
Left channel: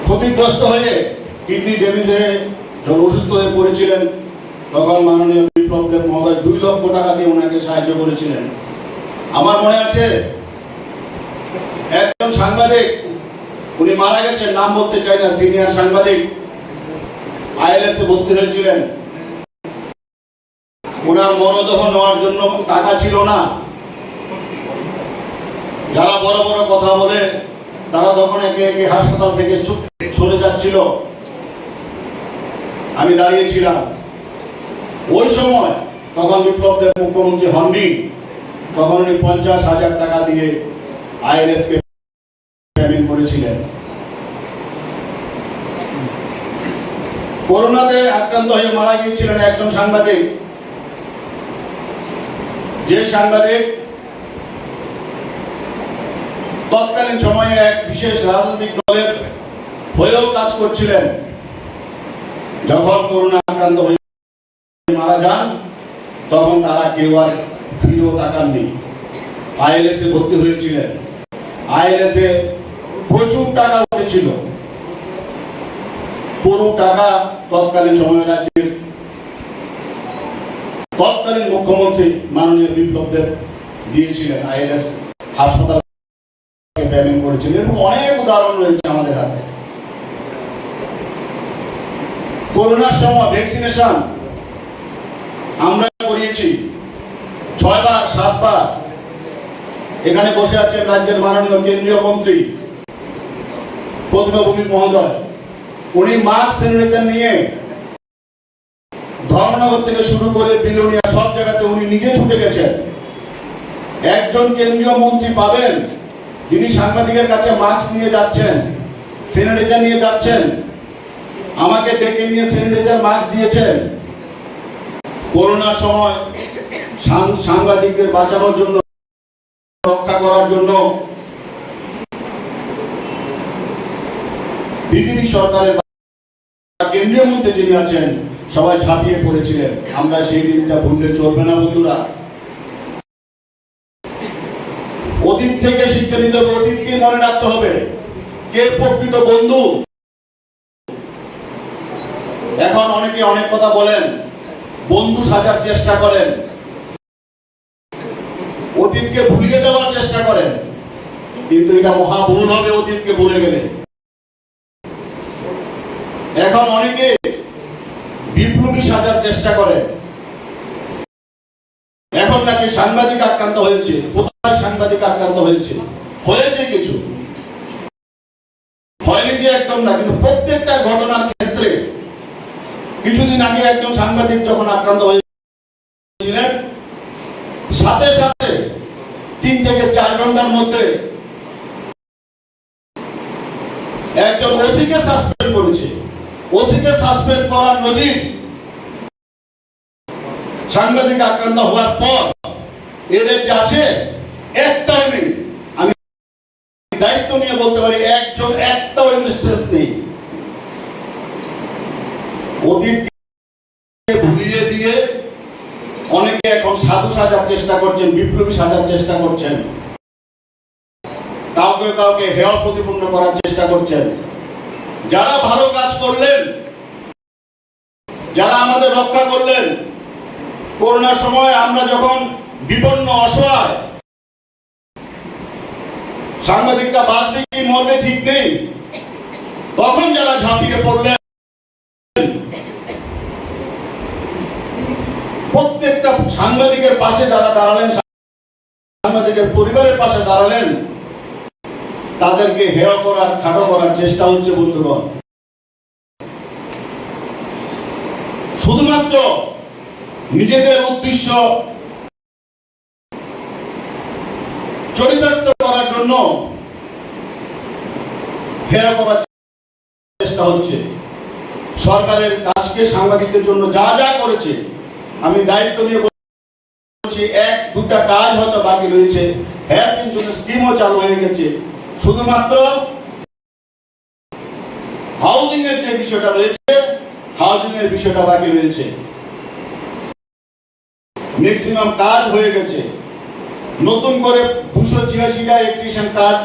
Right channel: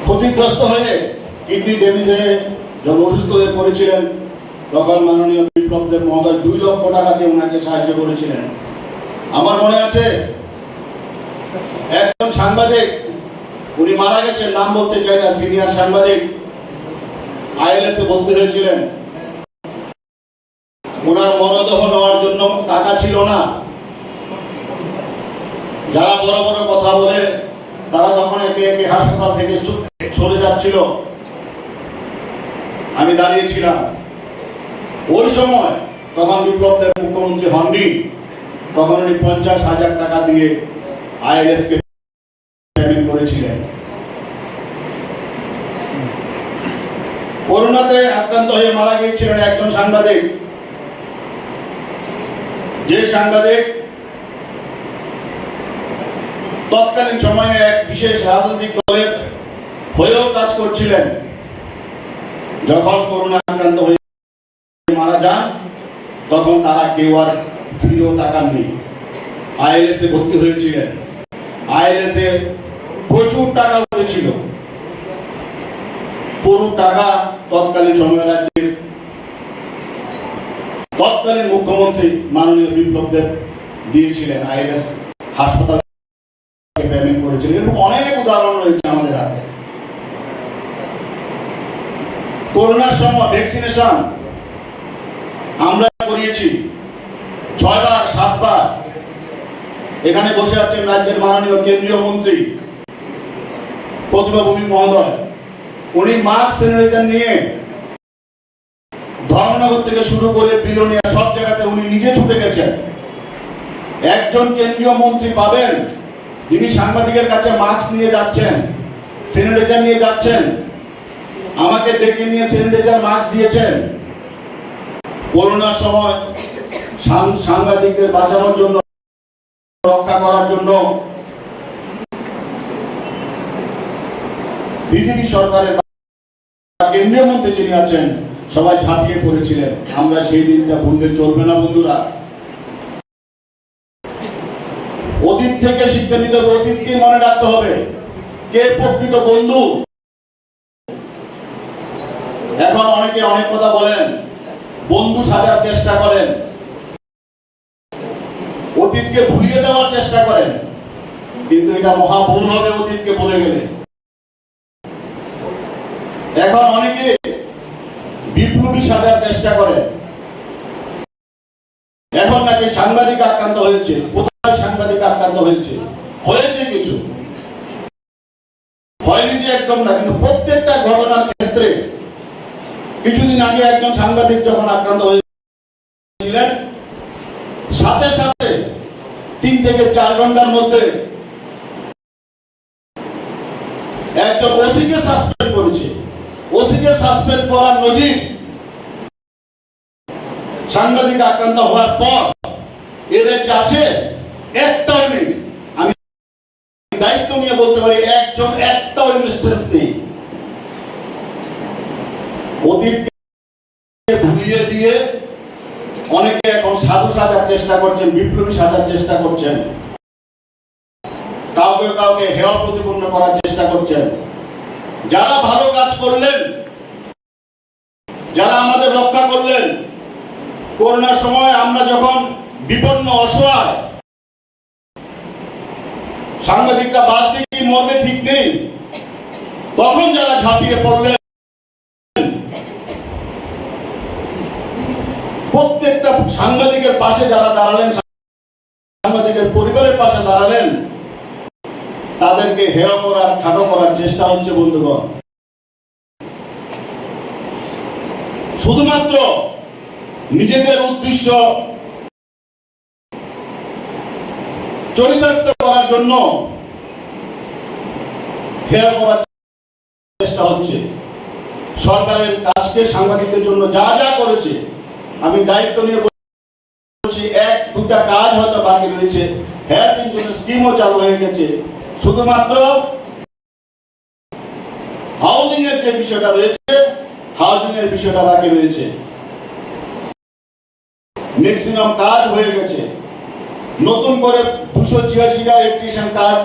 ক্ষতিগ্রস্ত হয়ে কিডনি ড্যামেজ হয়ে যখন অসুস্থ হয়ে পড়েছিলেন, তখন মাননীয় বিপ্লব দেব মহোদয় 2 লক্ষ টাকা দিয়ে ওনাকে সাহায্য করেছিলেন। আমার মনে আছে একজন সাংবাদিক, উনি মারা গেছেন, নাম বলতে চাই না, সিনিয়র সাংবাদিক, আইএলএস এ ভর্তি হয়েছিলেন। ওনার মরদেহ নেওয়ার জন্য টাকা ছিল না। যারা বড় বড় কথা বলে তারা তখন একে একে হাসপাতাল থেকে সরে যাচ্ছিল, আমি দাঁড়িয়েছিলাম ওই সময়। তখন বিপ্লব দেব মুখ্যমন্ত্রী হননি, তখন উনি 50,000 টাকা দিয়ে আইএলএস কে পেমেন্ট করেছিলেন। করোনাতে আক্রান্ত হয়ে মারা গিয়েছিলেন একজন সাংবাদিক, যে সাংবাদিক তৎকালীন সময়ে এক বিশেষ রাজনৈতিক দলের হয়েও কাজ করছিলেন। যখন করোনা আক্রান্ত হয়ে মারা যান তখন তারা কেউ আর ফিরেও তাকাননি। আইএলএস এ ভর্তি হয়েছিলেন। আইএলএস এ প্রচুর টাকা উঠেছিল, পুরো টাকা তৎকালীন সময়ে রাজ্যের তৎকালীন মুখ্যমন্ত্রী মাননীয় বিপ্লব দেব দিয়েছিলেন। আইএলএস হাসপাতাল পেমেন্ট করেছিলেন। এরকম অনেক উদাহরণ রয়েছে আমাদের হাতে। করোনার সময় ভ্যাকসিনেশন আমরা করিয়েছি 6 বার 7 বার। এখানে বসে আছেন রাজ্যের মাননীয় কেন্দ্রীয় মন্ত্রী প্রতিমা ভৌমিক মহোদয়, উনি মাস্ক স্যানিটাইজার নিয়ে ধর্মনগর থেকে শুরু করে বিলোনিয়া সব জায়গাতে উনি নিজে ছুটে গেছেন। একজন কেন্দ্রীয় মন্ত্রী পাবেন যিনি সাংবাদিকের কাছে মাস্ক নিয়ে যাচ্ছেন, স্যানিটাইজার নিয়ে যাচ্ছেন। আমাকে ডেকে নিয়ে স্যানিটাইজার মাস্ক দিয়েছেন। করোনার সময় সাংবাদিকদের বাঁচানোর জন্য, রক্ষা করার জন্য বিজেপি সরকারের কেন্দ্রীয় মন্ত্রী যিনি আছেন সবাই ঝাঁপিয়ে পড়েছিলেন। আমরা সেই দিনটা ভুললে চলবে না বন্ধুরা। অতীত থেকে শিক্ষা নিতে হবে, অতীতকে মনে রাখতে হবে কে প্রকৃত বন্ধু। এখন অনেকে অনেক কথা বলেন, বন্ধু সাজার চেষ্টা করেন, অতীতকে ভুলিয়ে দেওয়ার চেষ্টা করেন, কিন্তু এটা মহা ভুল হবে অতীতকে ভুলে গেলে। এখন অনেকে বিপ্লবী সাজার চেষ্টা করে। এখন নাকি সাংবাদিক আক্রান্ত হয়েছে, কোথায় সাংবাদিক আক্রান্ত হয়েছে? হয়েছে কিছু, হয়নি যে একদম না, কিন্তু প্রত্যেকটা ঘটনার ক্ষেত্রে কিছুদিন আগে একজন সাংবাদিক যখন আক্রান্ত হয়েছিলেন, সাথে সাথে 3 থেকে 4 ঘন্টার মধ্যে একজন ওসিকে সাসপেন্ড করেছে। ওসিকে সাসপেন্ড করার নজির সাংবাদিক আক্রান্ত হওয়ার পর এদের যে আছে একটাও নেই। আমি দায়িত্ব নিয়ে বলতে পারি একটাও ইনস্টেন্স নেই। অতীতকে ভুলিয়ে দিয়ে অনেকে এখন সাধু সাজার চেষ্টা করছেন, বিপ্লবী সাজার চেষ্টা করছেন, কাউকে কাউকে হেয় প্রতিপন্ন করার চেষ্টা করছেন। যারা ভালো কাজ করলেন, যারা আমাদের রক্ষা করলেন, করোনার সময় আমরা যখন বিপন্ন অসহায়, সাংবাদিকরা বাদ দিয়ে মরবে ঠিক নেই। তখন যারা ঝাঁপিয়ে পড়লেন, প্রত্যেকটা সাংবাদিকের পাশে যারা দাঁড়ালেন, সাংবাদিকের পরিবারের পাশে দাঁড়ালেন, তাদেরকে হেয় করার, খাটো করার চেষ্টা হচ্ছে বন্ধুগণ। শুধুমাত্র নিজেদের উদ্দেশ্য চরিতার্থ করার জন্য হেয় করার চেষ্টা হচ্ছে। সরকারের কাজকে সাংবাদিকদের জন্য যা যা করেছে, আমি দায়িত্ব নিয়ে বলছি, 1-2টা কাজ হয়তো বাকি রয়েছে, হেলথ ইন্স্যুরেন্স স্কিমও চালু হয়ে গেছে। শুধুমাত্র হাউজিং এর যে বিষয়টা রয়েছে, হাউজিং এর বিষয়টা বাকি রয়েছে। ম্যাক্সিমাম কাজ হয়ে গেছে। নতুন করে 286টা ইলেকট্রিশিয়ান কার্ড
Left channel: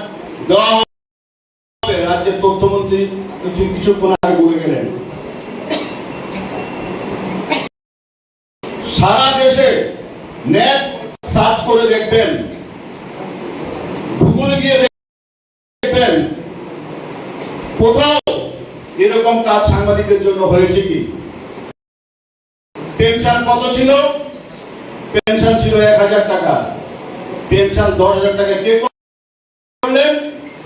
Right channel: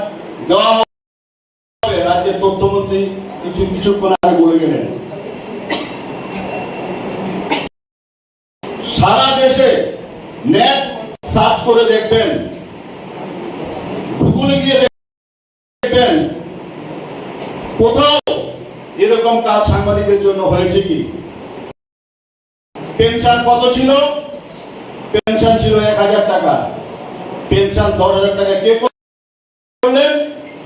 দেওয়া হবে, রাজ্যের তথ্যমন্ত্রী কিছুক্ষণ আগে বলে গেলেন। সারা দেশে নেট সার্চ করে দেখবেন, গুগলে গিয়ে দেখবেন, কোথাও এরকম কাজ সাংবাদিকদের জন্য হয়েছে কি? পেনশন কত ছিল? পেনশন ছিল 1000 টাকা। পেনশন 10,000 টাকা কে করলেন?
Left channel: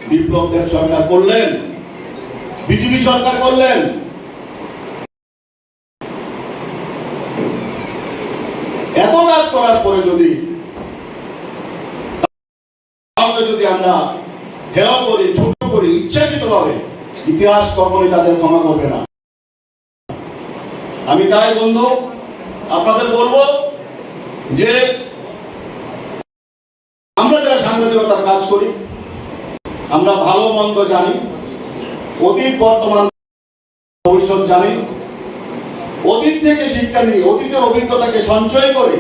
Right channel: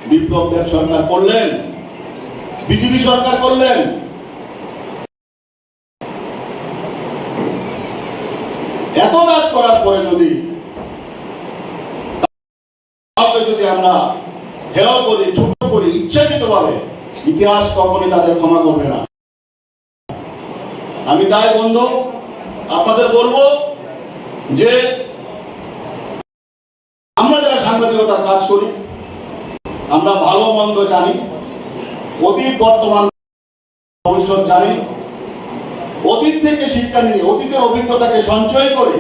বিপ্লব দেব সরকার করলেন, বিজেপি সরকার করলেন। এত কাজ করার পরে যদি আমরা হেয় করি, ছোট করি ইচ্ছাকৃত ভাবে, ইতিহাস কখনই তাদের ক্ষমা করবে না। আমি তাই বন্ধু আপনাদের বলবো যে আমরা যারা সাংবাদিকতার কাজ করি, আমরা ভালো মন্দ জানি, অতীত বর্তমান ভবিষ্যৎ জানি। অতীত থেকে শিক্ষা নিয়ে, অতীতের অভিজ্ঞতাকে সঞ্চয় করে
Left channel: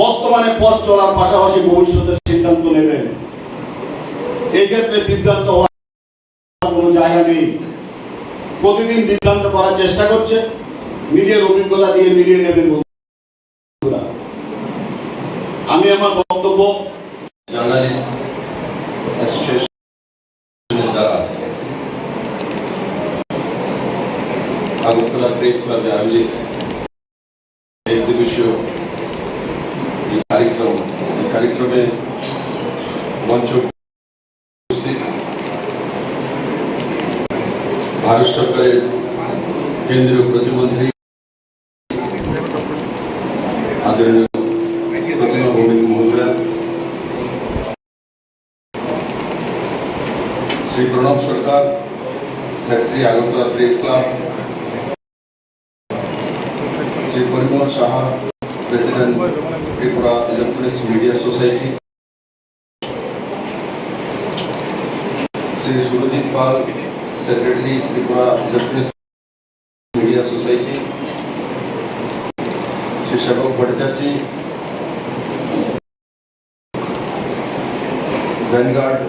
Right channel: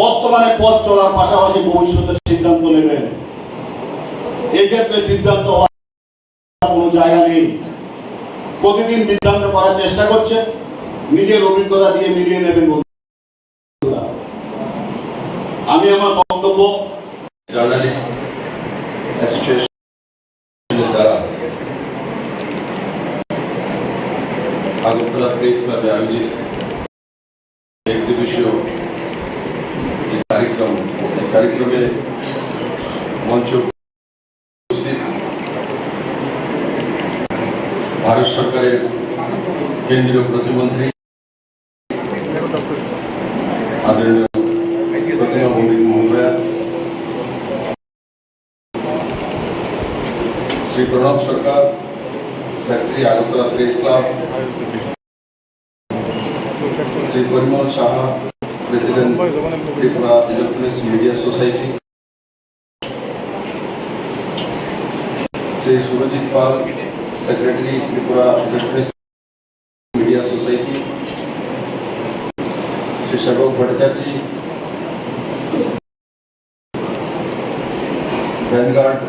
বর্তমানে পথ চলার পাশাপাশি ভবিষ্যতের সিদ্ধান্ত নেবেন। এই ক্ষেত্রে বিভ্রান্ত হওয়ার কোনো জায়গা নেই। প্রতিদিন বিভ্রান্ত করার চেষ্টা করছে, নিজের অভিজ্ঞতা দিয়ে মিলিয়ে নেবেন। আমি আমার বক্তব্য জার্নালিস্ট অ্যাসোসিয়েশনের দ্বারা আগরতলা প্রেস ক্লাবে আয়োজিত একদিবসীয় কার্যক্রমে মঞ্চ উপস্থিত ভারত সরকারের কেন্দ্রীয় প্রতিমন্ত্রী আদরণীয় মহোদয়া, Shri Pranab Sarkar, secretary Agartala press club, Shri Parimal Saha, president Tripura electronics media society, Shri Surajit Pal, secretary Tripura electronics media society, Shri Sebak Bhattacharya, vanguard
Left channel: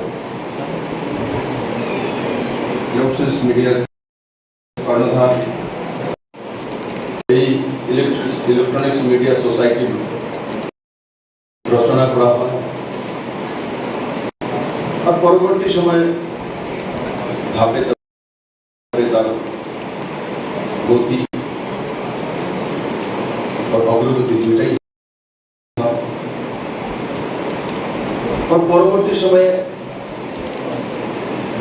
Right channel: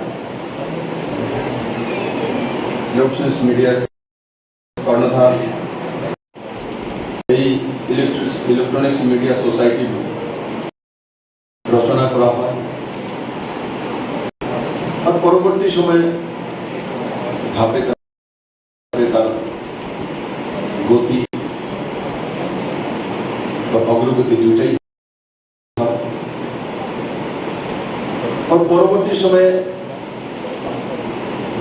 electronics মিডিয়ার কর্ণধার, এই ইলেকট্রনিক্স মিডিয়া সোসাইটি রচনা করা হয়। আর পরবর্তী সময়ে ধাপে ধাপে তার গতি অগ্রগতি দুটাই হয়। আর পরবর্তী সময়ে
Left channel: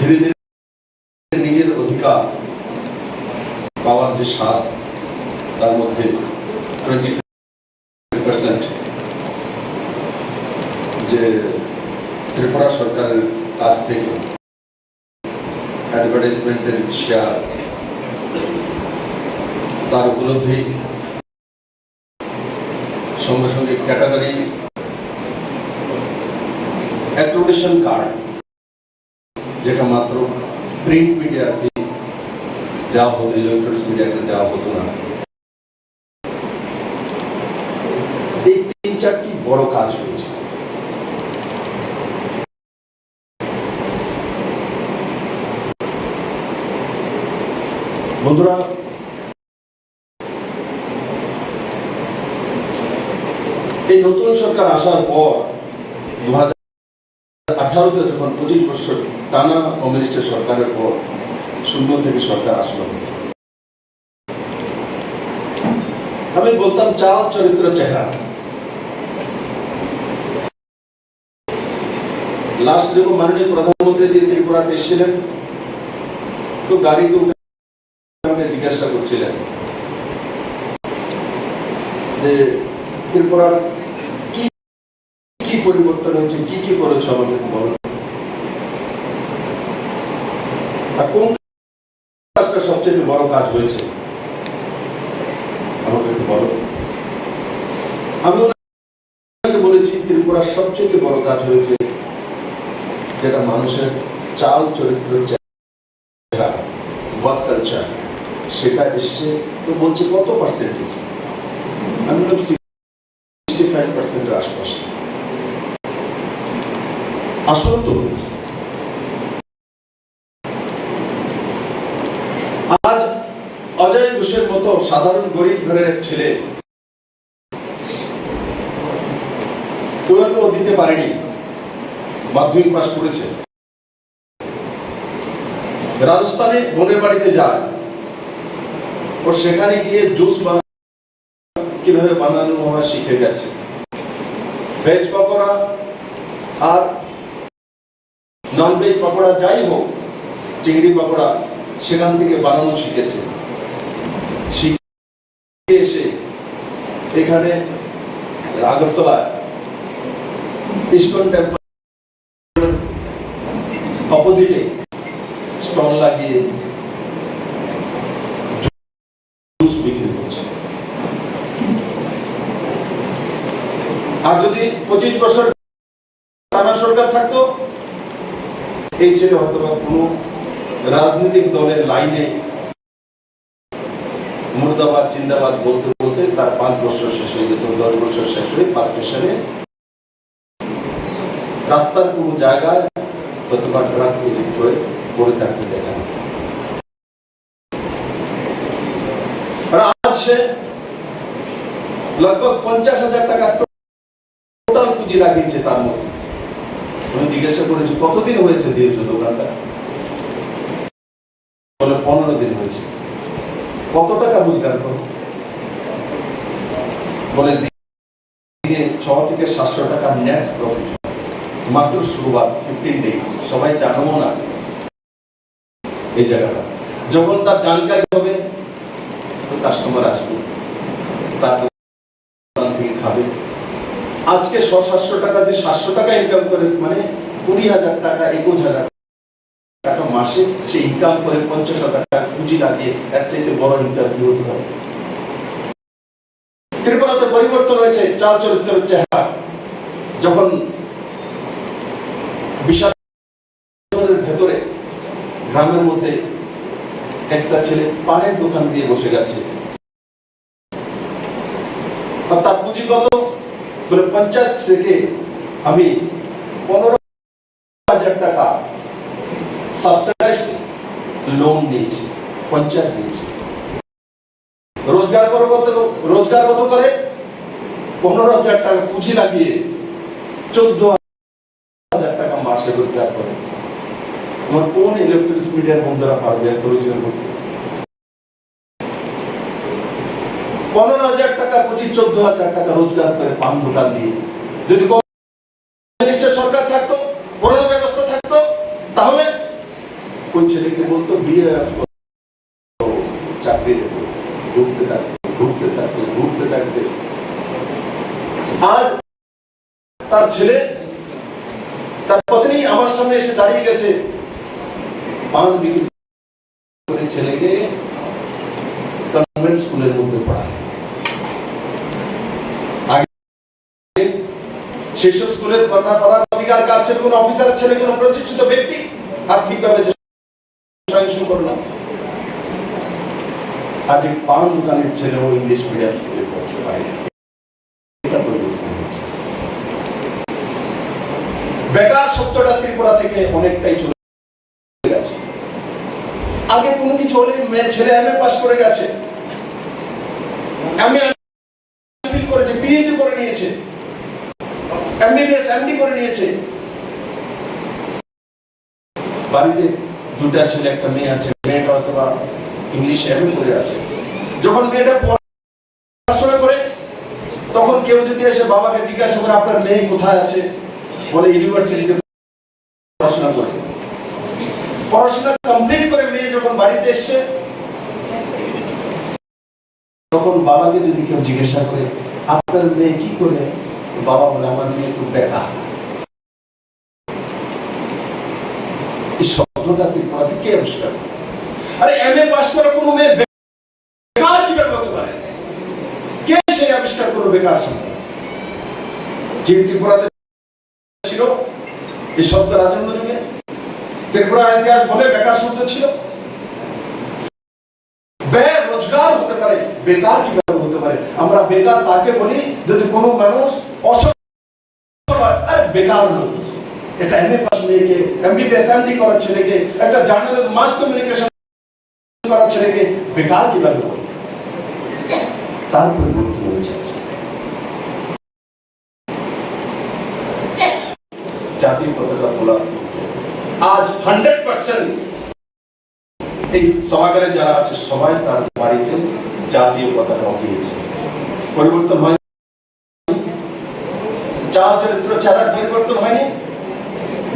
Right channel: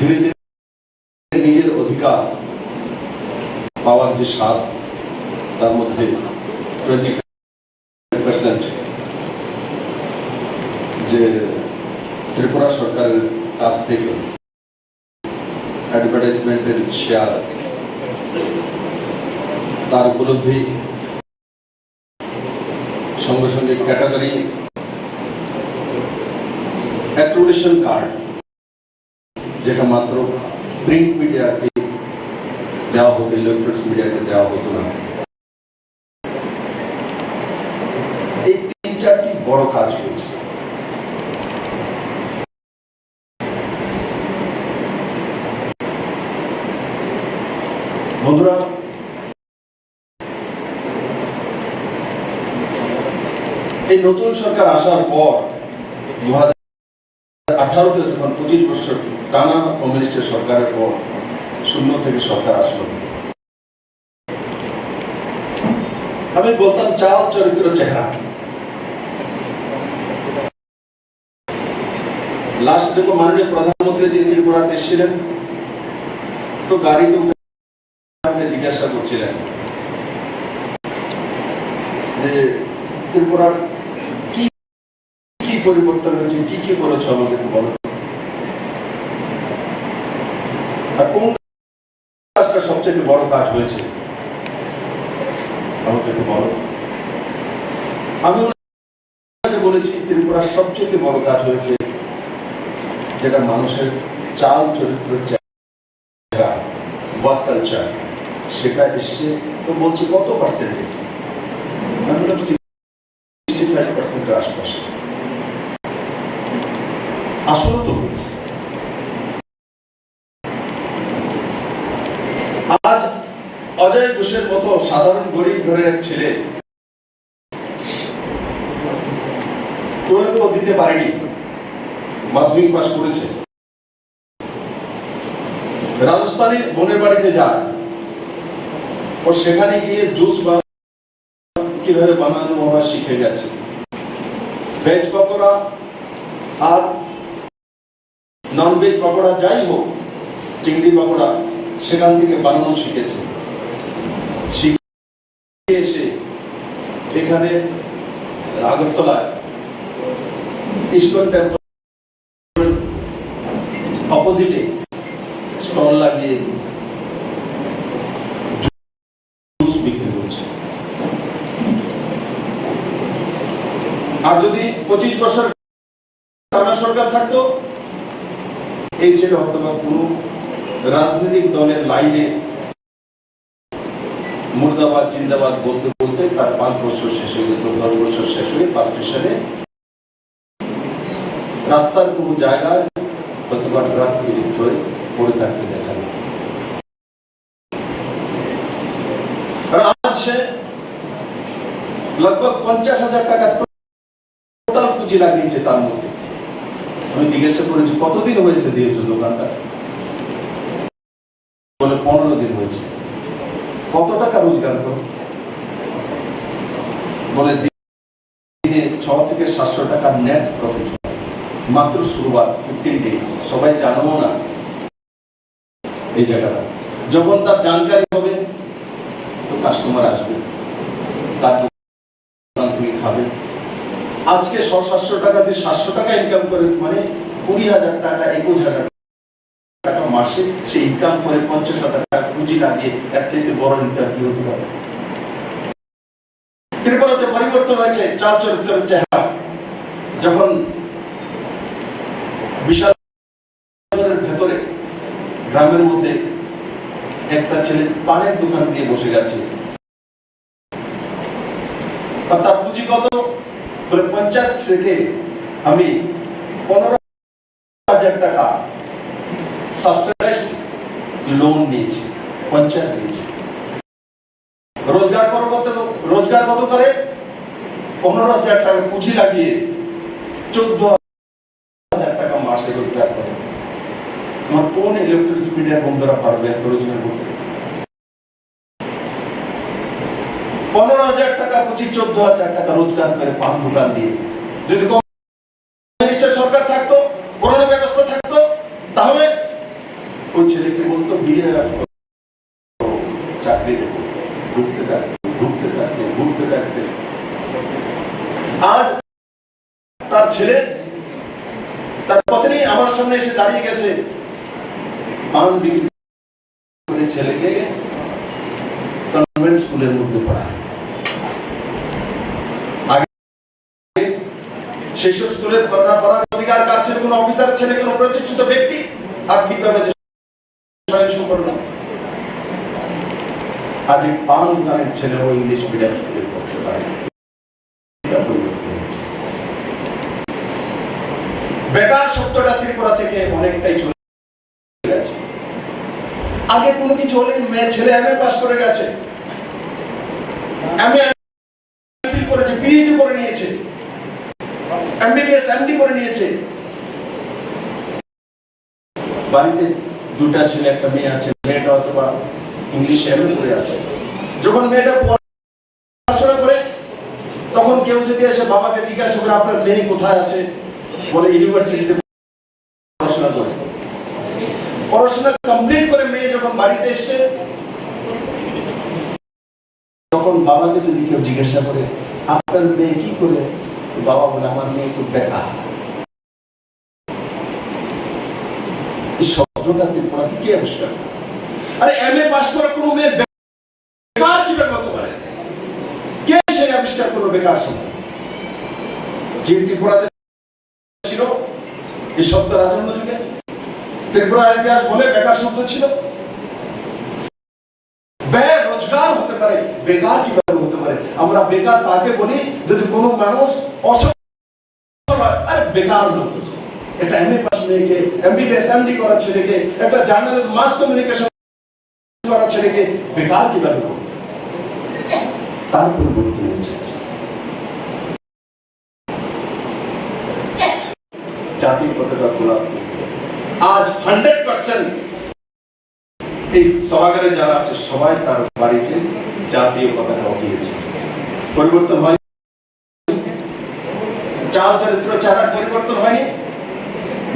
ধীরে ধীরে নিজের অধিকার পাওয়ার যে স্বাদ, তার মধ্যে 20% যে ত্রিপুরা সরকারের কাছ থেকে অ্যাডভার্টাইজমেন্টের শেয়ার, তার উপলব্ধি, সঙ্গে সঙ্গে ক্যাটাগরি অ্যাক্রিডিটেশন কার্ড, যেটা মাত্র প্রিন্ট মিডিয়াকে দেওয়া হতো, ইলেকট্রনিক্স মিডিয়াকে দেওয়া হতো না। এই 3-4টি বড় কাজ হয়েছে। বন্ধুরা, এই নতুন সরকার আসার পর 2000 2018-তে যখন 25 বছর টানা কমিউনিস্টের সরকারের পর শূন্য থেকে সরকার আসলো, আমি বলতাম চাল চরিত্র চেহারা। লাস্ট যখন মাননীয় প্রধানমন্ত্রী জি ত্রিপুরাতে এসেছিলেন, তো গাড়িতে উঠে জিজ্ঞাসা করছিলেন যে ত্রিপুরার কি কি পরিবর্তন হয়েছে, কি কি করেছ আমাদের বলো, আর কোন কাজটা সবচেয়ে বড় কাজ হয়েছে আমাকে বলো। আমি বলেছি ত্রিপুরার সবচেয়ে বড় কাজ হয়েছে যেটা মানুষের চাল চরিত্র চেহারা ওয়ার্ক কালচার সেটা এসছে। তো বলছি কত পার্সেন্টেজ? আমি বললাম 65% আশপাশে। আসলে তো হচ্ছে। আজ অজয় ঘোষের মতো সাধারণ গরিব ঘরের এক ছেলে 12 দিতে পারেনি, মাধ্যমিক পাস করেছে, রাজস্থানে বোনের বাড়িতে যায়, ও সেখানে গিয়ে জুস কিভাবে বানানো বাবা শিখে গেছে। ভেজ পকোড়া আর নন ভেজ পকোড়া যাই হোক, চিংড়ি পকোড়া সেখান থেকে বানানো শিখেছে। শিখে এসে এখানে আগরতলায় ইস্কন টেম্পল অপোজিটে স্টল লাগিয়ে জুস বিক্রি করছে। আর যদি 25 বছর টানা সরকার থাকতো, এই ছেলে হয়তো বা কোন রাজনৈতিক দলের লাইনে মুর্দাবাদ জিন্দাবাদ বলতে বলতে তার 5 বছর শেষ হয়ে যেত, 10 বছর শেষ হয়ে 5 স্টেশনে রাস্তার কোন জায়গায় কতবার ট্রাক হয়ে পড়ে থাকতে দেখা যায়। আজ সে लगभग 50,000 টাকা টোটাল পুঁজি লাগিয়েছে তার মধ্যে। আমি জিজ্ঞাসা করেছি কতদিন হয়েছে দিয়েছো দোকানটা? বলে 15 দিন হয়েছে। কত টাকা রোজগার করো? বলে দিনে 6 থেকে 700 টাকা নেট প্রফিট। মাত্র শুরুয়াত, 15 ডেজ। সবাই জানো না এই জায়গাটা। যখন তার জানকারি হবে তো কাস্টমার আসবে, তার দোকান থেকে খাবে। আজকে 600-700 টাকা দিয়ে 700 টাকা ইনকাম করে, মানে 20,000 টাকা 21,000 টাকা মাসে সে ইনকাম করে। 50,000 টাকা পুঁজি লাগিয়ে এর চাইতে বড় ইনকাম কি হতে পারে? ত্রিপুরাতে পরিবর্তন হয়েছে চাল চরিত্রের চেহারা। যখন বিশাল ভেতরে গ্রামের মধ্যে একটা ছেলে পানের দোকান দিয়ে বসে গেছে, তার পুঁজি কত? বলে পঞ্চায়েত থেকে আমি 15,000 টাকা সাবসিডাইজ লোন নিয়েছি, পঞ্চায়েত দিয়েছে। রোজগার কত করে? 15,000 টাকা পুঁজি লাগিয়ে 14,000 টাকা মাসে রোজগার করে। আমার কোন ইলেকট্রিক মিডিয়ার বন্ধুরা পারবে এত রোজগার করতে? 15,000 টাকা পুঁজি 14,000 টাকা রোজগার করে পান দোকান দিয়ে। যদি কমিউনিস্টের সরকার থাকতো, করোনা ব্যবস্থা থাকতো, তাহলে ওই ছেলেকে বলতো বিয়ে চাকরি দেবো, ঘুরতে থাকতে। আজ তার ছেলে, তার পত্নী আমার সামনে এসে দাঁড়িয়ে গেছে, ছেলেকে কনভেন্ট স্কুলের মধ্যে পড়ায়। সেসব স্কুলের কথা পড়ার অধিকার কার? সে কোন অফিসার ছেলে, কোন প্রতিষ্ঠিত ব্যক্তি আর্থিকভাবে করলাম। আজ এই পান দোকানের ছেলেও ইংলিশ মিডিয়াম স্কুলে পড়তে পারে। বেকার শব্দটা ত্রিপুরা থেকে অনেকটাই চলে গেছে। আগে কোনো কিছু হলে মেয়ে ছেলে এমএ পাস করে গেছে, এমএ করেছে, পিএইচডি করে নিয়েছে, এমবিবিএস এমডি করে নিয়েছে, বাড়িতে দুটা ছেলে একটা মেয়ে আছে, মেয়েটা অথবা ইংলিশে এমন করে আছে। যখন মেয়েটা পড়াশোনা করে তখন কেউ যদি এসে বাবাকে জিজ্ঞাসা করে আপনার মেয়ে কোথায় আছে, বলে ইউনিভার্সিটিতে পড়াশোনা করে। পড়াশোনা কমপ্লিট করে মেয়ে যখন বাড়িতে এসছে, তখন বাবাকে যদি কেউ জিজ্ঞাসা করে আপনার মেয়ে কি করে, বাবা বলে আমার মেয়ে তো বেকার। এই শব্দটা ত্রিপুরাতে কে আবিষ্কার করে? আরে এমএ পাস করা কোনো মেয়ে বেকার কিভাবে হতে পারে? কে সে আবিষ্কার করলো বেকার শব্দ? কে ত্রিপুরাতে ছিল এই শব্দ রাজন্য যুগে? ত্রিপুরার ইতিহাস বলে বেকার শব্দ ছিল? বেরোজগার হতে পারে, বেকার কিভাবে হতে পারে? আমরা বেকার তাকে বলি যদি কোনো মানুষ অসফল হয়। আরে বেকার লোক, একটা এমএ পাস মেয়েকে, এমবিবিএস এমডি করা ছেলেকে, একটা জার্নালিস্ট মাস কমিউনিকেশন করা ছেলেকে বেকার কিভাবে বলে? তার পরিবর্তন হয়েছে। জাতির পতাকা তোলা আজ 100% এই সভাগারে যারা আছে সবাই তার বাড়িতে জাতীয় পতাকা উঠিয়েছে। পরিবর্তন হয়, চাল চরিত্র চেহারার পরিবর্তন হয়নি,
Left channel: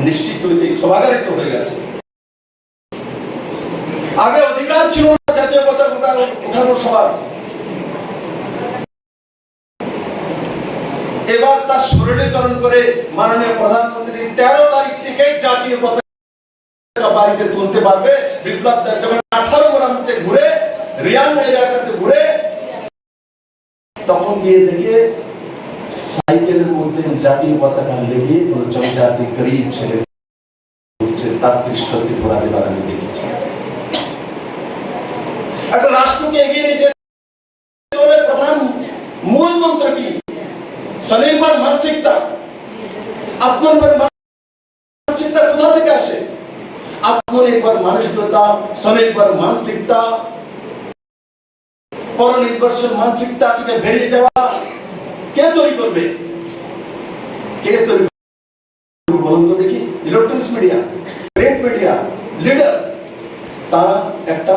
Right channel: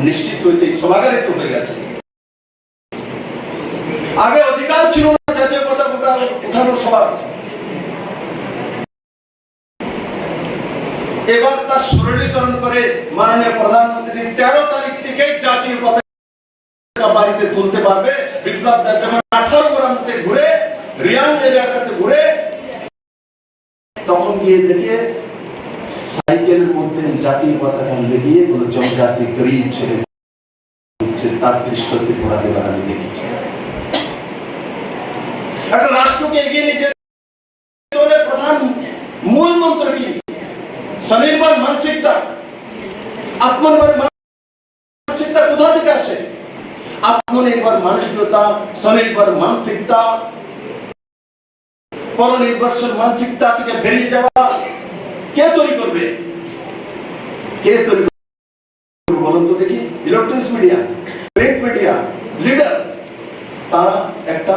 নিশ্চিত হয়েছে এই সভাগারে তো হয়ে গেছে। আগে অধিকার ছিল না জাতীয় পতাকা উঠানোর সবার, এবার তার সরলীকরণ করে মাননীয় প্রধানমন্ত্রী 13 তারিখ থেকে জাতীয় পতাকা বাড়িতে তুলতে পারবে। বিপ্লব দেব যখন 18 গ্রামতে ঘুরে, রিয়াং এলাকাতে ঘুরে, তখন গিয়ে দেখে সাইকেলের মধ্যে জাতীয় পতাকা লেগিয়ে কোন জনজাতি গরিব ছেলে তার দৃশ্য ত্রিপুরাতে বাড়ানো দেখেছে। একটা রাষ্ট্রকে এগিয়ে নিয়ে যেতে প্রধান মূল মন্ত্র কি? স্বনির্ভর মানসিকতা। আত্মনির্ভর মানসিকতা কোথা থেকে আসে? আত্মনির্ভর মানসিকতা, স্বনির্ভর মানসিকতা, পরনির্ভরশীল মানসিকতা থেকে বেরিয়ে যাওয়া কে তৈরি করবে? কে তৈরি করবে বলুন তো দেখি? Electronics media, print media, leader, তারা একটা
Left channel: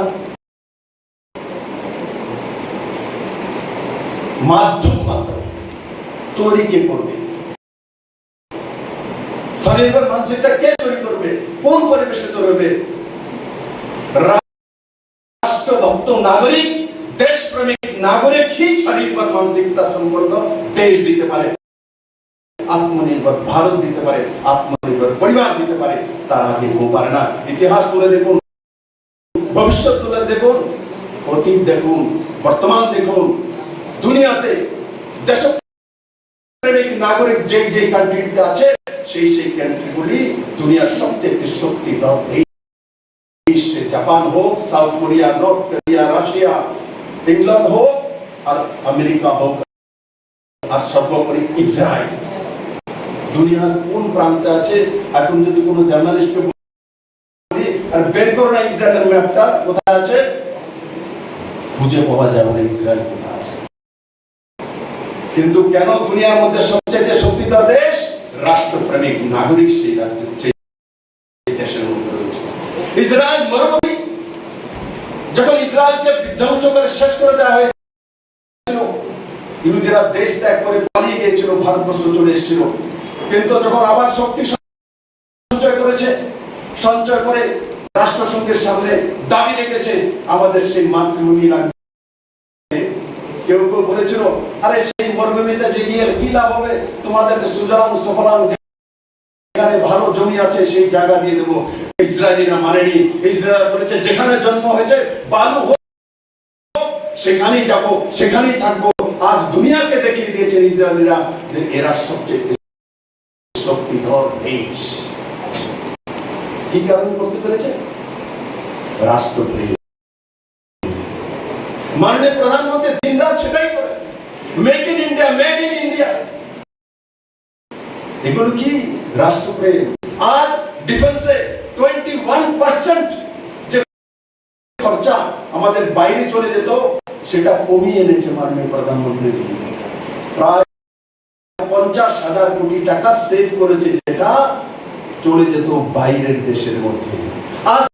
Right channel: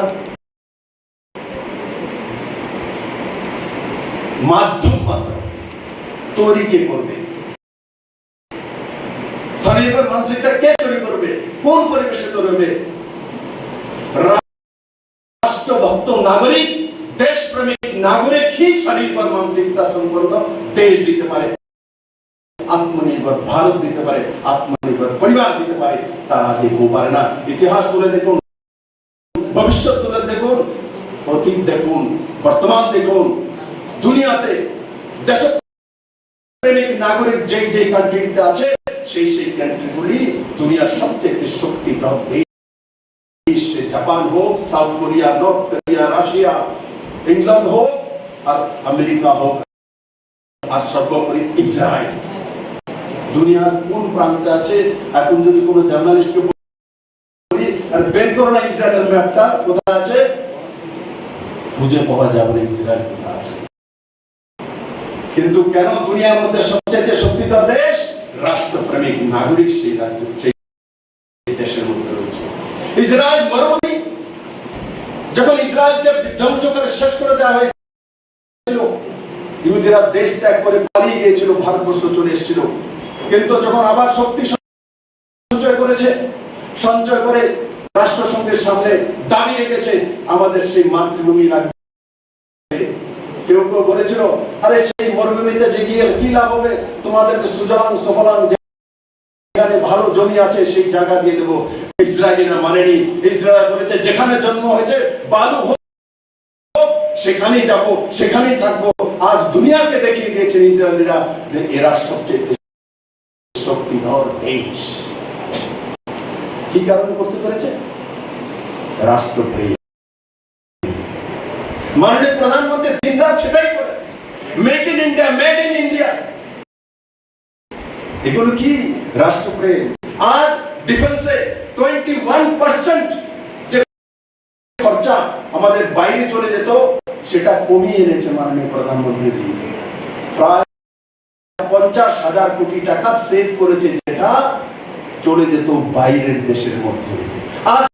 মাধ্যম মাত্র। তৈরি কে করবে? স্বনির্ভর মানসিকতা কে তৈরি করবে? কোন পরিবেশে তৈরি হবে? রাষ্ট্রভক্ত নাগরিক, দেশপ্রেমিক নাগরিক ही স্বনির্ভর মানসিকতা সম্পন্ন দেশ দিতে পারে, আত্মনির্ভর ভারত দিতে পারে, আত্মনির্ভর পরিবার দিতে পারে। তার আগে কেউ পারে না। ইতিহাস তুলে দেখুন, ভবিষ্যৎ তুলে দেখুন, অতীত দেখুন, বর্তমান দেখুন, দুনিয়াতে দেশপ্রেমিক নাগরিক যেই যেই কান্ট্রিতে আছে সেই সেই কান্ট্রিগুলি দুনিয়ার সবচেয়ে শক্তিধর দেশ। জাপান হোক, south Korea, north Korea, Russia, England হোক আর আমেরিকা হোক, আর সর্বোপরি ইসরায়েল। দুনিয়ার কোন প্রান্তে আছে? এখন যদি কোনো জার্নালিস্টকে বলি আর বের করো না ইসরায়েলের ম্যাপটা কোথায় আছে, খুঁজে পাওয়া যাবে না ইসরায়েল কোথায় আছে। কিন্তু কেন দুনিয়ার মধ্যে সবচেয়ে শক্তিধর দেশ? রাষ্ট্রপ্রেমিক নাগরিক সেই রাজ্য, সেই দেশের মধ্যে রয়েছে। ইসরায়েল মরুভূমি, যখন ইসরায়েলকে বিধ্বংস করে শেষ করে দেওয়া হয়েছিল, ইহুদিরা দেশ ত্যাগ করে পালিয়ে গিয়েছিল, ভারতবর্ষ চলে এসেছিল। কিন্তু যখন আবার শক্তি সঞ্চয় করেছে, সঞ্চয় করে রাষ্ট্রসংঘের সামনে দাবি রেখেছে আমাদের সেই মাতৃভূমি লাগবে। কেউ কেউ বলেছিল আরে সেই মরুভূমিতে যে গিয়ে কি লাভ হবে, তোমাদেরকে সুজলাং সুফলাং যেখানে ভালো জমি আছে সেই জায়গা দিয়ে দেবো। ইসরায়েলিরা মানেনি। ইসরায়েল বলেছে যেখানে জন্ম হয়েছে বালু হোক সেখানেই যাবো, সেখানেই থাকবো। আজ দুনিয়াকে দেখিয়ে দিয়েছেন ইসরায়েলিরা যে এরা সবচেয়ে শক্তিধর দেশ। কি কারণে করতে পেরেছে? রাষ্ট্রপ্রেম। মাননীয় প্রধানমন্ত্রী দিনরাত সেটাই করে, make in India, made in India. এগুলো কি? রাষ্ট্রপ্রেম। আজ ডিফেন্সে 21% যে খরচা আমাদের বাইরে চলে যেত সেটা কমিয়ে এনেছে মাননীয় প্রধানমন্ত্রী। প্রায় 50,000 কোটি টাকা সেভ করেছে, যেটা চলে যেত বাইরের দেশের মধ্যে। আজ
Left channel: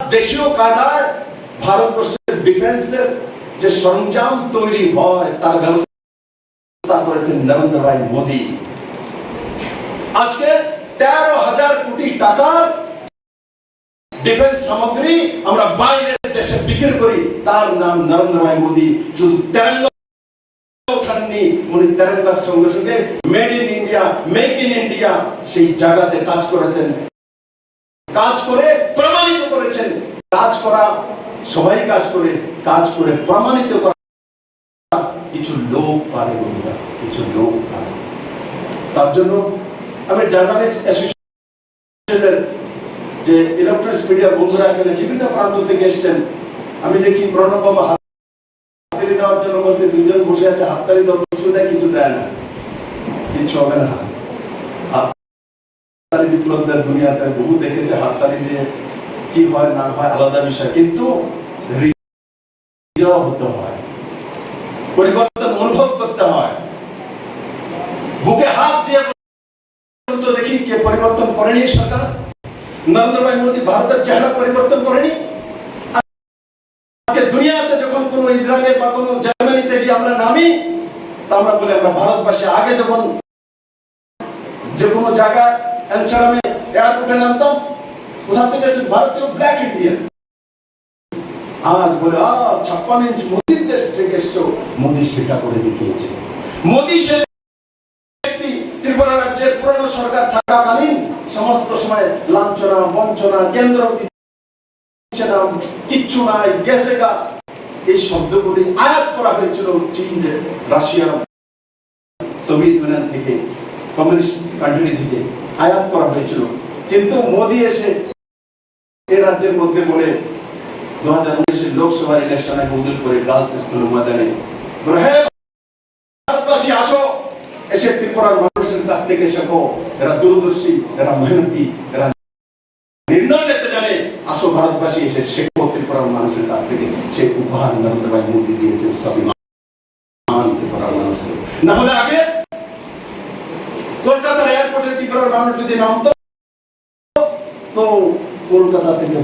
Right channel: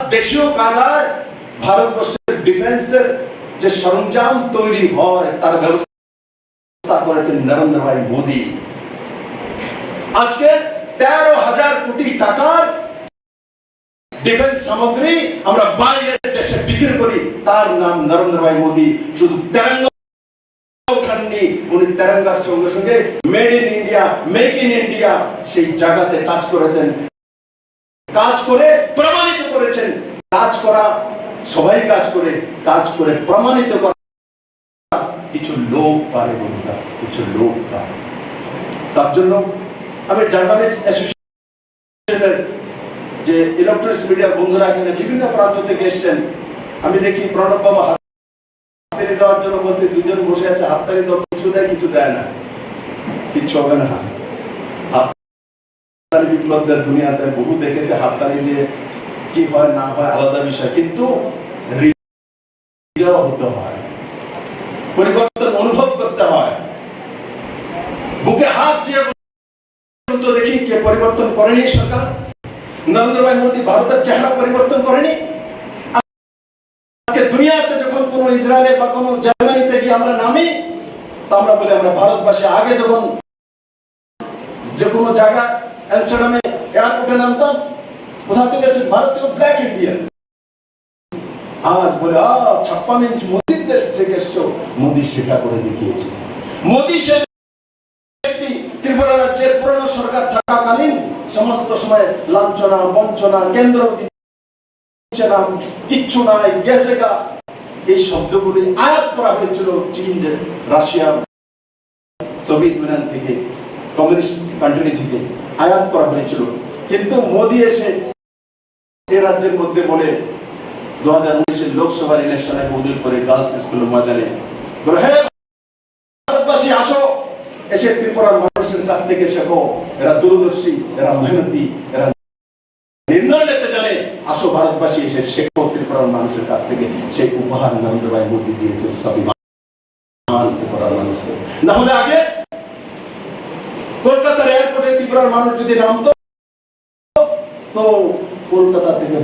দেশীয় কায়দায় ভারতবর্ষের ডিফেন্সের যে সরঞ্জাম তৈরি হয় তার ব্যবস্থা করেছেন নরেন্দ্র ভাই মোদী। আজকে 13,000 কোটি টাকার ডিফেন্স সামগ্রী আমরা বাইরের দেশে বিক্রি করি, তার নাম নরেন্দ্র ভাই মোদী। শুধু তেরঙ্গা ওঠাননি, উনি তেরঙ্গার সঙ্গে সঙ্গে made in India, make in India সেই জায়গাতে কাজ করেছেন, কাজ করে প্রমাণিত করেছেন। কাজ করা সবাই কাজ করে প্রমাণিত করা কিছু লোক পারে, বন্ধুরা, কিছু লোক পারে। তার জন্য আমি জার্নালিস্ট অ্যাসোসিয়েশনের যে ইলেকট্রনিক্স মিডিয়া বন্ধুরা এখানে বিভিন্ন প্রান্ত থেকে এসছেন, আমি দেখি প্রণব বাবা হাততালি দেওয়ার জন্য বলতে দুজন বসে আছে, হাততালি দেওয়া কিছু দেয় না, কিছু হবে না। হাততালি বিপ্লবদের দুনিয়াতে বহু দেখেছে, হাততালি দিয়ে কি হয় না হয় আলাদা বিষয়, কিন্তু হতে হয়, পরিবর্তন অনুভব করতে হয়। বুকে হাত দিয়ে দেখি কে পরিবর্তন করেনি সরকার? নরেন্দ্র ভাই মোদী ভারতের চেহারা পরিবর্তন করেনি। দুনিয়াতে যখন কোন ইসরায়েলে বা কোন জার্মানিতে গিয়ে আমরা নামি, তা আমরা বলি আমরা ভারতবাসী। আগে যখন যে কোনো জায়গায় অ্যামস্টারডামে এয়ারপোর্টে নামতাম, কোথা থেকে এসে ভারত থেকে ব্ল্যাক ইন্ডিয়ান। আজ বলে 56 ইঞ্চ মোদীর দেশ থেকে এসছো, মোদী সেটা করে দেখিয়েছে। মোদী সে ত্রিপুরা রাজ্যের পুরনো সরকার থাকাকালীন সমস্ত সময় লাঞ্ছনা বঞ্চনা, কেন্দ্র কিচ্ছু নাই, গেছে গা, এই শব্দগুলি আয়াত করা হয়েছিল চীন, যে রাশিয়া, সোভিয়েত ইউনিয়ন থেকে, কমিউনিস্ট কান্ট্রি থেকে আয়াত করা হয়েছিল। কিন্তু মোদী এসে এই রাজ্যের মধ্যে বলে 2019 লোকসভার ইলেকশনে উদ্যোগ করে গার্লস স্কুল ময়দানে বলে, হ্যাঁ ভারতবাসী আসো, এসে ত্রিপুরার মানুষের কাছ থেকে শেখো, এরা দূরদর্শী, এরা মেহনতি, এরা নির্ণয় নিতে জানে, আসো ভারতবাসী এসে শেখো ত্রিপুরার মানুষের কাছ থেকে। সেই উপহার নরেন্দ্র ভাই মোদী দিয়েছে স্বাভিমান ত্রিপুরার মানুষকে। না হলে আগে কলকাতার এয়ারপোর্টে ত্রিপুরার মানুষ যদি নামতো, তো কলকাতা থেকে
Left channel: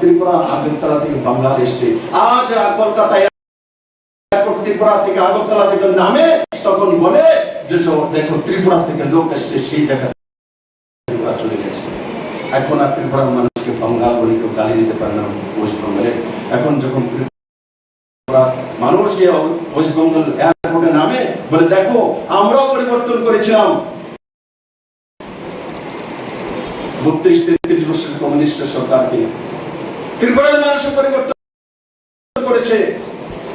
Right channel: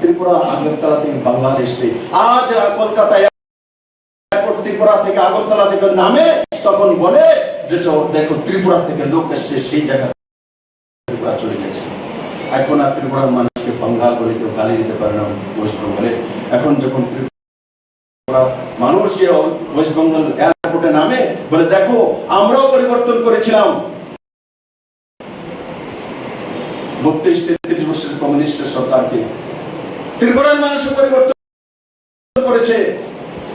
ত্রিপুরা, আগরতলা থেকে বাংলাদেশ থেকে, আজ কলকাতা এয়ারপোর্ট ত্রিপুরা থেকে আগরতলা থেকে নামে, তখন বলে যে দেখো ত্রিপুরা থেকে লোক এসছে, সেই জায়গায় চলে গেছে। এখন আর ত্রিপুরার মানুষকে বাঙ্গাল বলে কেউ গালি দিতে পারে না ওয়েস্টবেঙ্গলে। এখন যখন ত্রিপুরা মানুষ যে ওয়েস্টবেঙ্গল এয়ারপোর্টে নামে, বলে দেখো আমরাও পরিবর্তন করেছিলাম 32-33 বছরের কমিউনিস্ট সরকারকে। ত্রিপুরার মানুষও পরিবর্তন করেছে,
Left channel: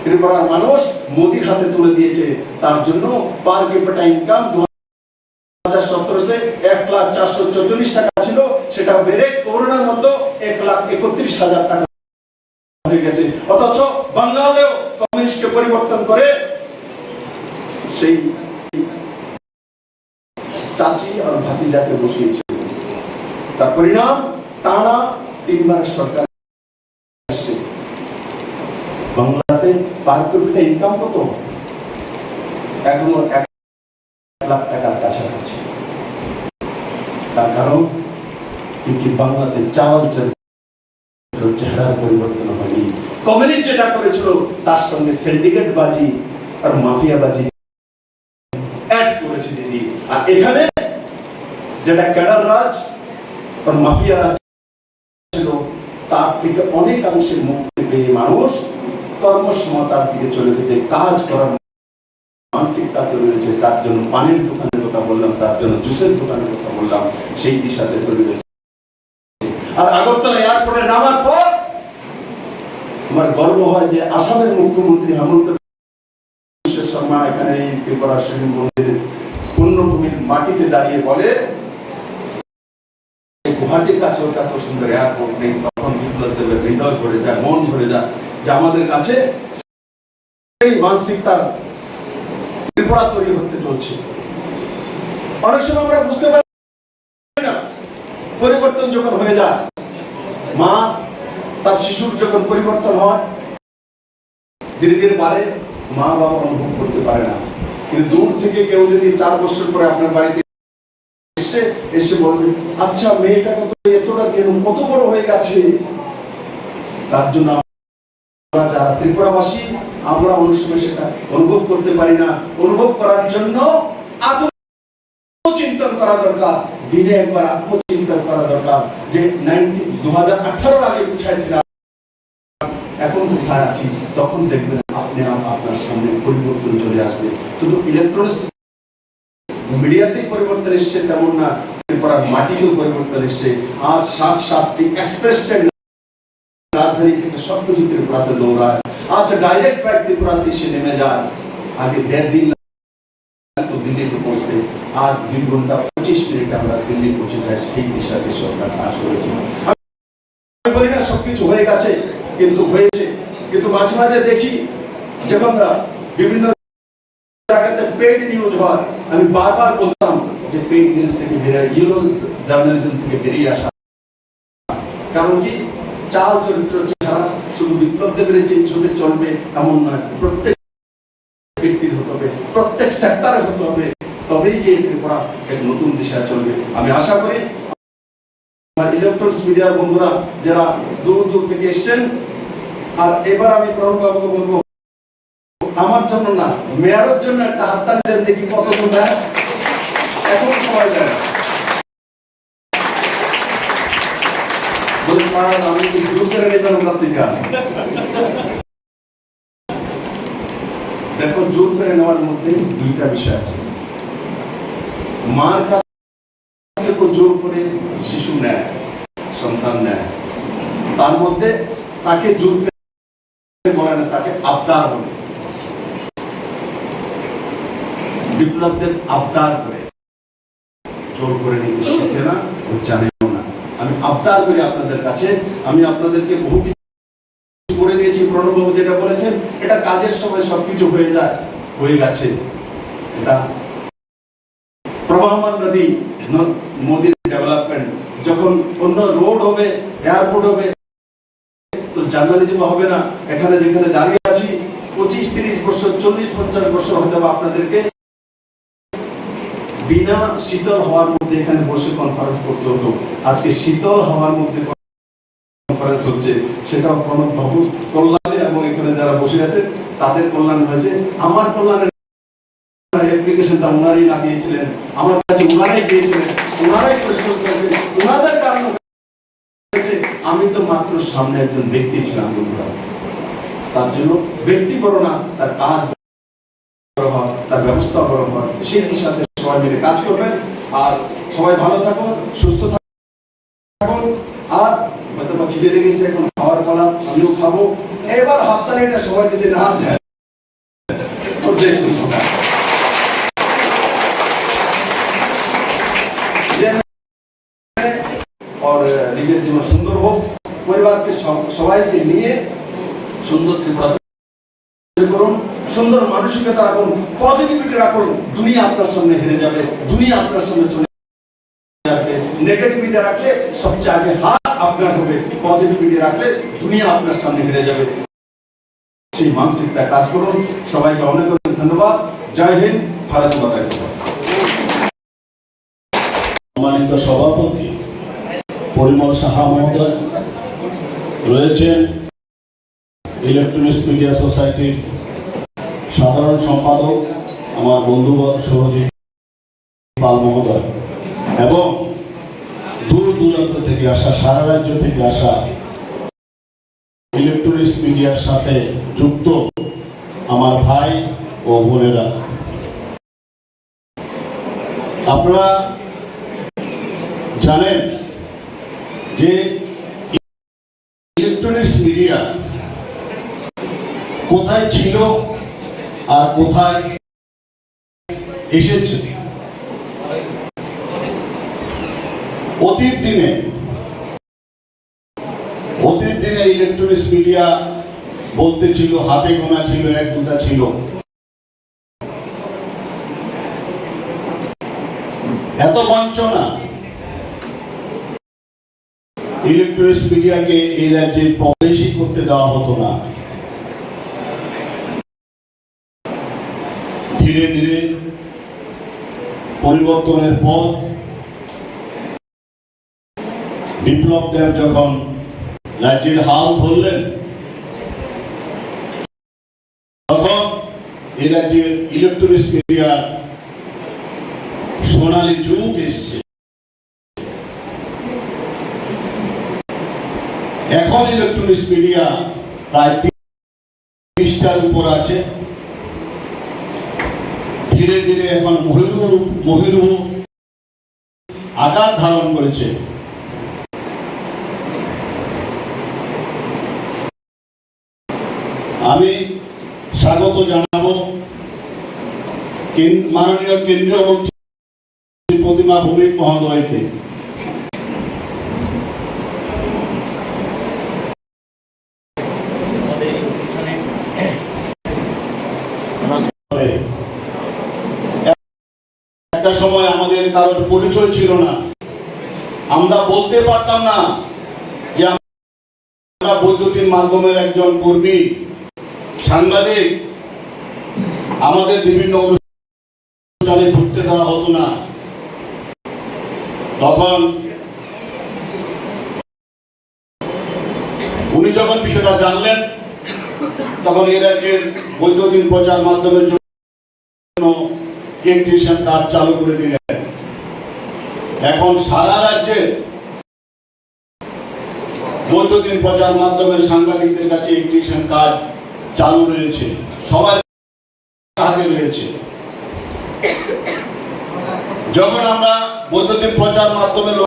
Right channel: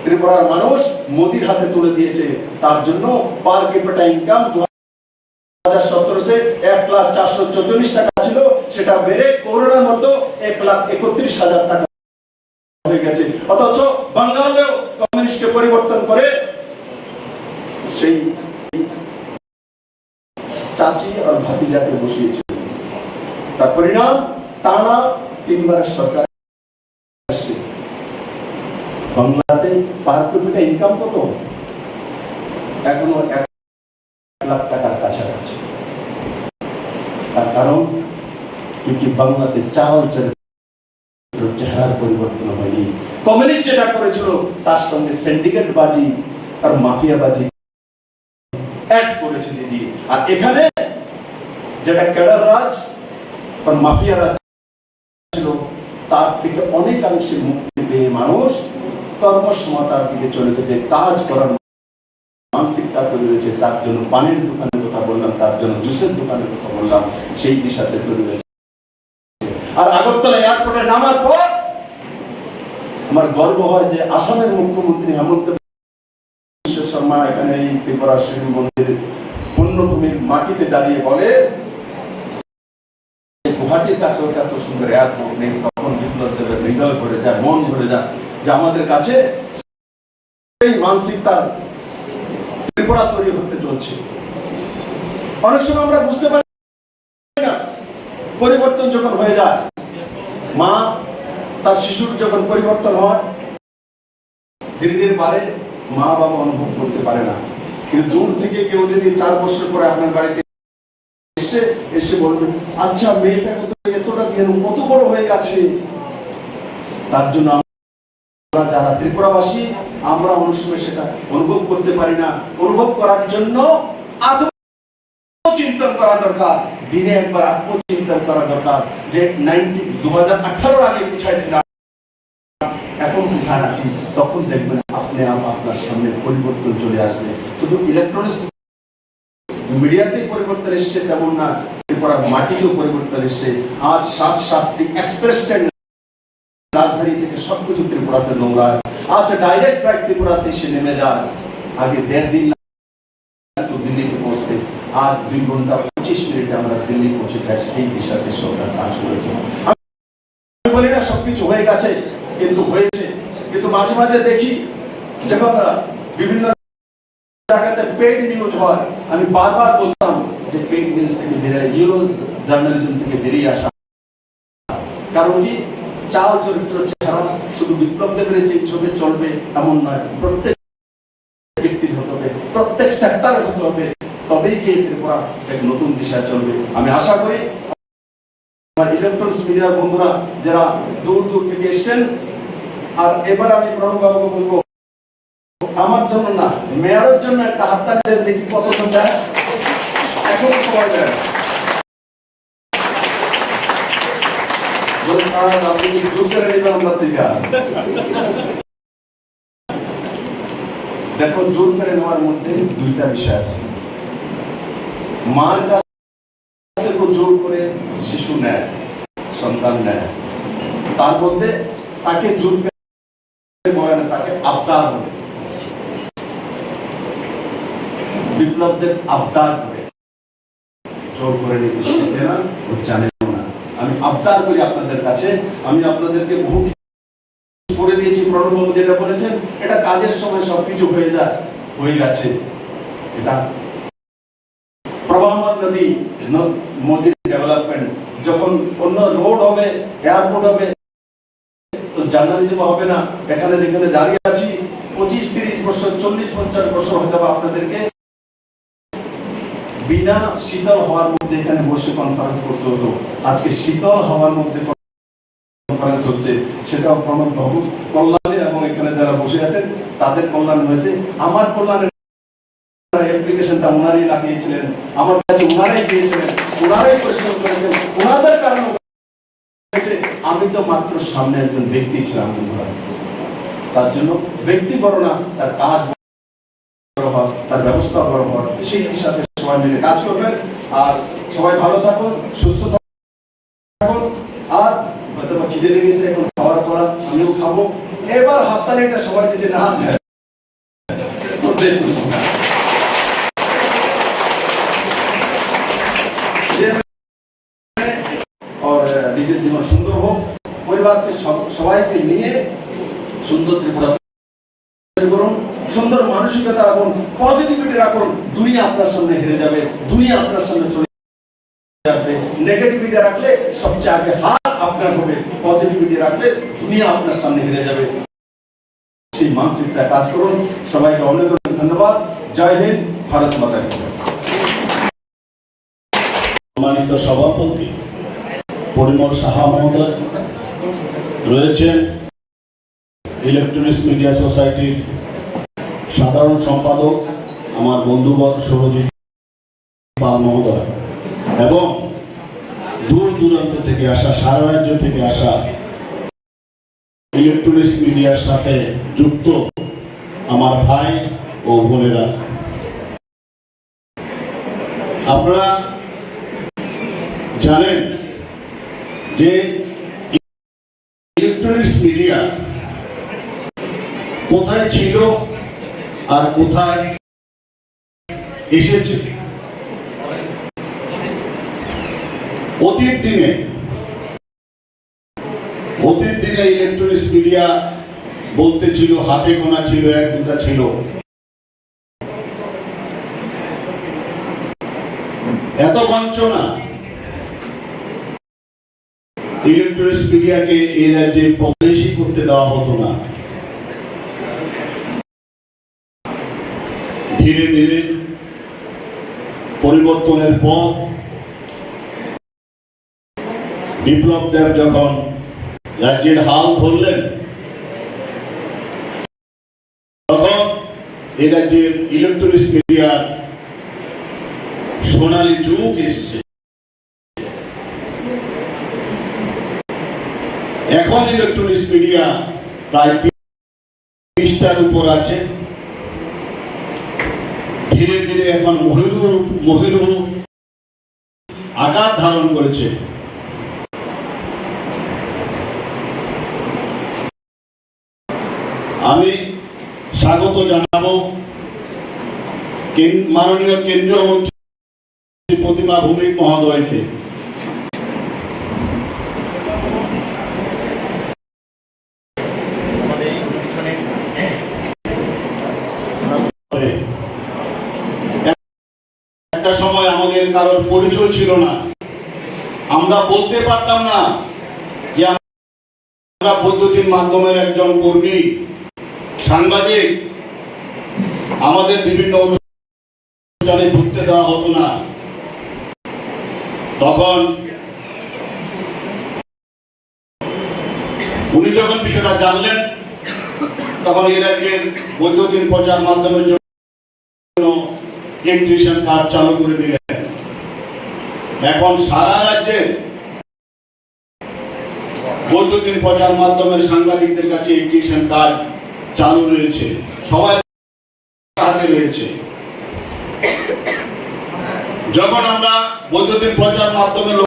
ত্রিপুরার মানুষ মোদীর হাতে তুলে দিয়েছে। তার জন্য পার ক্যাপিটা ইনকাম 2017-তে 1,04,44 টাকা ছিল, সেটা বেড়ে করোনার মতো 1,31,000 টাকা হয়ে গেছে। অথচ বাংলাদেশেও কমিউনিস্টকে পরিবর্তন করে সেই চাচি আর ভাতিজাকে বসিয়েছে। তার পরিণাম টানা 3 বারের সরকার। বাংলাতে পার ক্যাপিটা ইনকাম কত? এখনো 1 লাখ টাকার কাছাকাছি। তার কারণ কিন্তু বাংলাতে চাল চেহারার পরিবর্তন হয়নি। কমিউনিস্ট যেটা করেছিল তার সঙ্গে সিন্ডিকেট বাজি আর মাফিয়া বাজি অ্যাড করেছে দিদি। আর এখানে যেটা ক্যাডার রাজ আর মাফিয়া রাজ ছিল, তার থেকে অনেকাংশে মুক্তি পেয়ে মানুষ কর্মসমতার দিকে চলে গেছে, কাজ করার মানসিকতা তৈরি হয়েছে। তার জন্য পানির দোকানের কথা বললাম, তার জন্য জুসের দোকানের কথা বললাম, সেই দিশাতে তৈরি হয়েছে। আর আগরতলা এয়ারপোর্টে নামার পর আমার গর্ব হয় যে আসামের মুখ্যমন্ত্রী হেমন্ত বিশ্ব শর্মা এখানে এই ত্রিপুরা শিব মন্দির পূর্ণভূমির মাটিতে দাঁড়িয়ে বলে, গুয়াহাটির কাছে এত সুন্দর এয়ারপোর্ট নেই। তখন বিপ্লব দেবের হৃদয় ভরে যায়, মন ভরে যায় যে আমাদের কাছে মানসিকতার ত্রিপুরা তৈরি হতে চলছে। অনেক সময় আমরা বুঝতে পারি না, পরিবর্তন যখন হয়ে যায়, মা তার শিশুর যখন পরিবর্তন হয়, ধীরে ধীরে বাড়ে, মা বাবা অনুভব করতে পারে না। কিন্তু দূর থেকে কেউ যদি 4 বছর পরে আপনার বাড়িতে এসে এসে বলবে আচ্ছা মেয়েটাকে তো এতটা কেন কত বড় হয়ে গেছে। তার জন্য আমরা যারা ত্রিপুরাবাসী আমরা অনেক সময় সেটা অনুভব করতে পারি না। অনুভব করার জন্য আত্মচিন্তন করা দরকার, দিনে একবার আত্মচিন্তন করা দরকার যে 2018 আগে কোথায় ছিলাম, এখন কোথায় আছি। তখন দেখবেন আপনি আপনার সামনে পরিবর্তন চলে আসবে। শুধু ইলেকট্রনিক্স মিডিয়াতে পরিবর্তন এসছে তেমন না, ত্রিপুরার মাটিতেও পরিবর্তন এসছে। আজ 7-7টি এক্সপ্রেস ট্রেন রাজধানী থেকে সবকিছু ত্রিপুরাতে দৌড়ায়। আজ ডাইরেক্ট ফ্লাইট ত্রিপুরাতে এসে নেমে যায়। আগে 1.5 দিন দিল্লিতে পৌঁছতে, আজ 2 ঘন্টা 25 মিনিটে আমরা দিল্লি পৌঁছে যাই। সেই দিশাতে সরকার কাজ করেছে। আমি বলি না সবকিছু হয়ে গেছে, কিন্তু হয়েছে। কিন্তু মাঝে মাঝে দেখি যখন বিভিন্ন জায়গাতে পেইড নিউজ হয়, আমি বারবার বলতাম যে পেইড নিউজ থেকে বেরিয়ে জিরো জার্নালিজম থেকে বেরিয়ে আসা। কারণ কি চাল চরিত্র ছাড়া শুধু বিপ্লব দেবের যে ছবি চলবে এমন নয়, প্রত্যেক ব্যক্তির হতে হবে, প্রত্যেক সেক্টরে হতে হবে, তবেই গিয়ে ত্রিপুরা এক নতুন দিশা চলবে। আমি আশা করি আমার ইলেকট্রনিক্স মিডিয়ার বন্ধুরা যারা দূর দূর থেকে এসছেন, আর এবার আমি প্রণববাবুকে বলবো আমার জন্য না, মেয়রের জন্য একটা হাততালি দেন দেখি কতজন দেয়। এখন সবাই দেয় দেখো, জোর করে নেওয়ার মধ্যে 2টা বিষয় আছে। মার কাছ থেকে জোর করে শিশু নেয়, সন্তান নেয়, তার মধ্যে তাকে জোর করে বলে না, তাকে আবদার বলে। বিপ্লবদের আবদার করে, জোর করে নিতে শিখে না, ও জানেও না। আমি আবদার করি আপনাদের কাছে, আমি আপনাদেরকে বহু কিছু করে দিয়েছি। প্রণববাবু যেটা বলেছেন এটা কাজের সময় সবকিছু হয়ে যায়, হয়ে গেছে। এটা প্রবাহমান নদী, মোদী ডেভেলপমেন্ট, যখন অন্য রোড হবে, এয়ারপোর্ট হবে, তো জার্নালিজম হবে না। এখানে যেখানে দাঁড়িয়ে আছি 25-30 বছর, 40-50 বছর হতে হবে আপনাদেরকে বিনা শীতল হওয়ার মধ্যে এখানে বসে কনফারেন্স করতে হতো। আজকে শীতল হওয়ার মধ্যে কনফারেন্স হচ্ছে, সেটাও প্রণববাবুর কল্যাণে এবং এখানে যারা বসে আছেন তাদের কল্যাণ হয়েছে। আমার কল্যাণে অ্যাপ্লিকেশনটা ওনারাই লাগিয়েছিলেন, আমার কাছে ওনারাই দিয়েছিলেন, ওনারাই পরিশ্রম করেছেন, ওনাদের কারণে হয়েছে। আমি তো মাত্র সামনে একজন ব্যক্তি ছিলাম। তার জন্য ব্যক্তি বড় না, তার কাজ বড় হয়, তার ব্যবস্থা বড় হয়। সেই হিসাবে সবাই মিলে কাজ করবেন। আর সবাই ভালো থাকুন, সুস্থ থাকুন। আর হয়তো বা খিদে লেগেছে, এখন খাওয়ার পর আমিও খাবো। এবার হাততালিটা সবাই যদি না দেয়, নিজের জীবন সুন্দর হোক, পরিবারকে সবাইকে নিয়ে সুন্দর ত্রিপুরা করুন, সুন্দর মানসিকতা রাখুন, পজিটিভিটি রাখুন। দুনিয়া আপনার সামনে হেরে যাবে, দুনিয়া আপনার সামনে চলে যাবে। নেগেটিভিটি রাখলে সবচেয়ে আগে হার আপনার হবে, পজিটিভিটি রাখলে দুনিয়া আপনার সামনে হেরে যাবে। সেই মানসিকতা কাজ করুন। সবাইকে অনেক অনেক ধন্যবাদ। জয় হিন্দ, ভারত মাতা কি জয়। সম্মানিত সভাপতি পরিমল সাহা মহোদয় রয়েছেন, ইলেকট্রনিক্স মিডিয়া সোসাইটির সাধারণ সম্পাদক আমার বন্ধুবর সহজিৎ পাল মহোদয়, এবং দূর দূরান্ত থেকে আসা, সারা রাজ্য থেকে আসা ইলেকট্রনিক্স মিডিয়ার সাথে যুক্ত আমার ভাই ও বোনেরা। আপনারা জানেন যে ইলেকট্রনিক্স মিডিয়া কোথায় ছিল আর কোথায় এসেছে। অতীত দিনে ইলেকট্রনিক্স মিডিয়া বলতে ছিল হাতে গোনা ছিল, 1-2টা ছিল। এত বঞ্চনা ইলেকট্রনিক্স মিডিয়াকে এই রাজ্যে প্রবেশই করতে দেওয়া হতো না। ধীরে ধীরে পরিবর্তনের পর বিপ্লব দেব যখন রাজ্যের হাল ধরলেন, তখন এই রাজ্যের ইলেকট্রনিক্স মিডিয়া সোনালী যুগ এসছে। এখন ইলেকট্রনিক্স মিডিয়া প্রায় 30টার উপর আছে। ধীরে ধীরে এখন মহিরূহ আকার ধারণ করেছে। আমি স্বাগত জানাবো মাননীয় কেন্দ্রীয় মন্ত্রী প্রতিমা ভৌমিক মহোদয়কে। একটা সময় আমাদের কারোর পরিচয় ছিল না, আমরা বলতে পারতাম না যে আমরা বৈদ্যুতিন মাধ্যমের একজন কর্মী, সাংবাদিক। আমাদের বিভিন্ন অনুষ্ঠানে ঢুকতে দেওয়া হতো না। তখন উনি যখন বিষয়টা জানলেন, তখন এর রাজ্যের বৈদ্যুতিন প্রচার মাধ্যমের জন্য ইলেকট্রিশিয়ান কার্ড চালু করে দিলেন। এখন সারা রাজ্যে বৈদ্যুতিন প্রচার মাধ্যমের সাংবাদিকদের কাছে ইলেকট্রিশিয়ান কার্ড চালু রয়েছে, সবার হাতে রয়েছে। যখন আমরা বৈদ্যুতিন প্রচার মাধ্যমের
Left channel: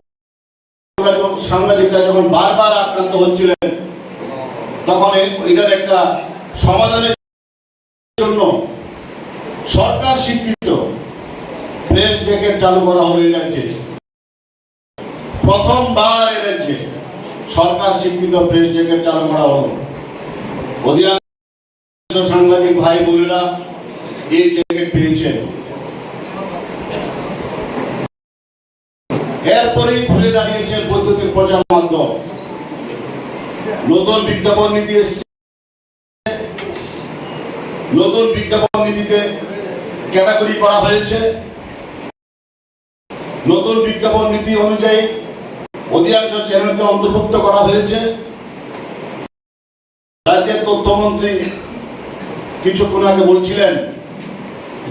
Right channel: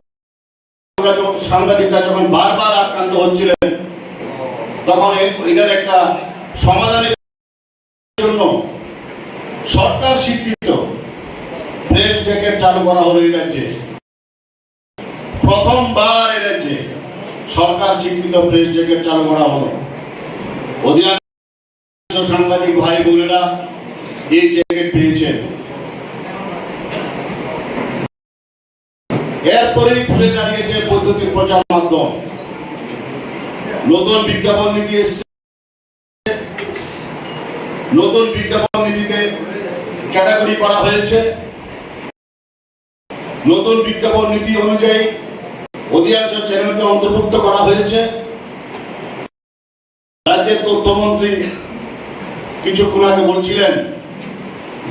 সাংবাদিকরা যখন বারবার আক্রান্ত হচ্ছিলেন, তখন এটার একটা সমাধানের জন্য সরকার স্বীকৃত প্রেস জ্যাকেট চালু করা হলো এই রাজ্যে। প্রথমবার এই রাজ্যে সরকার স্বীকৃত প্রেস জ্যাকেট চালু করা হলো। অধিকাংশ সাংবাদিক ভাই বোনেরা এই জ্যাকেট পেয়েছেন। এরপরেই ঘুরে দাঁড়িয়েছে বৈদ্যুতিন প্রচার মাধ্যম। নতুন বিজ্ঞাপন নীতি এসেছে। নতুন বিজ্ঞাপন নীতিতে ক্যাটাগরি করা হয়েছে। নতুন বিজ্ঞাপন নীতি অনুযায়ী অধিকাংশ চ্যানেলকে অন্তর্ভুক্ত করা হয়েছে। রাজ্যের তথ্যমন্ত্রী কিছুক্ষণ আগে বলছিলেন,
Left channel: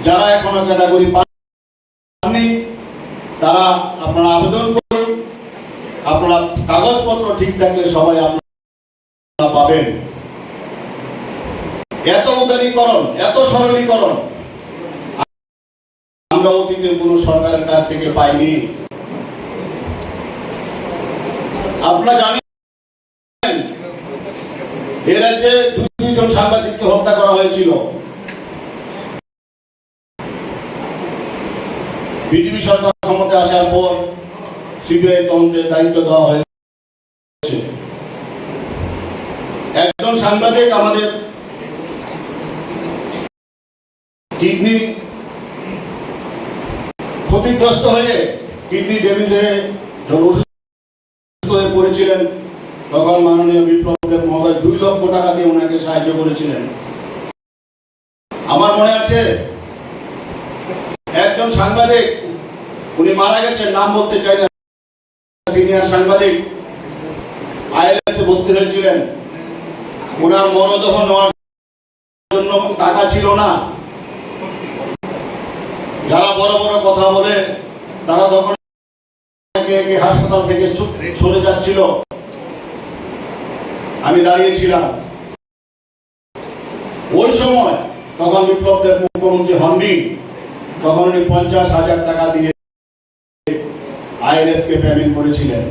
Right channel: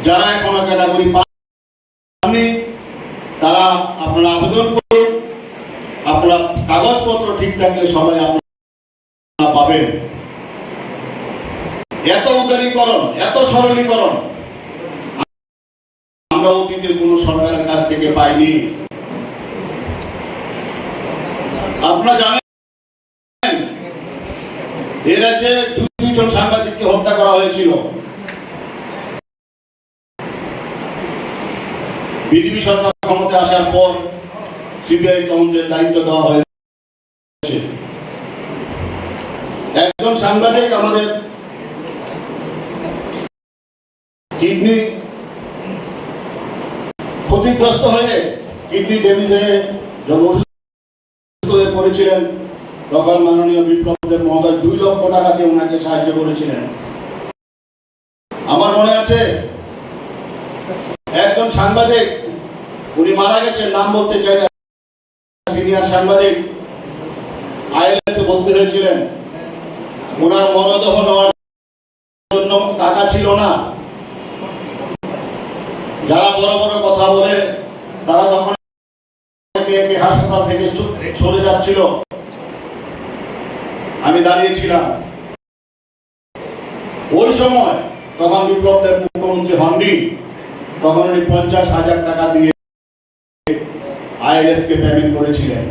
যারা এখনো ক্যাটাগরি পাননি তারা আপনারা আবেদন করুন, আপনারা কাগজপত্র ঠিক থাকলে সবাই আপনারা পাবেন। এত উদারীকরণ, এত সরলীকরণ আমরা অতীতে কোন সরকারের কাছ থেকে পাইনি। আপনারা জানেন এ রাজ্যে দুজন সাংবাদিককে হত্যা করা হয়েছিল। বিজেপি সরকার ক্ষমতায় আসার পর সিবিআই তদন্তের দায়িত্ব দেওয়া হয়েছে। একজন সাংবাদিক আমাদের কিডনি ক্ষতিগ্রস্ত হয়ে কিডনি ড্যামেজ হয়ে পড়েছিলেন, তখন মাননীয় বিপ্লব দেব মহোদয় 2 লক্ষ টাকা দিয়ে ওনাকে সাহায্য করেছিলেন। আমার মনে আছে একজন সাংবাদিক, উনি মারা গেছেন, নাম বলতে চাই না, সিনিয়র সাংবাদিক, আইএলএস এ ভর্তি হয়েছিলেন। ওনার মরদেহ নেওয়ার জন্য টাকা ছিল না। যারা বড় বড় কথা বলে তারা তখন হাসপাতাল থেকে সরে যাচ্ছিল, আমি দাঁড়িয়েছিলাম ওই সময়। তখন বিপ্লব দেব মুখ্যমন্ত্রী হননি, তখন উনি 50,000 টাকা দিয়ে আইএলএস কে পেমেন্ট করেছিলেন।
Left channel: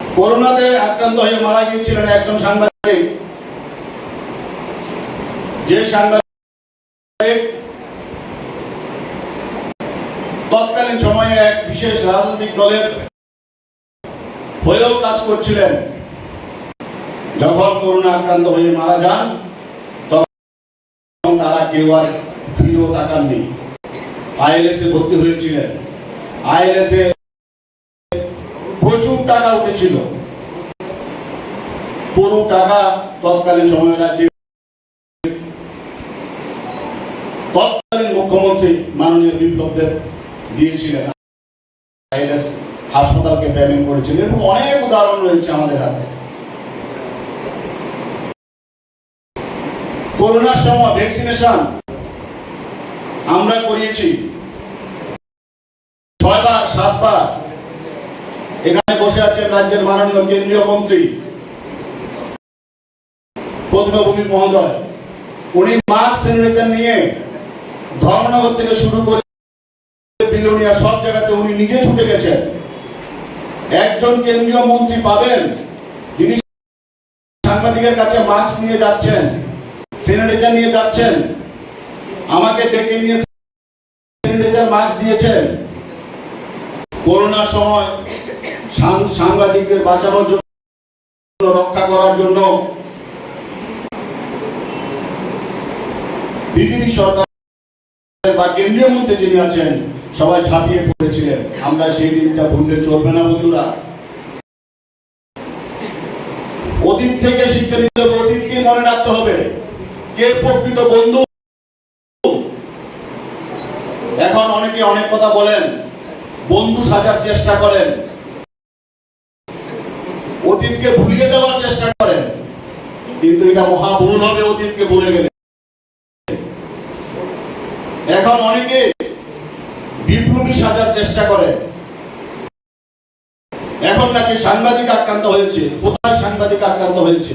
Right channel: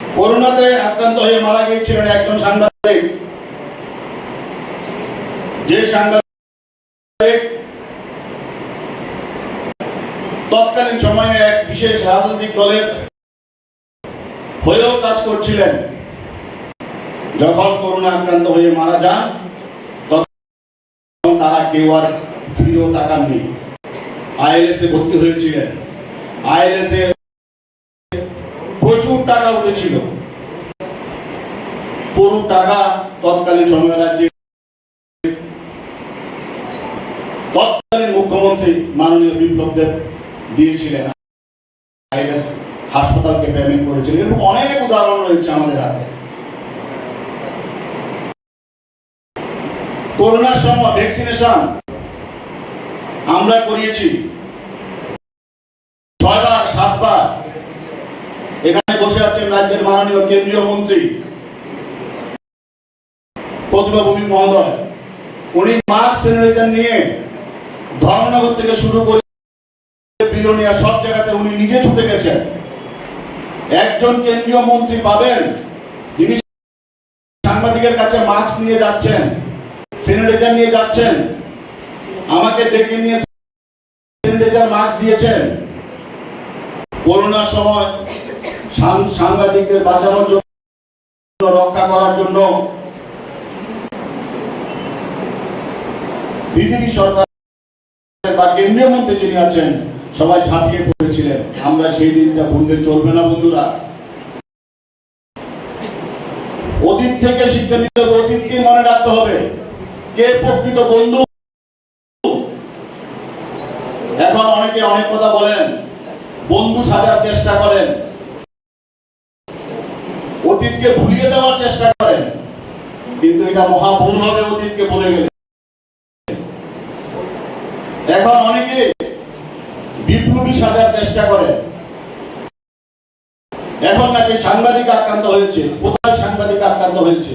করোনাতে আক্রান্ত হয়ে মারা গিয়েছিলেন একজন সাংবাদিক। যে সাংবাদিক তৎকালীন সময়ে এক বিশেষ রাজনৈতিক দলের হয়েও কাজ করছিলেন, যখন করোনা আক্রান্ত হয়ে মারা যান তখন তারা কেউ আর ফিরেও তাকাননি। আইএলএস এ ভর্তি হয়েছিলেন। আইএলএস এ প্রচুর টাকা উঠেছিল। পুরো টাকা তৎকালীন সময় রাজ্যে তৎকালীন মুখ্যমন্ত্রী মাননীয় বিপ্লব দেব দিয়েছিলেন। আইএস হাসপাতালকে পেমেন্ট করেছিল, এবং অনেক উদাহরণ রয়েছে আমাদের হাতে। করোনার সময় ভ্যাকসিনেশন আমরা করিয়েছি 6বার 7বার। এখানে বসে আছেন রাজ্যের মাননীয় কেন্দ্রীয় মন্ত্রী পদ্মভূমি মহোদয়, উনি মাস্ক স্যানিটাইজার নিয়ে ধর্মনগর থেকে শুরু করে বিলোনিয়া সব জায়গাতে উনি নিজে ছুটে গেছেন। একজন কেন্দ্রীয় মন্ত্রী পাবেন যিনি সাংবাদিকের কাছে মাস্ক নিয়ে যাচ্ছেন, স্যানিটাইজার নিয়ে যাচ্ছেন, আমাকে ডেকে নিয়ে স্যানিটাইজার মাস্ক দিয়েছেন। করোনার সময় সাংবাদিকদের বাঁচানোর জন্য, রক্ষা করার জন্য বিজেপি সরকার বা কেন্দ্রীয় মন্ত্রী যিনি আছেন সবাই ঝাঁপিয়ে পড়েছিলেন। আমরা সেই দিনটা ভুললে চলবে না বন্ধুরা। অতীত থেকে শিক্ষা নিতে হবে, অতীতকে মনে রাখতে হবে কে প্রকৃত বন্ধু। এখন অনেকে অনেক কথা বলেন, বন্ধু সাজার চেষ্টা করেন, অতীতকে ভুলিয়ে দেওয়ার চেষ্টা করেন, কিন্তু এটা মহা ভুল হবে অতীতকে ভুলে গেলে। এখন অনেকে বিপ্লবী সাজার চেষ্টা করে। এখন নাকি সাংবাদিক আক্রান্ত হয়েছে, কোথায় সাংবাদিক আক্রান্ত হয়েছে?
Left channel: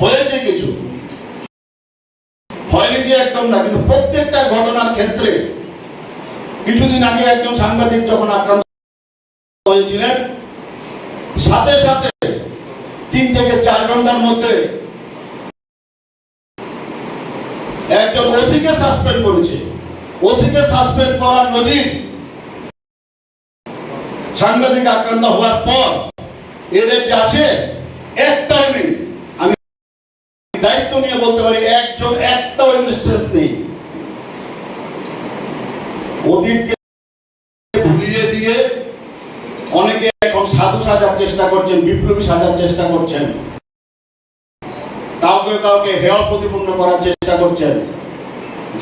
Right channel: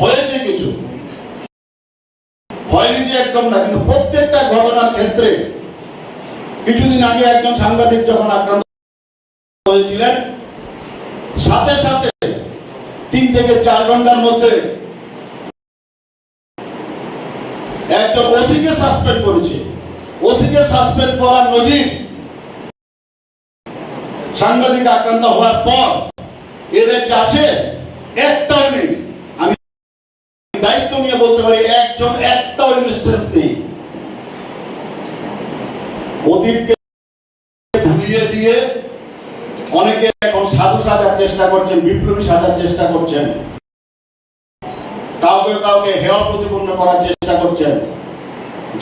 হয়েছে কিছু, হয়নি যে একদম না, কিন্তু প্রত্যেকটা ঘটনার ক্ষেত্রে কিছুদিন আগে একজন সাংবাদিক যখন আক্রান্ত হয়েছিলেন, সাথে সাথে 3 থেকে 4 ঘন্টার মধ্যে একজন ওসিকে সাসপেন্ড করেছে। ওসিকে সাসপেন্ড করার নজির সাংবাদিক আক্রান্ত হওয়ার পর এদের আছে একটাও নেই। আমি দায়িত্ব নিয়ে বলতে পারি একটাও ইনস্টেন্স নেই। অতীতকে ভুলিয়ে দিয়ে অনেকে এখন সাধু সাজার চেষ্টা করছেন, বিপ্লবী সাজার চেষ্টা করছেন, কাউকে কাউকে হেয় প্রতিপন্ন করার চেষ্টা করছেন।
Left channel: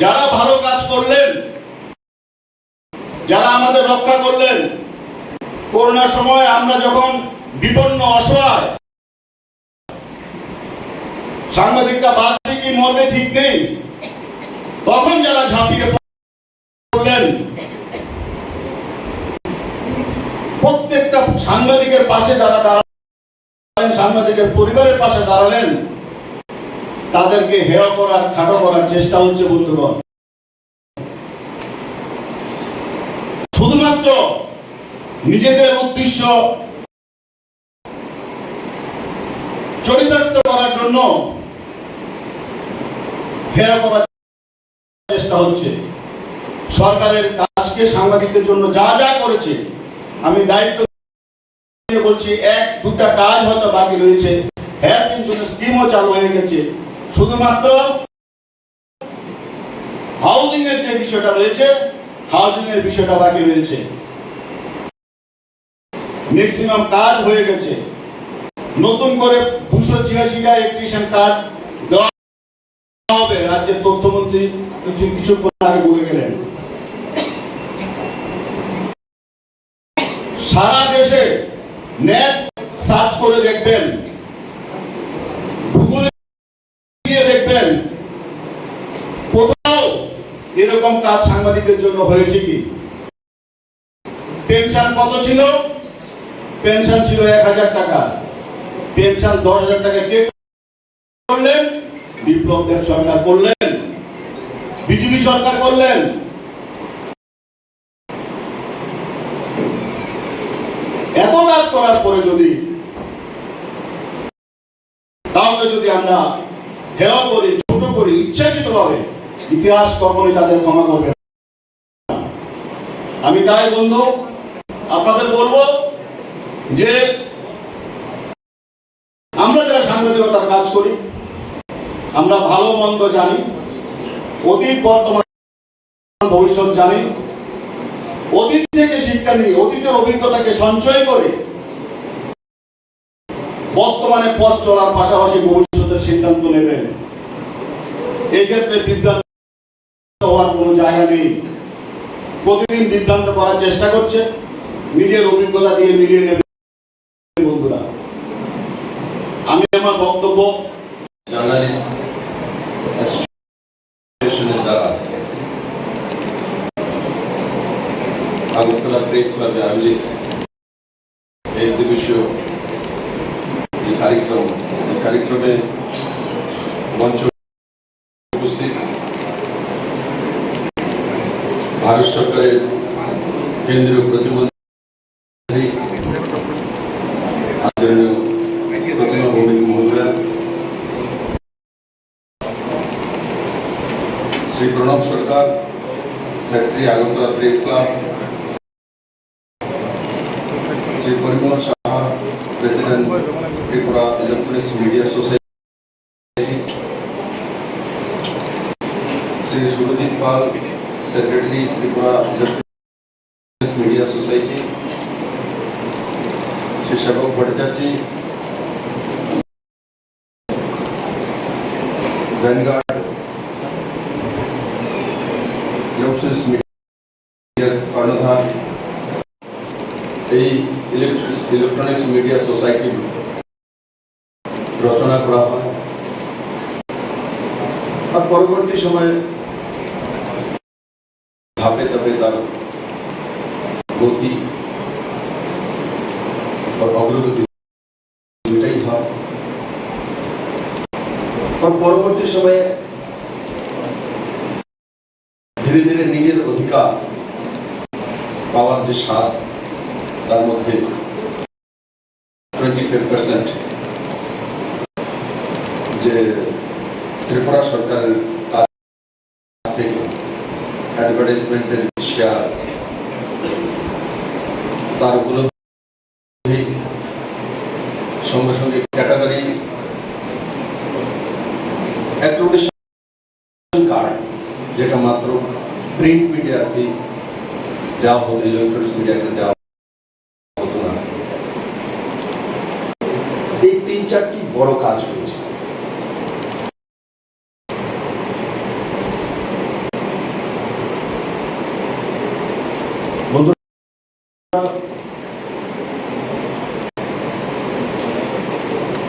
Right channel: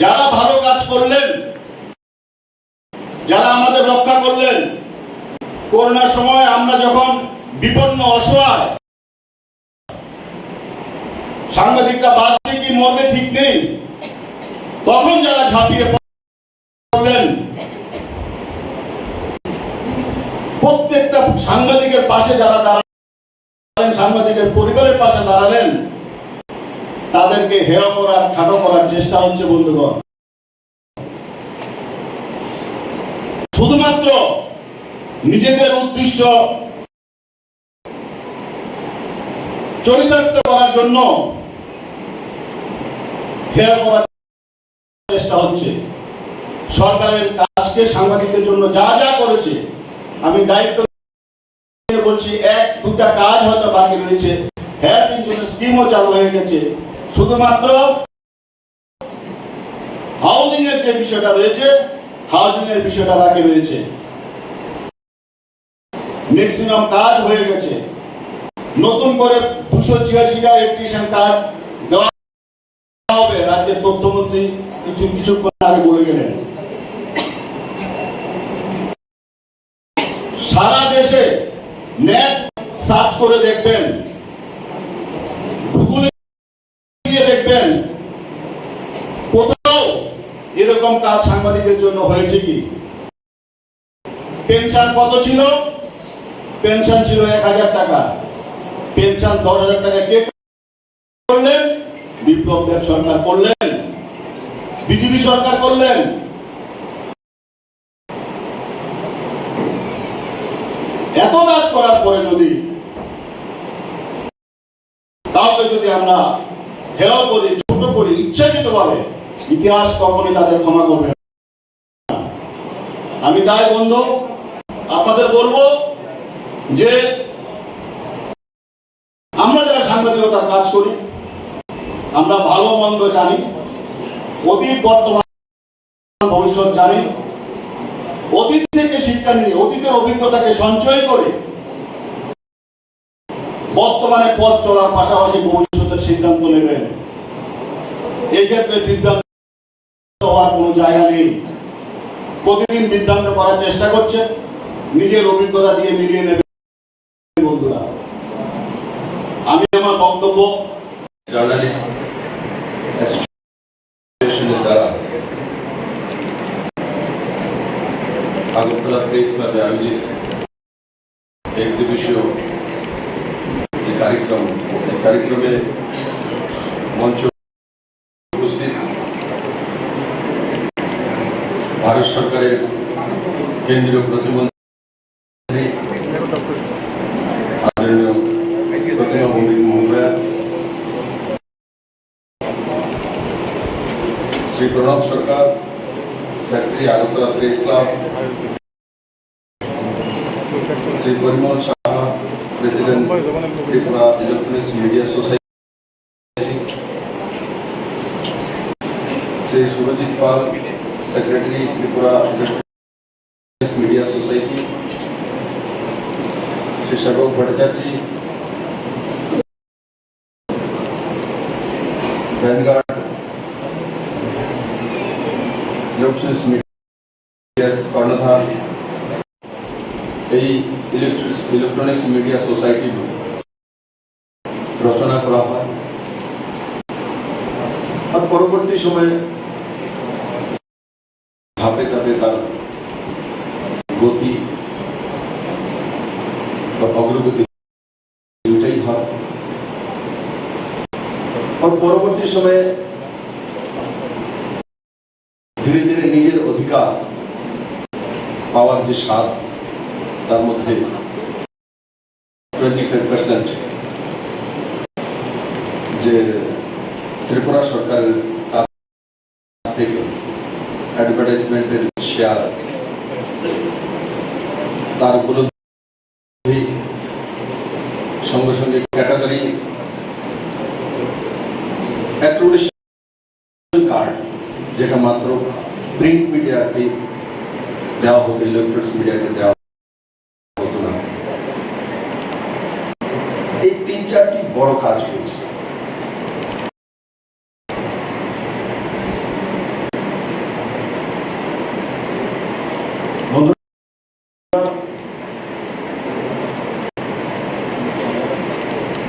যারা ভালো কাজ করলেন, যারা আমাদের রক্ষা করলেন, করোনার সময় আমরা যখন বিপন্ন অসহায়, সাংবাদিকটা বাঁচবে কি মরবে ঠিক নেই, তখন যারা ঝাঁপিয়ে পড়লেন, প্রত্যেকটা সাংবাদিকের পাশে যারা দাঁড়ালেন, সাংবাদিকের পরিবারের পাশে দাঁড়ালেন, তাদেরকে হেয় করার, খাটো করার চেষ্টা হচ্ছে বন্ধুগণ। শুধুমাত্র নিজেদের উদ্দেশ্য চরিতার্থ করার জন্য হেয় করার চেষ্টা হচ্ছে। সরকারের কাজকে সাংবাদিকদের জন্য যা যা করেছে, আমি দায়িত্ব নিয়ে বলছি, 1-2টা কাজ হয়তো বাকি রয়েছে, হেলথ ইন্স্যুরেন্স স্কিমও চালু হয়ে গেছে। শুধুমাত্র হাউজিং এর যে বিষয়টা রয়েছে, হাউজিং এর বিষয়টা বাকি রয়েছে। ম্যাক্সিমাম কাজ হয়ে গেছে। নতুন করে 286টা ইলেকট্রিশিয়ান কার্ড দেওয়া হবে, রাজ্যের তথ্যমন্ত্রী কিছুক্ষণ আগে বলে গেলেন। সারা দেশে নেট সার্চ করে দেখবেন, গুগলে গিয়ে দেখবেন কোথাও এরকম কাজ সাংবাদিকদের জন্য হয়েছে কি। পেনশন কত ছিল? পেনশন ছিল 1000 টাকা। পেনশন 10,000 টাকা কে করলেন? বিপ্লব দেব সরকার করলেন, বিজেপি সরকার করলেন। এত কাজ করার পরে যদি কাউকে যদি আমরা হেয় করি, ছোট করি ইচ্ছাকৃত ভাবে, ইতিহাস কখনই তাদের ক্ষমা করবে না। আমি তাই বন্ধু আপনাদের বলবো যে আমরা যারা সাংবাদিকতার কাজ করি, আমরা ভালো মন্দ জানি, অতীত বর্তমান ভবিষ্যৎ জানি। অতীত থেকে শিক্ষা নিয়ে, অতীতের অভিজ্ঞতাকে সঞ্চয় করে বর্তমানে পথ চলার পাশাপাশি ভবিষ্যতের সিদ্ধান্ত নেবেন। এই ক্ষেত্রে বিভ্রান্ত হওয়ার কোনো জায়গা নেই। প্রতিদিন বিভ্রান্ত করার চেষ্টা করছে, নিজের অভিজ্ঞতা দিয়ে মিলিয়ে নেবেন বন্ধুরা। আমি আমার বক্তব্য জার্নালিস্ট অ্যাসোসিয়েশনের দ্বারা আগরতলা প্রেস ক্লাবে আয়োজিত এক দিবসীয় এই কার্যক্রমে মঞ্চ উপস্থিত ভারত সরকারের কেন্দ্রীয় প্রতিমন্ত্রী আদরণীয় প্রতিমা ভৌমিক মহোদয়া, Shri Pranab Sarkar, secretary Agartala press club, Shri Parimal Saha, president Tripura electronics media society, Shri Surajit Pal, secretary Tripura electronics media society, Shri Sebak Bhattacharya, vanguard electronics মিডিয়ার কর্ণধার, এই ইলেকট্রনিক্স মিডিয়া সোসাইটি রচনা করা হয়। আর পরবর্তী সময়ে ধাপে ধাপে তার গতি অগ্রগতি দুটাই হয়। পরবর্তী সময়ে ধীরে ধীরে নিজের অধিকার পাওয়ার যে স্বাদ, তার মধ্যে 25% যে ত্রিপুরা সরকারের কাছ থেকে অ্যাডভার্টাইজমেন্টের শেয়ার, তার উপলব্ধি, সঙ্গে সঙ্গে ক্যাটাগরি অ্যাক্টিভিশন কার্ড, যেটা মাত্র প্রিন্ট মিডিয়াকে দেওয়া হতো, ইলেকট্রনিক্স মিডিয়াকে দেওয়া হতো না। এই 3-4টি বড় কাজ হয়েছে।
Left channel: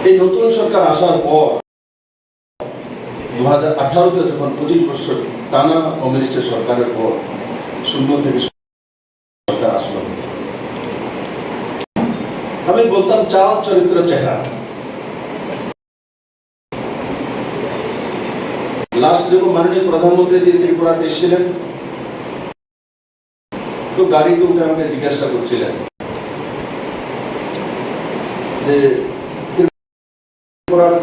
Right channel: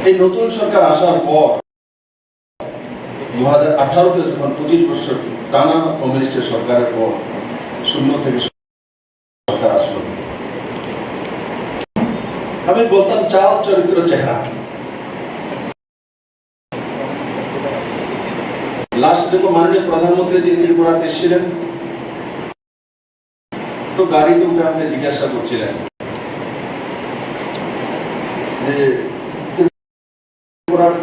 এই নতুন সরকার আসার পর 2018-তে যখন 25 বছর টানা কমিউনিস্টের সরকারের পর শূন্য থেকে সরকার আসলো, আমি বলতাম চাল চরিত্র চেহারা। লাস্ট যখন মাননীয় প্রধানমন্ত্রী যে ত্রিপুরাতে এসেছিলেন, তো গাড়িতে উঠে আপনি জিজ্ঞাসা করছিলেন যে ত্রিপুরার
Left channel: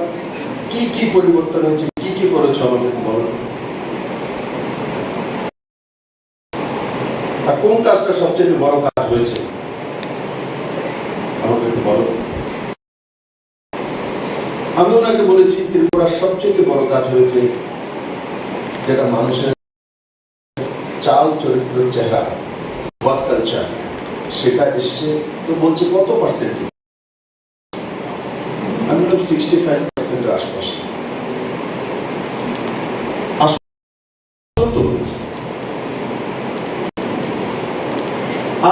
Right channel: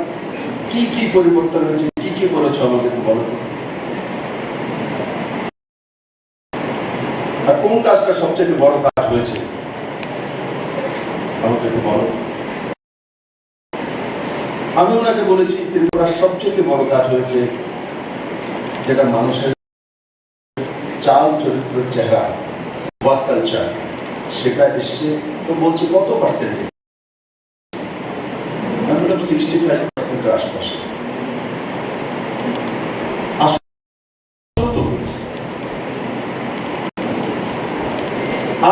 কি কি পরিবর্তন হয়েছে, কি কি করেছ আমাদেরকে বলো, কোন কাজটা সবচেয়ে বড় কাজ হয়েছে আমাকে বলো। আমি ওনাকে বলেছি ত্রিপুরার সবচেয়ে বড় কাজ হয়েছে যেটা মানুষের চাল চরিত্র চেহারা, ওয়ার্ক কালচার, সেটা এসছে। তো বলছে কত পার্সেন্ট? আমি বললাম 65% আশপাশে।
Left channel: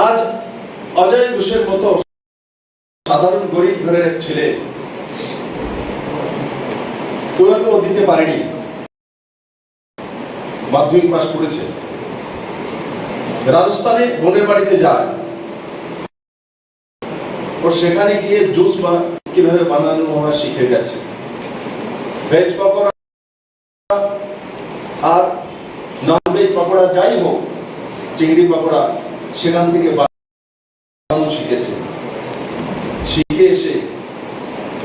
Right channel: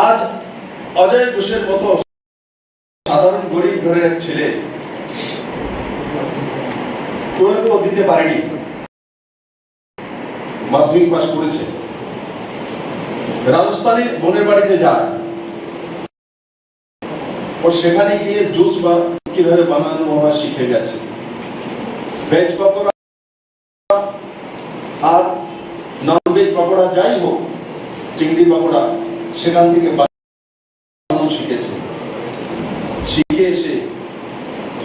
আজ অজয় ঘোষের মতো সাধারণ গরিব ঘরের এক ছেলে, কেউ দিতে পারেনি, মাধ্যমিক পাস করেছে, রাজস্থানে বোনের বাড়িতে যায়, ও সেখানে গিয়ে জুস কিভাবে বানানো বাবা শিখে গেছে। ভেজ পকোড়া আর নন ভেজ পকোড়া যাই হোক, চিংড়ি পকোড়া সেখান থেকে বানানো শিখেছে। শিখে এসে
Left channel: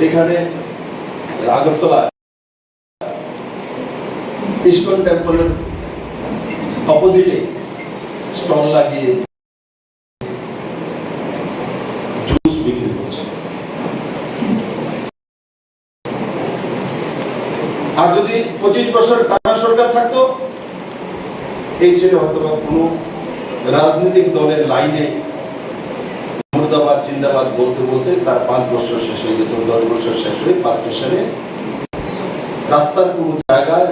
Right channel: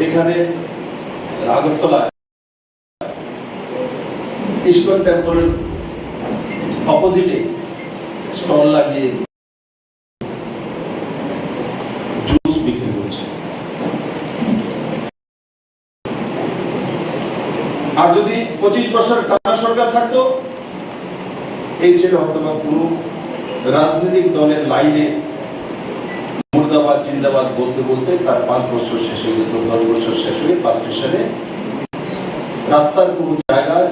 এখানে আগরতলায় ইস্কন টেম্পলের অপোজিটে স্টল লাগিয়ে জুস বিক্রি করছে। আর যদি 25 বছর টানা সরকার থাকতো, এই ছেলে হয়তো কোনো রাজনৈতিক দলের লাইনে মুর্দাবাদ জিন্দাবাদ বলতে বলতে তার 5 বছর শেষ হয়ে যেত, 10 বছর শেষ হয়ে 5 বছরে রাস্তার কোনো জায়গায়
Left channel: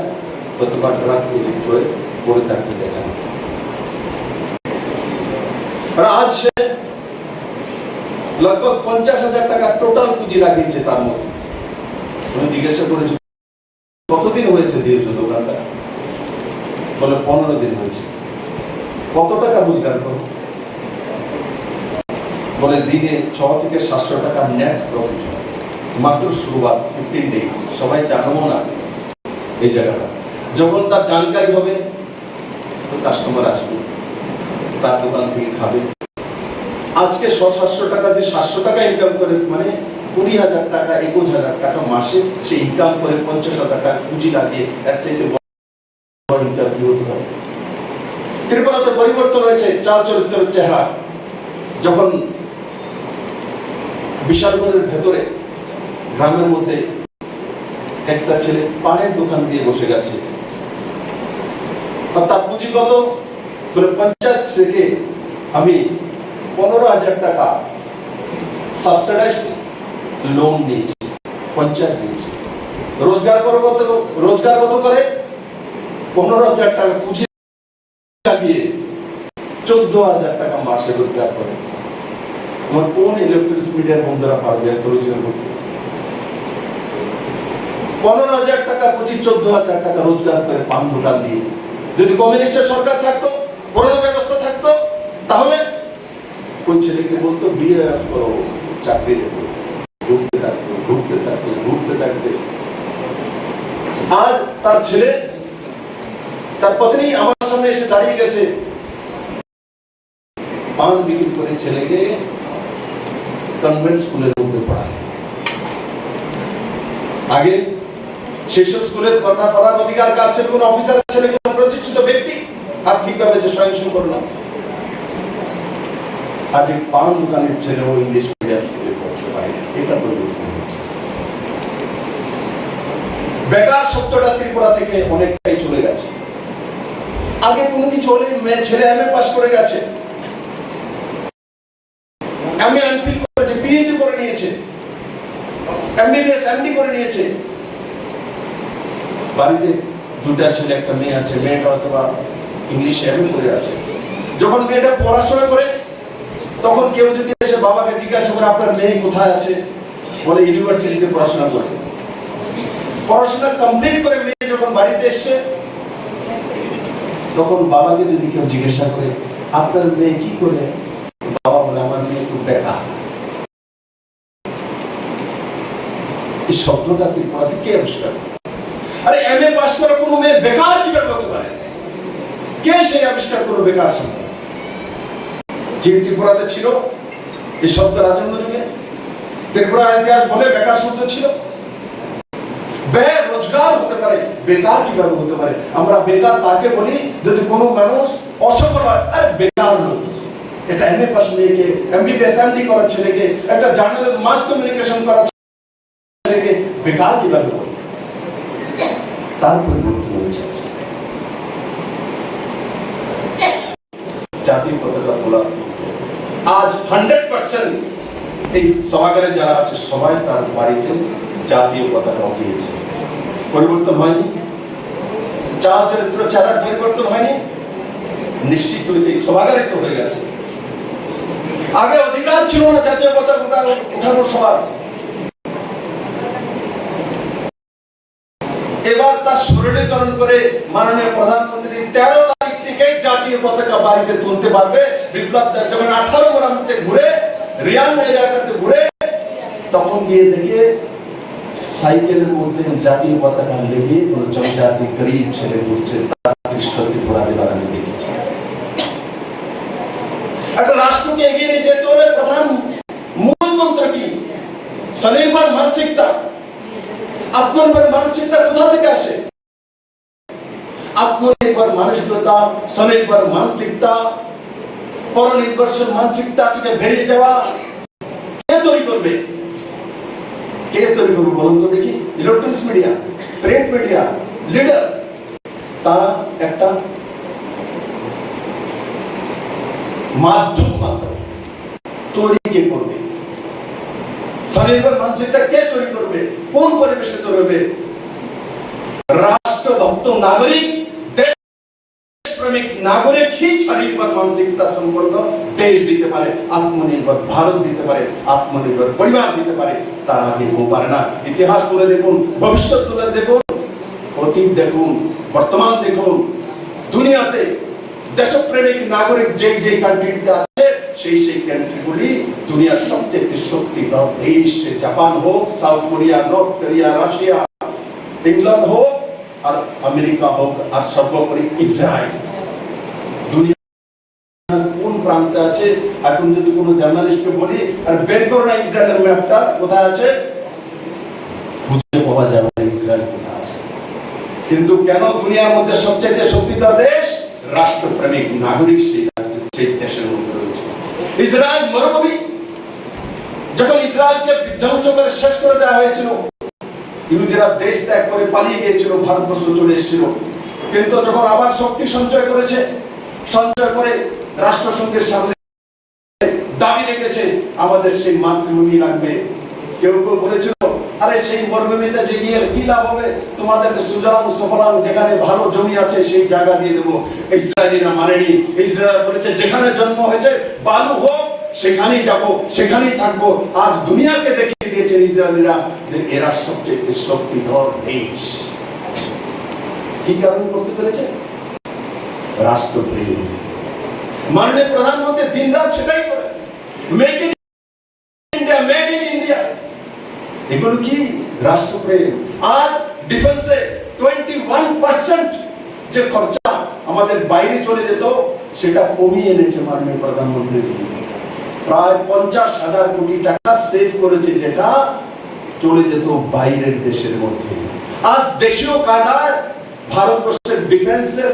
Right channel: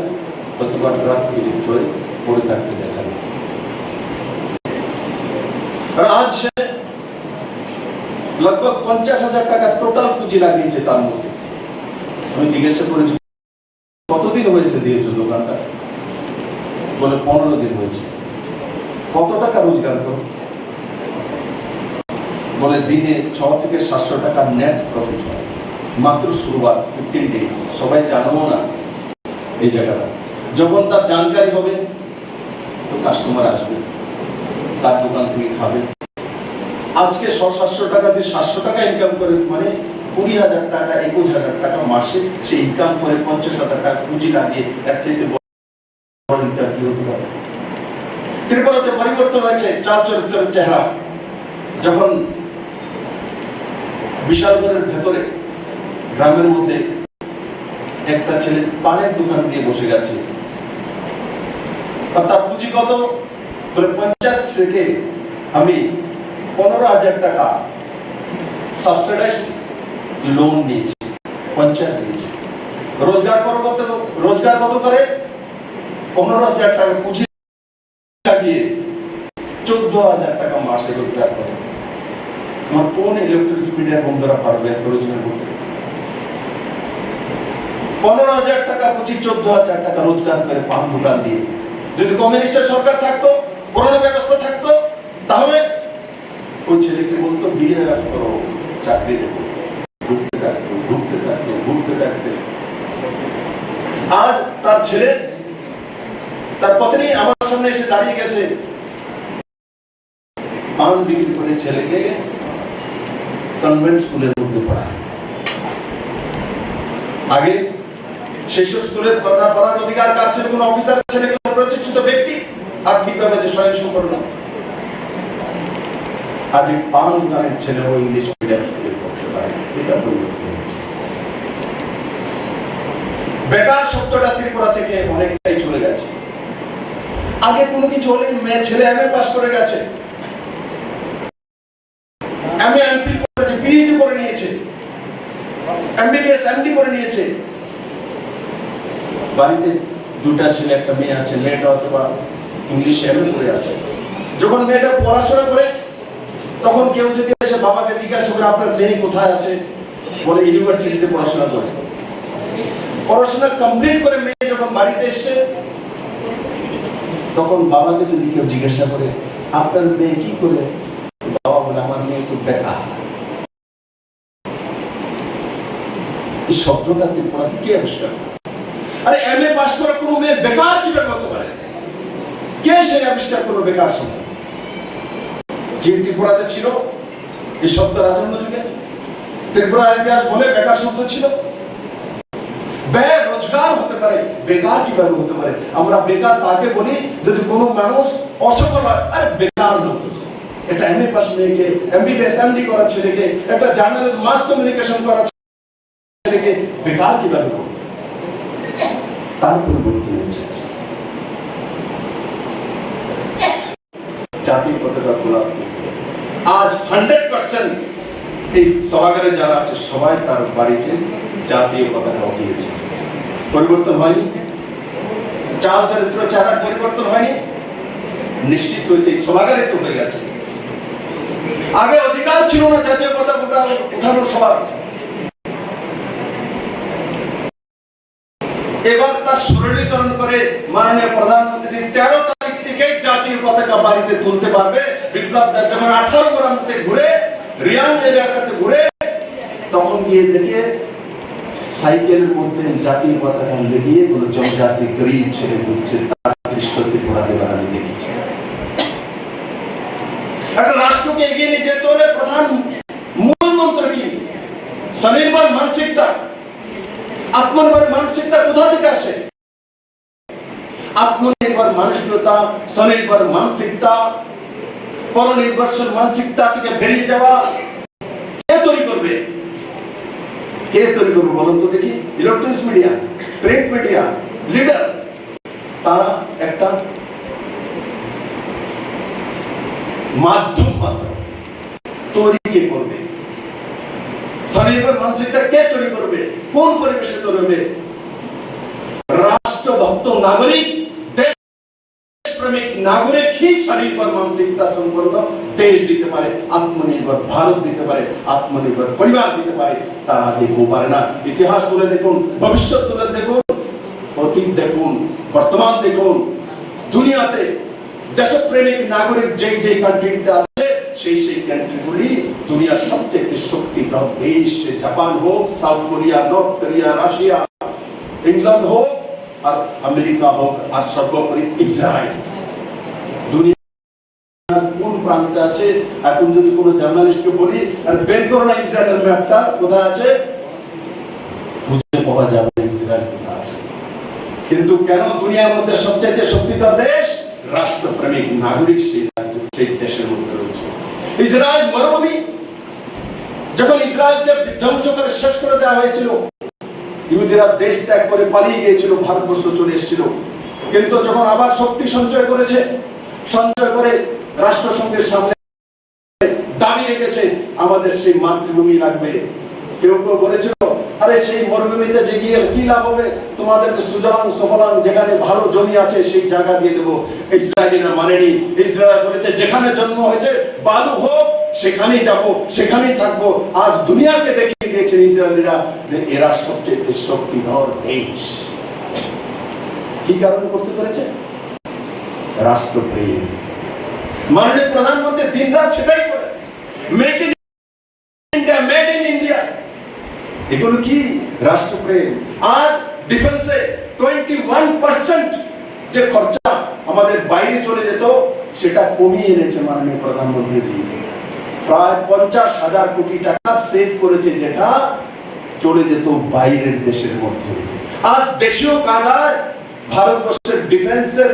অথবা ট্রাক এডিক্ট হয়ে পড়ে থাকতে দেখা। আজ সে लगभग 50,000 টাকা টোটাল পুঁজি লাগিয়েছে তার মধ্যে। আমি জিজ্ঞাসা করেছি কতদিন হয়েছে দিয়েছো দোকানটা? বলে 15 দিন হয়েছে। কত টাকা রোজগার করো? বলে দিনে 6 থেকে 700 টাকা নেট প্রফিট হয়। মাত্র শুরুয়াত 15 ডেজ। সবাই জানো না এই জায়গাটা। যখন তার জানকারি হবে কাস্টমার আসবে, তার দোকান থেকে খাবে। আজকে 600-700 টাকা দিয়ে 700 টাকা ইনকাম করে, মানে 20,000 টাকা 21,000 টাকা মাসে সে ইনকাম করে 50,000 টাকা পুঁজি লাগিয়ে এর চাইতে বড় ইনকাম কি হতে পারে? ত্রিপুরাতে পরিবর্তন হয়েছে চাল চরিত্রের চেহারা। যখন বিশালগড়ের ভেতরে গ্রামের মধ্যে একটা ছেলে পানের দোকান দিয়ে বসে গেছে, তার পুঁজি কত? বলে পঞ্চায়েত থেকে আমি 15,000 টাকা সাবসিডাইজড লোন নিয়েছি, পঞ্চায়েত দিয়েছে। রোজগার কত করে? 15,000 টাকা পুঁজি লাগিয়ে 14,000 টাকা মাসে রোজগার করে। আমার কোন ইলেকট্রিক মিডিয়া বন্ধুরা পারবে এত রোজগার করতে? 15,000 টাকা পুঁজি 14,000 টাকা রোজগার করে পান দোকান দিয়ে। যদি কমিউনিস্টের সরকার থাকতো, করোনা ব্যবস্থা থাকতো, তাহলে ওই ছেলেকে বলতো বিয়ে করো, চাকরি দেবো। ঘুরতে থাকতে আজ তার ছেলে, তার পত্নী আমার সামনে এসে দাঁড়িয়ে গেছে, পান বিক্রি করে ছেলেকে কনভেন্ট স্কুলের মধ্যে পড়ায়। আগে সেসব স্কুলের পড়ার অধিকার কার ছিল? কোন অফিসার ছেলে, কোন প্রতিষ্ঠিত ব্যক্তি আর্থিকভাবে যে স্বয়ংসম্পূর্ণ করলাম। আজ এই পান দোকানের ছেলেও ইংলিশ মিডিয়াম স্কুলে পড়তে পারে। এটা পরিবর্তন হয়েছে। বেকার শব্দটা ত্রিপুরা থেকে অনেকটাই চলে গেছে। আগে কোনো কিছু হলে মেয়ে ছেলে এমএ পাস করে গেছে, এমএ এমফিল করেছে, পিএইচডি করে নিয়েছে, এমবিবিএস এমডি করে নিয়েছে। বাড়িতে দুটা ছেলে একটা মেয়ে আছে, মেয়েটা অথবা ইংলিশে এমএ করে আছে। যখন মেয়েটা পড়াশোনা করে তখন কেউ যদি এসে বাবাকে জিজ্ঞাসা করে আপনার মেয়ে কোথায় আছে, বলে ইউনিভার্সিটিতে পড়াশোনা করে। পড়াশোনা কমপ্লিট করে মেয়ে যখন বাড়িতে এসছে তখন বাবাকে যদি কেউ জিজ্ঞাসা করে আপনার মেয়ে কি করে, বাবা বলে আমার মেয়ে তো বেকার। এই শব্দটা ত্রিপুরাতে কে আবিষ্কার? আরে এমএ পাস করা কোনো মেয়ে বেকার কিভাবে হতে পারে? কে সেই আবিষ্কার করলো বেকার শব্দ? কে ত্রিপুরাতে ছিল এই শব্দ? রাজন্য যুগে ত্রিপুরার ইতিহাস বলে বেকার শব্দ ছিল। বেরোজগার হতে পারে, বেকার কিভাবে হতে পারে? আমরা বেকার তাকে বলি যদি কোনো মানুষ অসফল হয়। আরে বেকার লোক, এটা এমএ পাস মেয়েকে, এমবিবিএস এমডি করা ছেলেকে, একটা জার্নালের মাস কমিউনিকেশন করা ছেলেকে বেকার কিভাবে বলে? তার পরিবর্তন হয়েছে। জাতির পতাকা খোলা আজ 100% এই সভাগারে যারা আছে সবাই তার বাড়িতে জাতীয় পতাকা উঠিয়েছে। পরিবর্তন হয়নি, চাল চরিত্র চেহারা পরিবর্তন হয়নি, নিশ্চিত হয়েছে এই সভাগারে তো হয়ে গেছে। আগে অধিকার ছিল না জাতীয় পতাকা উঠানোর সবার, এবার তার সরলীকরণ করে মাননীয় প্রধানমন্ত্রী 13 তারিখ থেকে জাতীয় পতাকা বাড়িতে তুলতে পারবে। বিপ্লব দেব যখন 18 গ্রামতে ঘুরে, রিয়াং এলাকাতে ঘুরে, তখন গিয়ে দেখে সাইকেলের মধ্যে জাতীয় পতাকা লেগিয়ে কোন জনজাতি গরিব ছেলে ঘুরছে। তার দৃশ্য ত্রিপুরাতে আমি দেখেছি। একটা রাষ্ট্রকে এগিয়ে নিয়ে যেতে হলে প্রধান মূল মন্ত্র কি? স্বনির্ভর মানসিকতা। আত্মনির্ভর মানসিকতা কোথা থেকে আসে? আত্মনির্ভর মানসিকতা, স্বনির্ভর মানসিকতা, পরনির্ভরশীল মানসিকতা থেকে বেরিয়ে যাওয়া কে তৈরি করবে? কে তৈরি করবে বলুন তো দেখি? Electronics media, print media, leader, তারা একটা মাধ্যম মাত্র। তৈরি কে করবে? স্বনির্ভর মানসিকতা কে তৈরি করবে? কোন পরিবেশে তৈরি হবে? রাষ্ট্রভক্ত নাগরিক, দেশপ্রেমিক नागरिक ही शरीर पर मानसिकता शुरू कर दो देश দিতে পারে আত্মনির্ভর ভারত দিতে পারে আত্মনির্ভর পরিবার দিতে পারে তার আগে কেউ পারে না ইতিহাস তুলে দেখুন ভবিষ্যৎ তুলে দেখুন অতীত দেখুন বর্তমান দেখুন দুনিয়াতে দেশপ্রেমিক নাগরিক যে যে কান্ট্রিতে আছে সেই কান্ট্রিগুলি দুনিয়ার সবচেয়ে শক্তিধর দেশ জাপান হোক south Korea north Korea Russia England হোক আর আমেরিকা হোক আর সর্বোপরি ইসরায়েল দুনিয়ার কোন প্রান্তে আছে এখন যদি কোনো জার্নালিস্টকে বলি আর বের করো না ইসরায়েলের ম্যাপটা কোথায় আছে খুঁজে পাওয়া যাবে না ইসরায়েল কোথায় আছে কিন্তু কেন দুনিয়ার মধ্যে সবচেয়ে শক্তিধর দেশ রাষ্ট্রপ্রেমিক নাগরিক সেই দেশের মধ্যে রয়েছে ইসরায়েল মরুভূমি যখন ইসরায়েলকে ধ্বংস করে শেষ করে দেওয়া হয়েছিল ইহুদিরা দেশ ত্যাগ করে পালিয়ে গিয়েছিল ভারতবর্ষ চলে এসেছিল কিন্তু যখন আবার শক্তি সঞ্চয় করেছে সঞ্চয় করে রাষ্ট্রসংঘের সামনে দাবি রেখেছে আমাদের সেই মাতৃভূমি লাগবে কেউ কেউ বলেছিল আরে সেই মরুভূমিতে যে গিয়ে কি লাভ হবে তোমাদেরকে সুজলাম সুফলাম যেখানে ভালো জমি আছে সেই জায়গা দিয়ে দেবো ইসরায়েলিরা মানেনি ইসরায়েল বলেছে যেখানে জন্ম হয়েছে বালু হোক সেখানেই যাব সেখানেই থাকবো আজ দুনিয়াকে দেখিয়ে দিয়েছেন ইসরায়েলিরা যে এরা সবচেয়ে শক্তিধর দেশ কি কারণে করতে পেরেছে রাষ্ট্রপ্রেম মাননীয় প্রধানমন্ত্রী দিনরাত সেটাই করে make in India made in India এগুলো কি রাষ্ট্রপ্রেম আজ ডিফেন্সে 21% যে খরচা আমাদের বাইরে চলে যেত সেটা কমিয়ে এনেছে মাননীয় প্রধানমন্ত্রী প্রায় 50,000 কোটি টাকা সেভ করেছে যেটা চলে যেত বাইরের দেশের মধ্যে আজ দেশীয় কায়দায় ভারতবর্ষের ডিফেন্সের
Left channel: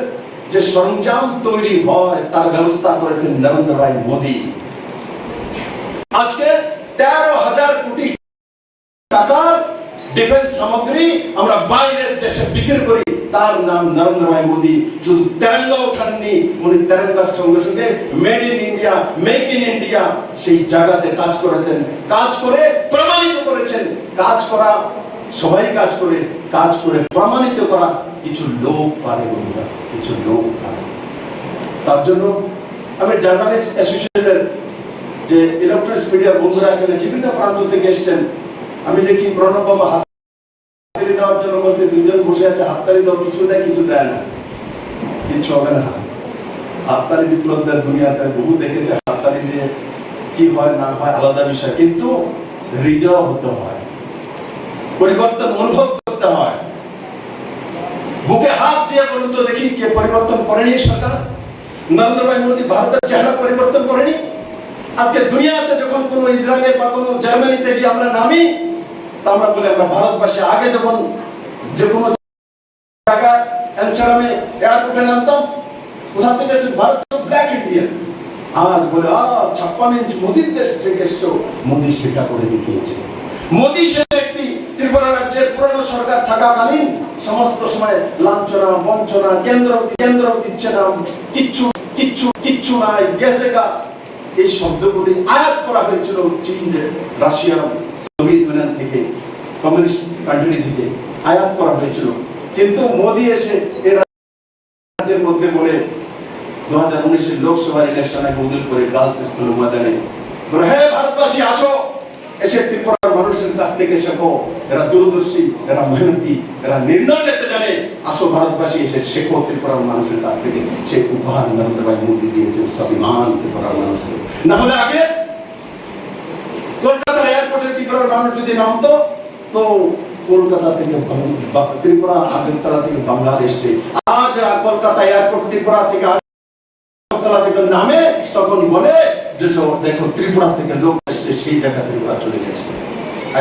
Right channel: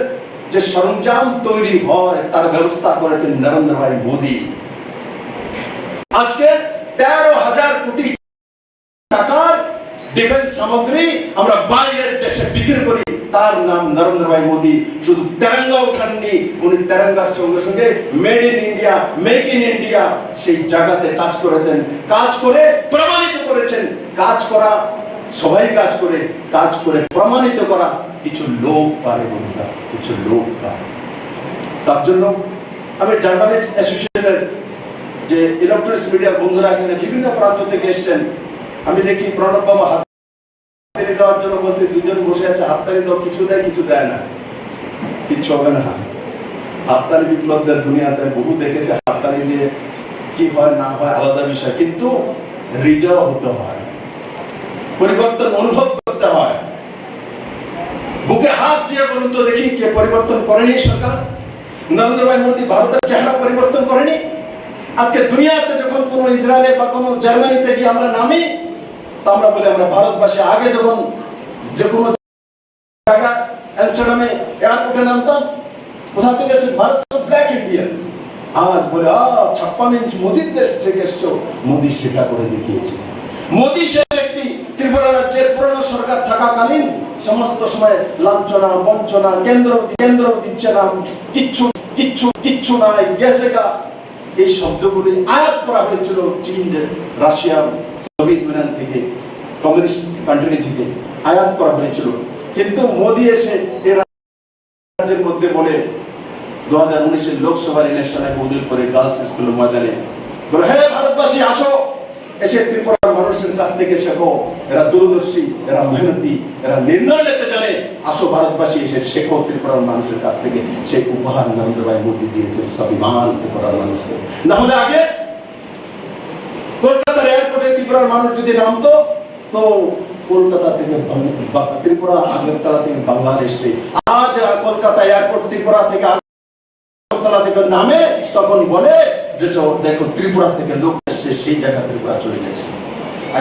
যে সরঞ্জাম তৈরি হয় তার ব্যবস্থা করেছেন নরেন্দ্র ভাই মোদী আজকে 13,000 কোটি টাকার ডিফেন্স সামগ্রী আমরা বাইরের দেশে বিক্রি করি তার নাম নরেন্দ্র ভাই মোদী শুধু তেরঙ্গা উঠাননি উনি তেরঙ্গার সঙ্গে সঙ্গে made in India make in India সেই জায়গাতে কাজ করেছেন কাজ করে প্রমাণিত করেছেন কাজ করা সবাই কাজ করে প্রমাণিত করা কিছু লোক পারে বন্ধুরা কিছু লোক পারে তার জন্য আমি জার্নালিস্ট অ্যাসোসিয়েশনের যে ইলেকট্রনিক্স মিডিয়া বন্ধুরা এখানে বিভিন্ন প্রান্ত থেকে এসেছেন আমি দেখি প্রণব বাবা হাততালি দেওয়ার জন্য বলতে দুজন বসে আছে হাততালি দাও কিছু দেয় কিছু দেয় না কিচ্ছু হবে না হাততালি বিপ্লবদের দুনিয়াতে বহু দেখেছে হাততালি দিয়ে কি হয় না হয় আলাদা বিষয় কিন্তু হৃদয় হতে হয় পরিবর্তন অনুভব করতে হয় বুকে হাত দিয়ে বলুন তো দেখি কে পরিবর্তন করেনি সরকার নরেন্দ্র ভাই মোদী ভারতের চেহারা পরিবর্তন করেনি আজকে দুনিয়াতে যখন কোন ইসরায়েলে বা কোন জার্মানিতে গিয়ে আমরা নামি তা আমরা বলি আমরা ভারতবাসী আগে যখন যে কোনো জায়গায় অ্যামস্টারডামে এয়ারপোর্টে নামতাম কোথা থেকে এসে ভারত তো ব্ল্যাক ইন্ডিয়ান আজ বলে 56 ইঞ্চ মোদীর দেশ থেকে এসছো মোদী সেটা করে দেখিয়েছে মোদী সে ব্যক্তি ত্রিপুরা রাজ্যের পুরনো সরকার থাকাকালীন সমস্ত সময় লাঞ্ছনা বঞ্চনা কেন্দ্র দিচ্ছে না কিচ্ছু নাই গেছে গা এই শব্দগুলি আয়াত করা হয়েছিল চীন যে রাশিয়া সোভিয়েত ইউনিয়ন থেকে কমিউনিস্ট কান্ট্রি থেকে আয়াত করা হয়েছিল কিন্তু মোদী এসে এই রাজ্যের মধ্যে বলে 2019 লোকসভার ইলেকশনে উদ্যোগ করে গার্লস স্কুলের ময়দানে বলে হ্যাঁ ভারতবাসী আসো এসে ত্রিপুরার মানুষের কাছ থেকে শেখো এরা দূরদর্শী এরা মেহনতি এরা নির্ণয় নিতে জানে আসো ভারতবাসী এসে শেখো ত্রিপুরার মানুষের কাছ থেকে সে উপহার নরেন্দ্র ভাই মোদী দিয়েছে স্বাভিমান ত্রিপুরার মানুষকে না হলে আগে কলকাতার এয়ারপোর্টে ত্রিপুরার মানুষ যদি নামতো তো কলকাতা থেকে ত্রিপুরা আগরতলা থেকে বাংলাদেশ থেকে আজ কলকাতা এয়ারপোর্ট ত্রিপুরা থেকে আগরতলা থেকে নামে তখন বলে যে দেখো ত্রিপুরা থেকে লোক এসছে সেই জায়গা ত্রিপুরা চলে গেছে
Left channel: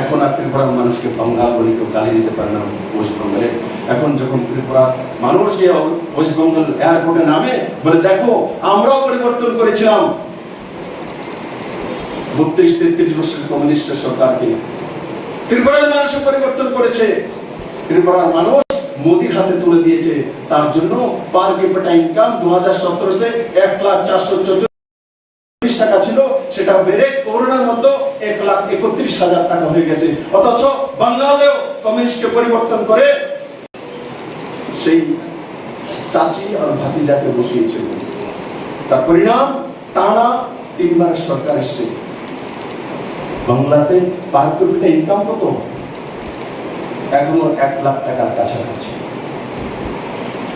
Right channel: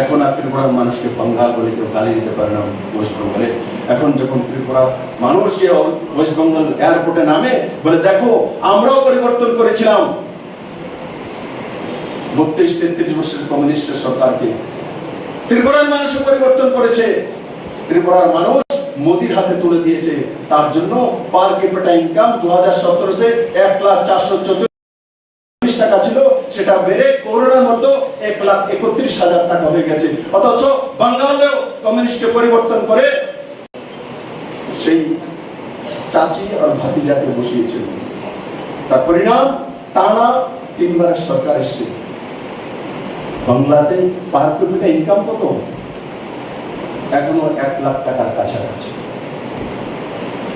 এখন আর ত্রিপুরার মানুষকে বাঙ্গাল বলে কেউ গালি দিতে পারে না ওয়েস্টবেঙ্গলে এখন যখন ত্রিপুরা মানুষ যে ওয়েস্টবেঙ্গল এয়ারপোর্টে নামে বলে দেখো আমরাও পরিবর্তন করেছিলাম 32-33 বছরের কমিউনিস্ট সরকারকে ত্রিপুরার মানুষ পরিবর্তন করেছে ত্রিপুরার মানুষ মোদীর হাতে তুলে দিয়েছে তার জন্য পার ক্যাপিটা ইনকাম 2017 তে 1,444 টাকা ছিল সেটা বেড়ে করোনার মতো 1,31,000 টাকা হয়ে গেছে অথচ বাঙ্গালেও কমিউনিস্টকে পরিবর্তন করে সেই চাচি আর ভাতিজাকে বসিয়েছিল তার পরিণাম টানা 3 বারের সরকার এসছে। বাংলাতে পার ক্যাপিটা ইনকাম কত? এখনো 1 লাখ টাকার কাছাকাছি।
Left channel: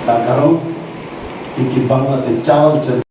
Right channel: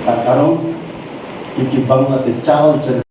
তার কারণ বাংলাতে চাল